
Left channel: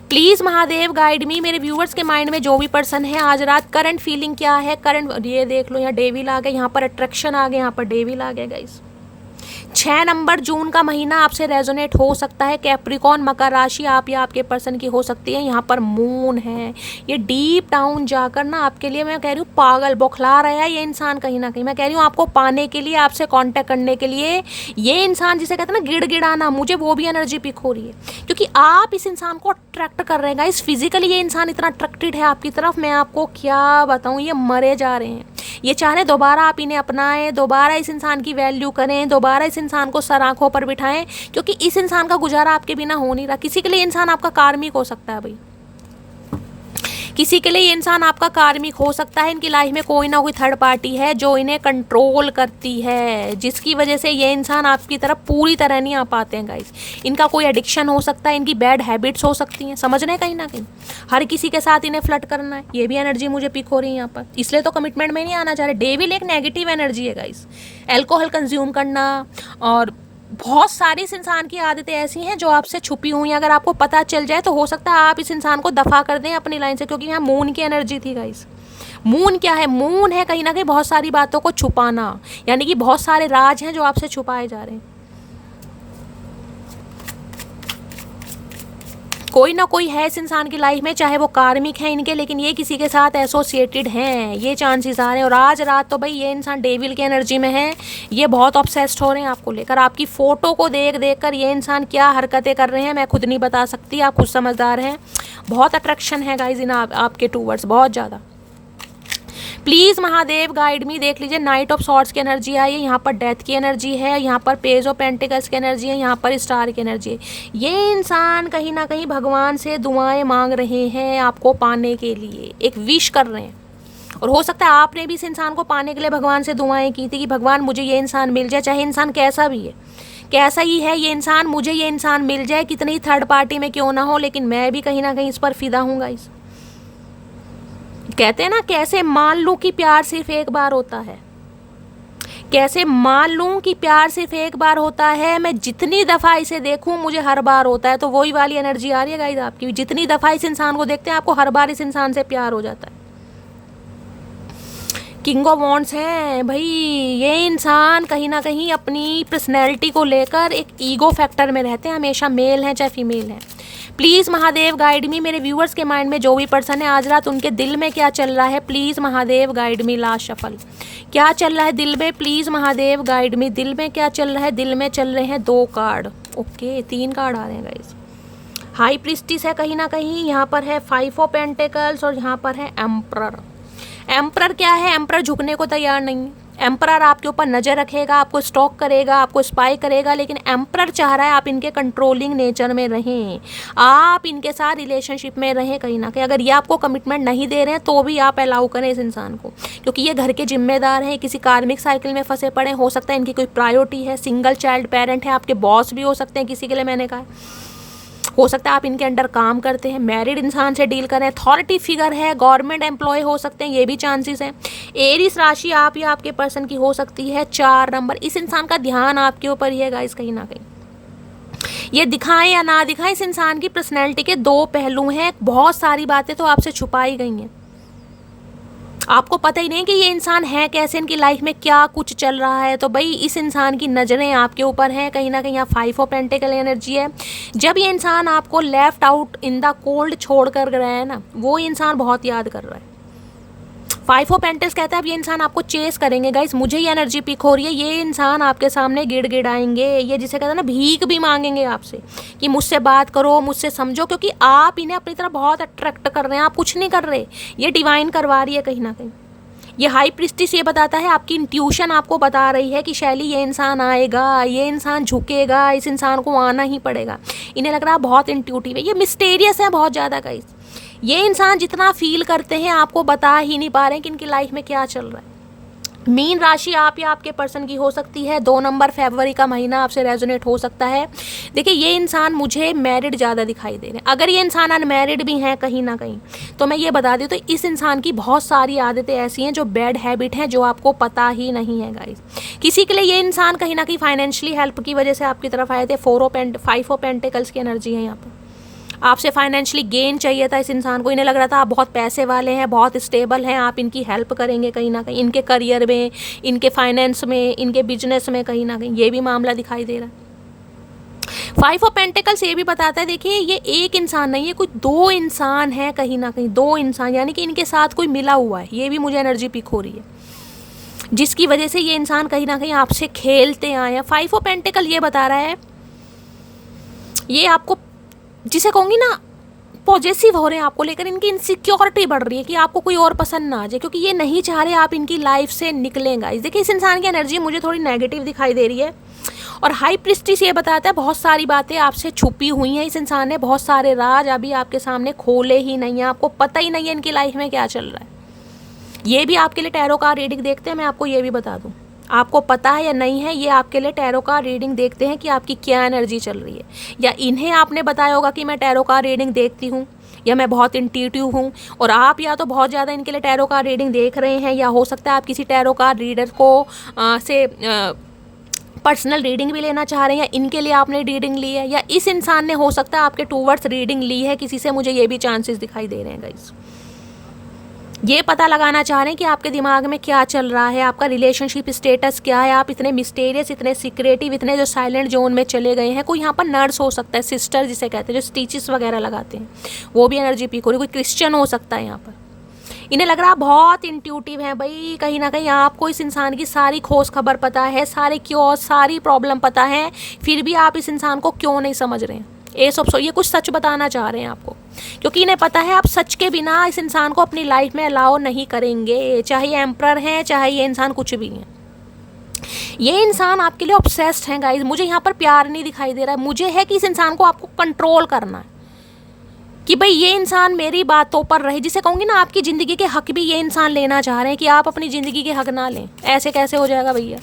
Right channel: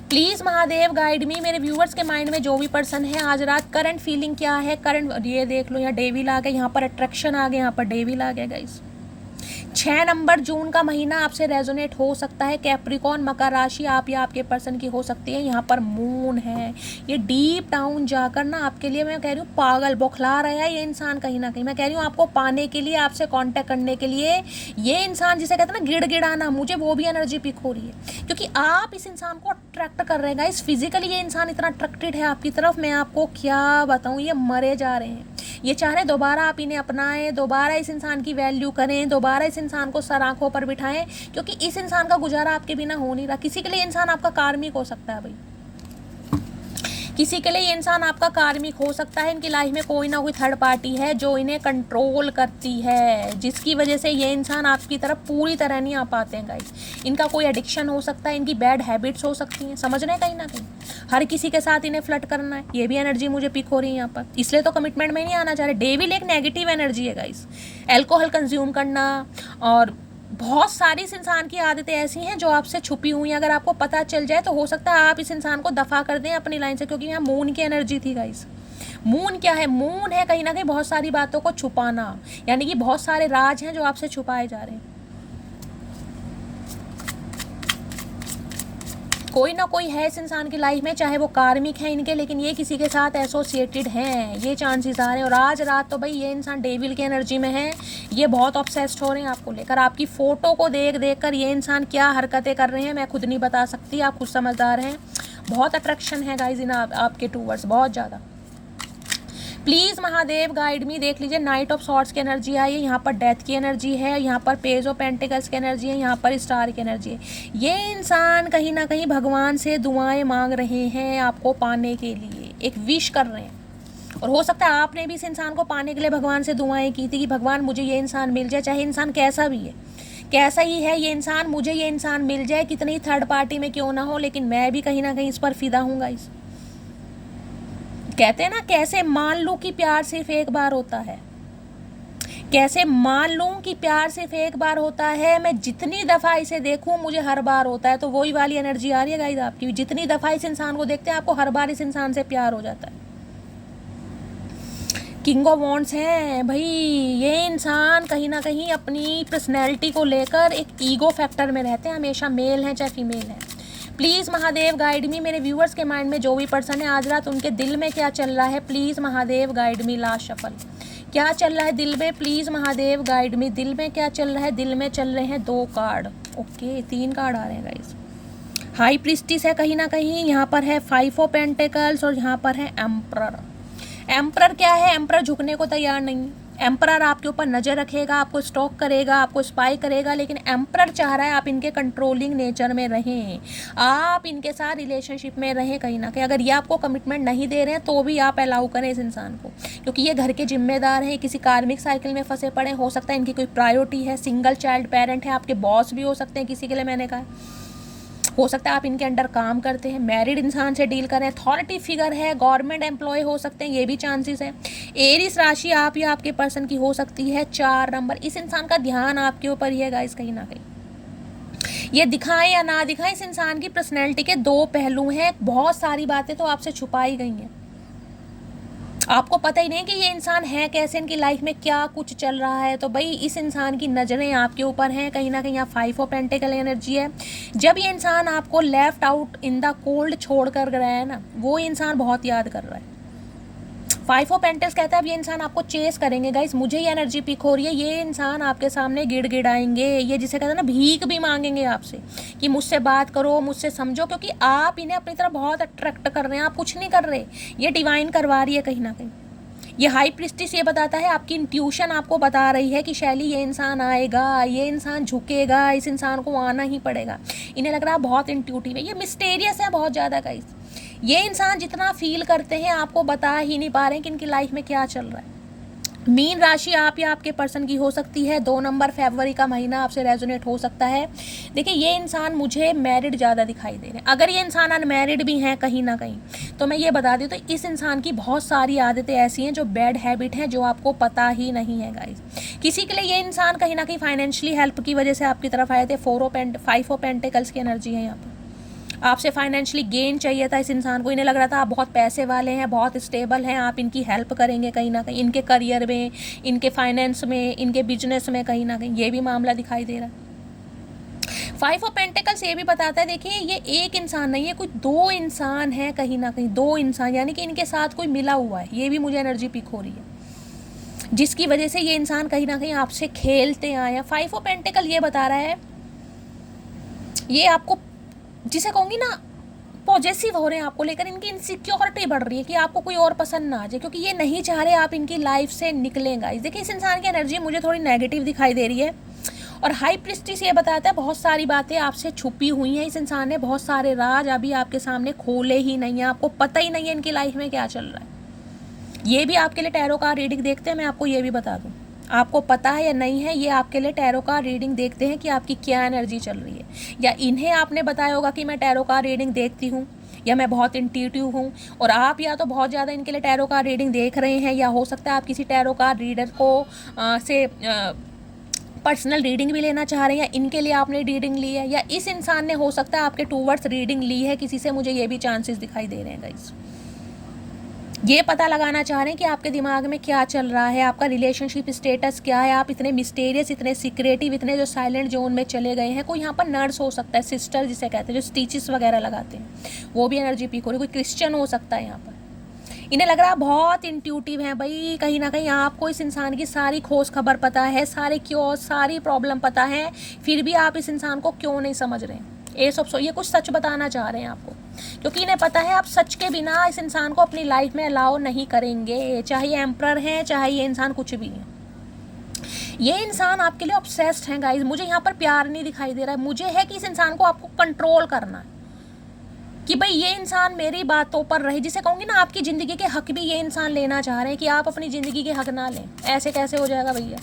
प्लीज महादेव गाइड मी। मेरे व्यूअर्स के माइंड में जो भी पर्सन है आज रात करंट फीलिंग क्या है, करंट, ये देख लो यहाँ डेविल आ गए, यहाँ पर अट्रैक्शन आ गए, यहाँ पर डेविल आ गए गाइस। 6 नंबर जून का महीना आपसे रेजोनेट हो सकता है। कैप्रिकॉन, मकर राशि आप या आपके पर्सन की हो सकती है। यहाँ पर मून है, ये डीप डाउन जाकर ना आपके लिए मैं कह रही हूँ पागल बौखला रहा है ये इंसान कहीं ना कहीं। मैं कह रही हूँ आपको पाने के लिए, आपसे कांटेक्ट करने के लिए ये इंसान, जिसे कहते हैं ना गिड़गिड़ाना, मुझे वो भी एनर्जी पिक हो रही है, क्योंकि आप इस इंसान को अट्रैक्ट कर रहे हैं गाइस। फिजिकली ये इंसान इतना अट्रैक्टेड है आपकी तरफ, मैं आपको क्या बताऊँ, ये मरे जा रहे हैं। ये चाह रहे दोबारा आप इन्हें अपनाएं, दोबारा इस इंसान की वैल्यू करें, दोबारा इस इंसान को सर आंखों पर बिठाएं, क्योंकि इस इंसान का गुजारा आपके बिना हो नहीं रहा। किसी के लिए इंसान आपका कार्मिक हो सकता है भाई, किसी के लिए ये इंसान आपका कार्मिक हो सकता है। इनकी लाइफ में कोई ना कोई थर्ड पार्टी है जो इन्हें कंट्रोल करती है, जिसकी वजह से ये इंसान आपकी तरफ पूरी तरह नहीं आ पाते हैं गाइस। इनका कोई एडिक्शन हो सकता है, इनकी बैड हैबिट्स हो सकती हैं, समझ रहे हैं कहीं ना कहीं। हर किसी के साथ इन्हें फ्लर्ट करना है, ये भी एनर्जी मुझे पिक हो रही है यहाँ पर, इसलिए तो कमिटमेंट में नहीं आना चाह रहे। डेविल एक नेगेटिव एनर्जी है गाइस। अल्कोहल कंज्यूम करना और बहुत सारी इस इंसान की आदतें ऐसी हैं जो आपसे छुपी हुई हैं। अगर आपको पता चल जाए तो हो सकता है आप इस इंसान को दफा कर दें अपनी लाइन से, क्योंकि यहाँ मून की एनर्जी थी गाइस। मून क्या है, मून है कहीं ना कहीं बहुत सारी बातों को छुपाना, यानी कि बहुत सारे राज हैं जो आपसे छुपाए जा रहे हैं। कोई ना कोई है इस इंसान की लाइफ में, चाहे वो कार्मिक है इनके, लेकिन ये किसी के साथ एसोसिएटेड हैं, ये चांसेस आ रहे हैं। और आज रात तो भाई ये इंसान डेविल की एनर्जी में है, ये बहुत ऑब्सेस्ड हो रहे हैं आपको लेकर। आपकी फोटो को देख देख कर ये इंसान क्या हरकतें कर रहे हैं मैं खुद नहीं बता सकती, आप खुद समझदार हैं। बहुत अट्रैक्शन है गाइज इन आपके टूवर्ड्स, बहुत ज़्यादा। प्लीज़ महादेव गाइड मी। देख लीजिए नाइट ऑफ सॉर्ड्स की एनर्जी आई है, यहाँ पर डेथ की एनर्जी है, यहाँ पर पेज ऑफ पेंटिकल्स की एनर्जी है, यहाँ पर स्टार की एनर्जी है। ये इंसान कहीं ना कहीं भगवान से दुआएं मांग रहे हैं आपको पाने के लिए, एक विश कर रहे हैं। और हो सकता है आपने भी इस इंसान को पाने के लिए भगवान से दुआएं की थी कि भगवान मुझे ये इंसान मिल जाए, चाहे इंसान कैसा भी है, कैसा ही है ये इंसान, मुझे ये इंसान मिल जाए, कितनी ही थर्ड पार्टी में क्यों ना हो, लेकिन मैं भी कहीं ना कहीं इस पर फिदा हूँ गाइस। कहते हैं ना कैसे मान लूं कि प्यार सिर्फ एक बार होता है, कैसे मान लूं कि प्यार सिर्फ एक बार होता है, मैं जितनी दफ़ा इसे देखूं मुझे हर बार होता है। तो वही वाली एनर्जी आ रही है गाइस आपकी, जितनी दफ़ा इस इंसान को देखते हैं आपको हर बार इस इंसान से प्यार हो जाता है। किंग ऑफ वॉन्ड्स है भाई, ये इंसान कहीं ना कहीं अपनी पर्सनैलिटी को लेकर एक ईगो फैक्टर में रहते हैं हमेशा, मेल हैं चाहे फीमेल हैं। प्लीज़ महादेव गाइड मी, मेरे व्यूअर्स के माइंड में जो भी पर्सन है आज रात उनके दिल में क्या चल रहा है, please Mahadev guide me. Last shuffle, क्या चल रहा है दिल में, प्लीज़ महादेव गाइड मी। दिल में क्या चल रहा है, दिल में चल रहे हैं 2 कार्ड, ओके 3 कार्ड आ रहे हैं गाइस। हाई प्रीस्टिस है कहीं ना कहीं, यहाँ पर है 5 ऑफ पेंटिकल्स और यहाँ पर है एम्परर। एम्परर क्या है, एम्परर झुकने को तैयार नहीं है। एम्परर आपके ऊपर नज़र रखेगा, आपको स्टॉक करेगा, आपको स्पाई करेगा, लेकिन एम्परर चाह रहा है आप इनके कंट्रोलिंग नेचर में रहें, आप इनके साथ रिलेशनशिप में रहें कहीं ना कहीं। अगर ये आपको कमिटमेंट नहीं दे रहे हैं तो भी आप अलाउ करें इस इंसान को, क्योंकि ये घर के जिम्मेदार हैं, किसी कार्मिक साइकिल में फंसे पड़े, हो सकता है इनकी कोई प्रायोरिटी है, सिंगल चाइल्ड पेरेंट है, आपके बॉस भी हो सकते हैं किसी के लिए, मैंने कहा हो सकता है आप इनके अंडर काम करते हैं, मैरिड इंसान से डील करें, अथॉरिटी फिगर है, गवर्नमेंट एम्प्लॉय हो सकते हैं, ये भी चांसेस हैं। एरीज राशि आप या आपके पर्सन की हो सकती है 4 नंबर। इस इंसान का ध्यान आपके ऊपर ही है गाइस कहीं ना कहीं, ये दिखाएं या ना दिखाएं, इस इंसान की पर्सनैलिटी के 2 पहलू हैं। बहुत सारी बातें तो आपसे छुपाई गई हैं, आपको पता ही नहीं कि ये इंसान है कैसे, इनकी लाइफ में क्या कुछ चल रहा है। तो भाई इस इंसान की नज़रें आपके ऊपर हैं कहीं ना कहीं। यहाँ 5 ऑफ पेंटिकल एनर्जी है। जब ये इंसान आपको left out in the cold छोड़ कर गया है ना, वो इंसान बहुत याद कर रहा है। 5 ऑफ पेंटिकल्स कहता है अब ये इंसान आपको चेस करेंगे गाइस, मुझे ये एनर्जी पिक हो रही है। ये इंसान आपके सामने गिड़गिड़ाएंगे, ये जिसे कहते हैं ना भीख भी मांगेंगे आपसे कि मुझसे बात करो, मुझसे समझो, क्योंकि आप इन्हें अपनी तरफ बहुत अट्रैक्ट कर रहे हैं। आप कुछ नहीं कर रहे, ये डिवाइन करवा रही है कहीं ना कहीं। ये हाई प्रिस्टिस ये बताता है, आपकी इंट्यूशन आपको बता रही है कि शैली ये इंसान आएगा, ये इंसान झुकेगा, इस इंसान को आना ही पड़ेगा। इन्हें लग रहा है बहुत इंट्यूटिव है, ये मिस्टीरियस है बहुत ज़्यादा गाइस। ये इंसान जितना फील करते हैं आपको बता ही नहीं पा रहे हैं कि इनकी लाइफ में क्या चल रहा है। मीन राशि आप या आपके पर्सन की हो सकती है 2 नंबर, फरवरी का महीना आपसे रेजोनेट हो सकता है। देखिए ये इंसान मुझे मैरिड ज़्यादा दिखाई दे रहे हैं। अगर ये इंसान अनमैरिड भी हैं कहीं ना कहीं तो मैं ये बता दूँ तो इस इंसान की बहुत सारी आदतें ऐसी हैं जो बैड हैबिट हैं जो आपको पता ही नहीं है गाइस। किसी के लिए ये इंसान कहीं ना कहीं फाइनेंशियली हेल्प की वजह से आपकी तरफ आए थे। 5 ऑफ पेंटिकल्स की एनर्जी है यहाँ पर। आपसे फाइनेंशियली गेन चाहिए था इस इंसान को, इन्हें लग रहा था आप बहुत पैसे वाले हैं, बहुत स्टेबल हैं, आप इनकी हेल्प करेंगे कहीं ना कहीं, इनके करियर में, इनके फाइनेंस में, इनके बिजनेस में कहीं ना कहीं, ये भी मामला दिखाई दे रहा है। 5 ऑफ पेंटिकल्स ये भी बताता है, देखिए ये एक इंसान नहीं है, कुछ 2 इंसान है कहीं ना कहीं, 2 इंसान, यानी कि इनके साथ कोई मिला हुआ है। ये भी मुझे एनर्जी पिक हो रही है, जिसकी वजह से ये इंसान कहीं ना कहीं आपसे खेलते आए हैं। 5 ऑफ पेंटिकल ये बता रहा है, ये आपको जिसे कहूँगी ना पॉजेसिव हो रहे हैं आपको लेकर, इनकी इनसिक्योरिटी बढ़ रही है कि आपको कोई और पसंद ना आ जाए, क्योंकि ये नहीं चाह रहे आप इनकी लाइफ से निकलेंगे। देखिए इस इंसान की एनर्जी मुझे थोड़ी नेगेटिव दिखाई दे रही है। और हाई प्रिस्टिस ये बताता है बहुत सारी बातें आपसे छुपी हुई हैं, इस इंसान ने बहुत सारे राज अभी आपके सामने खोले ही नहीं है, आपको पता ही नहीं है इनकी लाइफ में क्या चल रहा है। ये भी आपके लिए टैरो का रीडिंग देखते हैं, मैं आपको ये भी बता दूँ, आपको पता है या नहीं है, ये आपके लिए टैरो का रीडिंग देखते हैं कि आपकी क्या एनर्जी चल रही है। या इन्हें आपने बताया होगा कि मैं टैरो का रीडिंग देखती हूँ, या मैं बहुत इंट्यूटिव हूँ, और आप या तो बहुत ज़्यादा इनके लिए टैरो का रीडिंग देख रहे हैं, या हो सकता है आप किसी टैरो का रीडर को से पर्सनल रीडिंग भी लेना चाह रहे हैं, या इनके लिए आपने रीडिंग ली है, या इस इंसान ने हो सकता है आपके टूवर्ड्स रीडिंग ली है किसी से, मुझे ये भी चांसेस दिखाई दे रहे हैं गाइस। ये पता लगाना चाह रहे हैं कि आपके दिमाग में क्या चल रहा है, आपका रिलेशनशिप स्टेटस क्या है, आप इतने मिस्टीरियस, इतने सीक्रेटिव, इतने जो साइलेंट जोन में चले गए हैं। कोई यहाँ पर नर्स हो सकता है, सिस्टर जिसे कहते हैं, जो स्टिचेस वगैरह लगाते हैं, वो भी एनर्जी पीक हो रही है। कोई क्रिश्चियन हो सकता है यहाँ पर। इन्हें लग रहा है बहुत इंट्यूटिव है भाई, कहीं ना कहीं आपको इस इंसान की सारी खोज खबर पता है, सारे क्यों, सारी प्रॉब्लम पता है, फिर भी आप इस इंसान को क्यों नहीं समझ रहे हैं। ये कुछ सच बताना चाह रहे हैं आपको, क्योंकि इन्हें पता है आप सच के बिना इस इंसान को अपनी लाइफ में अलाउ नहीं करेंगे, चाहे ये एम्परर है, चाहे ये इंसान कुछ भी है। ये इंसान आपके लिए ऑब्सेस्ड है गाइस। मुझे यहाँ पर प्यार नहीं दिखाई दे रहा है, मुझे है कि इस इंसान को आपको कंट्रोल करना है, कि भाई ये इंसान मेरी बातों पर रहे। जिसे कहूँगी ना आपकी ज़िंदगी के हक भी ये इंसान लेना चाह रहे हैं कि आप अपनी ज़िंदगी के हक ना लें। ऐसे कैसे हो जाएगा भैया।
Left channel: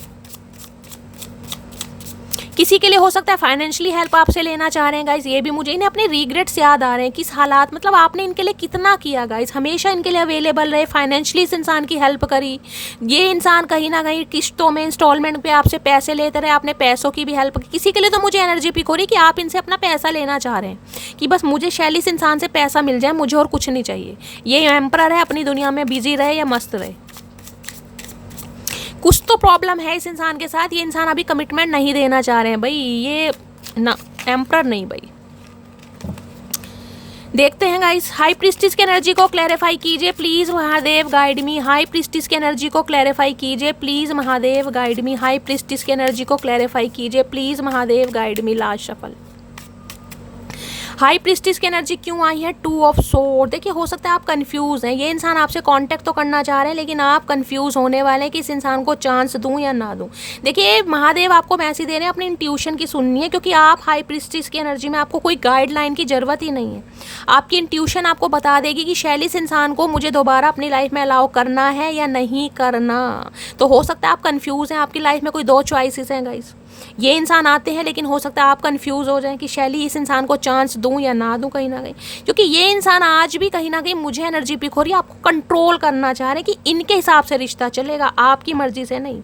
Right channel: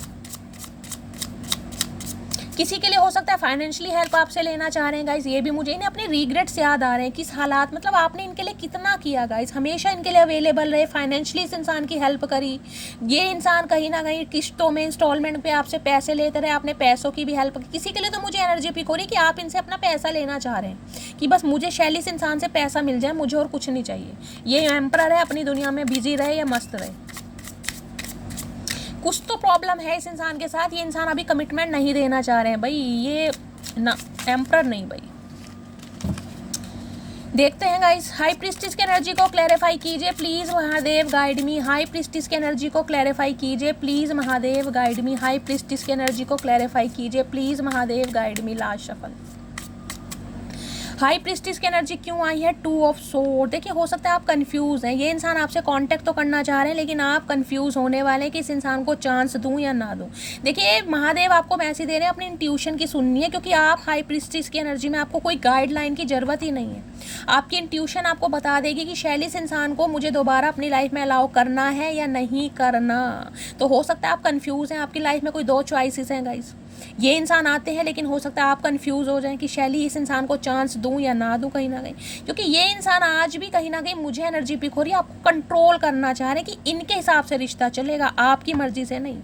किसी के लिए हो सकता है फाइनेंशियली हेल्प आपसे लेना चाह रहे हैं गाइस, ये भी मुझे इन्हें अपने रिग्रेट्स याद आ रहे हैं, किस हालात, मतलब आपने इनके लिए कितना किया गाइस, हमेशा इनके लिए अवेलेबल रहे, फाइनेंशियली इस इंसान की हेल्प करी। ये इंसान कहीं ना कहीं किस्तों में, इंस्टॉलमेंट पे आपसे पैसे लेते रहे, आपने पैसों की भी हेल्प की। किसी के लिए तो मुझे एनर्जी पिक हो रही कि आप इनसे अपना पैसा लेना चाह रहे हैं कि बस मुझे शैली इस इंसान से पैसा मिल जाए, मुझे और कुछ नहीं चाहिए। ये एम्परर है, अपनी दुनिया में बिजी रहे या मस्त रहे। कुछ तो प्रॉब्लम है इस इंसान के साथ, ये इंसान अभी कमिटमेंट नहीं देना चाह रहे हैं भाई, ये ना एम्परर नहीं भाई। देखते हैं गाइस, हाई प्रीस्टिस की एनर्जी को क्लैरिफाई कीजिए please Mahadev, guide me. High priestess की एनर्जी को क्लैरिफाई कीजिए please Mahadev, guide me. High priestess की एनर्जी को क्लैरिफाई कीजिए please Mahadev, guide me. Last shuffle. High priestess की एनर्जी क्यों आई है? 2 ऑफ सोर्ड। देखिए हो सकता है आप कंफ्यूज हैं, ये इंसान आपसे कांटेक्ट तो करना चाह रहे हैं लेकिन आप कंफ्यूज होने वाले हैं कि इस इंसान को चांस दूं या ना दूं। देखिए महादेव आपको मैसेज दे रहे हैं, अपनी इंट्यूशन की सुननी है, क्योंकि आप हाई प्रीस्टिस की एनर्जी में आपको कोई गाइडलाइन की जरूरत ही नहीं है। आपकी इंट्यूशन आपको बता देगी कि शैली इस इंसान को मुझे दोबारा अपनी लाइफ में अलाउ करना है या नहीं करना। तो हो सकता है आप कंफ्यूज हैं, आपकी लाइफ में कोई 2 चॉइसेस हैं गाइस। ये इंसान आते हैं लेकिन हो सकता है आप कंफ्यूज हो जाएं कि शैली इस इंसान को चांस दूं या ना दूं कहीं ना कहीं, क्योंकि ये इंसान आज भी कहीं ना कहीं मुझे एनर्जी पिक हो रही है, आपको कंट्रोल करना चाह रहे हैं कि इनके हिसाब से रिश्ता चलेगा, आपकी मर्जी से नहीं।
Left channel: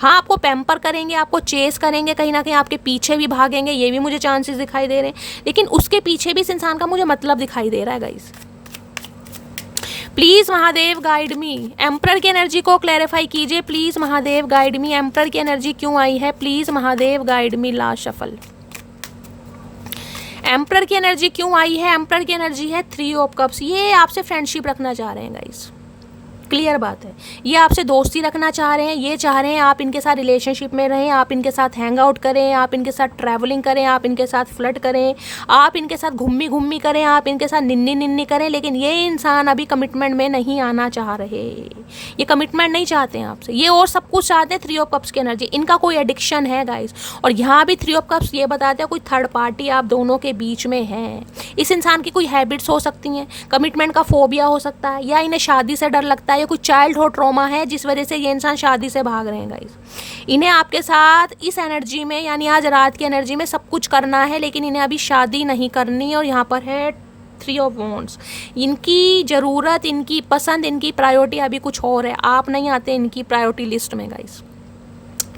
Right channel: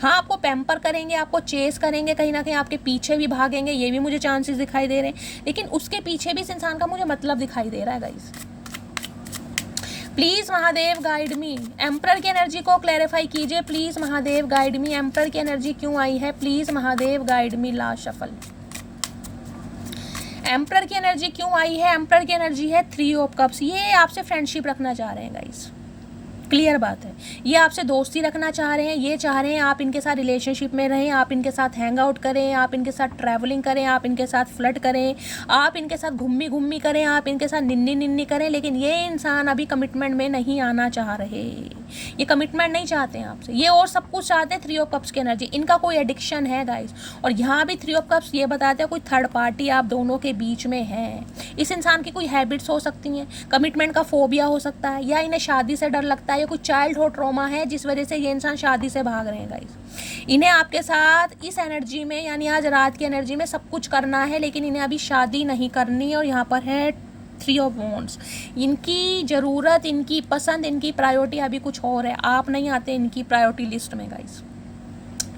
हाँ आपको पैम्पर करेंगे, आपको चेस करेंगे, कहीं ना कहीं आपके पीछे भी भागेंगे, ये भी मुझे चांसेस दिखाई दे रहे हैं, लेकिन उसके पीछे भी इस इंसान का मुझे मतलब दिखाई दे रहा है guys. Please Mahadev guide me. Emperor की एनर्जी को क्लैरिफाई कीजिए please Mahadev, guide me. Emperor की एनर्जी क्यों आई है? Please Mahadev, guide me. Last shuffle. Emperor की एनर्जी क्यों आई है? एम्परर की एनर्जी है 3 ऑफ कप्स। ये आपसे फ्रेंडशिप रखना चाह रहे हैं गाइस, क्लियर बात है। ये आपसे दोस्ती रखना चाह रहे हैं, ये चाह रहे हैं आप इनके साथ रिलेशनशिप में रहें, आप इनके साथ हैंग आउट करें, आप इनके साथ ट्रैवलिंग करें, आप इनके साथ फ्लर्ट करें, आप इनके साथ घूमी घूमी करें, आप इनके साथ निन्नी निन्नी करें, लेकिन ये इंसान अभी कमिटमेंट में नहीं आना चाह रहे। ये कमिटमेंट नहीं चाहते हैं आपसे, ये और सब कुछ चाहते हैं 3 ऑफ कप्स की एनर्जी। इनका कोई एडिक्शन है गाइस, और यहाँ भी 3 ऑफ कप्स ये बताते हैं कोई थर्ड पार्टी आप दोनों के बीच में है। इस इंसान की कोई हैबिट्स हो सकती हैं, कमिटमेंट का फोबिया हो सकता है, या इन्हें शादी से डर लगता है, या कोई चाइल्डहुड ट्रॉमा है जिस वजह से ये इंसान शादी से भाग रहे हैं गाइस। इन्हें आपके साथ इस एनर्जी में, यानी आज रात की एनर्जी में सब कुछ करना है, लेकिन इन्हें अभी शादी नहीं करनी है। और यहाँ पर है 3 ऑफ वॉन्ड्स। इनकी ज़रूरत, इनकी पसंद, इनकी प्रायोरिटी अभी कुछ और है, आप नहीं आते इनकी प्रायोरिटी लिस्ट में गाइस।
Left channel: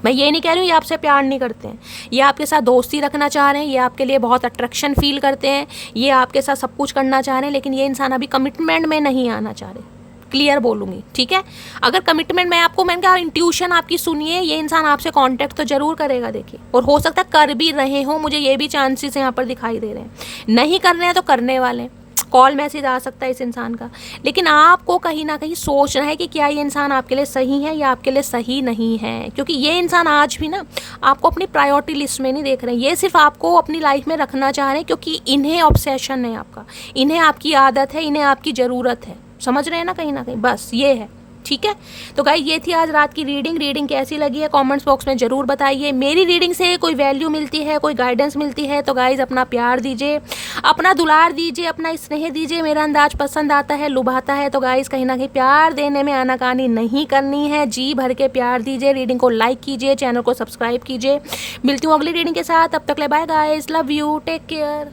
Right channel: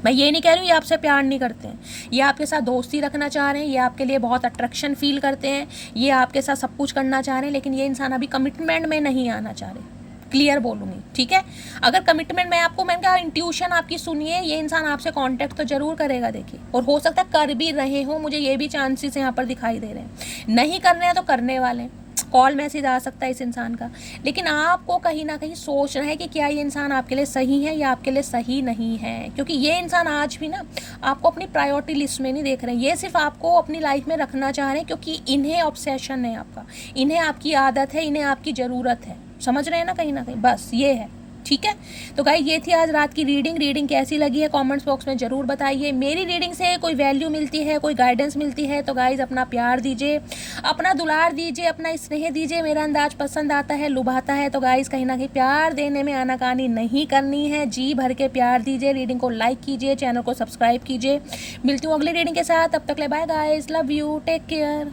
मैं ये नहीं कह रही हूँ ये आपसे प्यार नहीं करते हैं, ये आपके साथ दोस्ती रखना चाह रहे हैं, ये आपके लिए बहुत अट्रैक्शन फील करते हैं, ये आपके साथ सब कुछ करना चाह रहे हैं, लेकिन ये इंसान अभी कमिटमेंट में नहीं आना चाह रहे। क्लियर बोलूँगी, ठीक है। अगर कमिटमेंट में आपको, मैंने कहा इंट्यूशन आपकी सुनिए, ये इंसान आपसे कांटेक्ट तो जरूर करेगा देखिए, और हो सकता है कर भी रहे हो, मुझे ये भी चांसेस यहाँ पर दिखाई दे रहे हैं। नहीं करने हैं तो करने वाले, कॉल मैसेज आ सकता है इस इंसान का, लेकिन आपको कहीं ना कहीं सोचना है कि क्या ये इंसान आपके लिए सही है या आपके लिए सही नहीं है, क्योंकि ये इंसान आज भी ना आपको अपनी प्रायोरिटी लिस्ट में नहीं देख रहे हैं, ये सिर्फ आपको अपनी लाइफ में रखना चाह रहे हैं, क्योंकि इन्हें ऑब्सेशन है आपका, इन्हें आपकी आदत है, इन्हें आपकी ज़रूरत है, समझ रहे हैं ना कहीं, बस ये है, ठीक है। तो गाइस ये थी आज रात की रीडिंग कैसी लगी है कमेंट्स बॉक्स में ज़रूर बताइए। मेरी रीडिंग से कोई वैल्यू मिलती है, कोई गाइडेंस मिलती है तो गाइस अपना प्यार दीजिए, अपना दुलार दीजिए, अपना स्नेह दीजिए। मेरा अंदाज पसंद आता है, लुभाता है तो गाइस कहीं ना कहीं प्यार देने में आनाकानी नहीं करनी है, जी भर के प्यार दीजिए। रीडिंग को लाइक कीजिए, चैनल को सब्सक्राइब कीजिए। मिलती हूँ अगली रीडिंग के साथ, तब तक ले bye guys, love you, take care.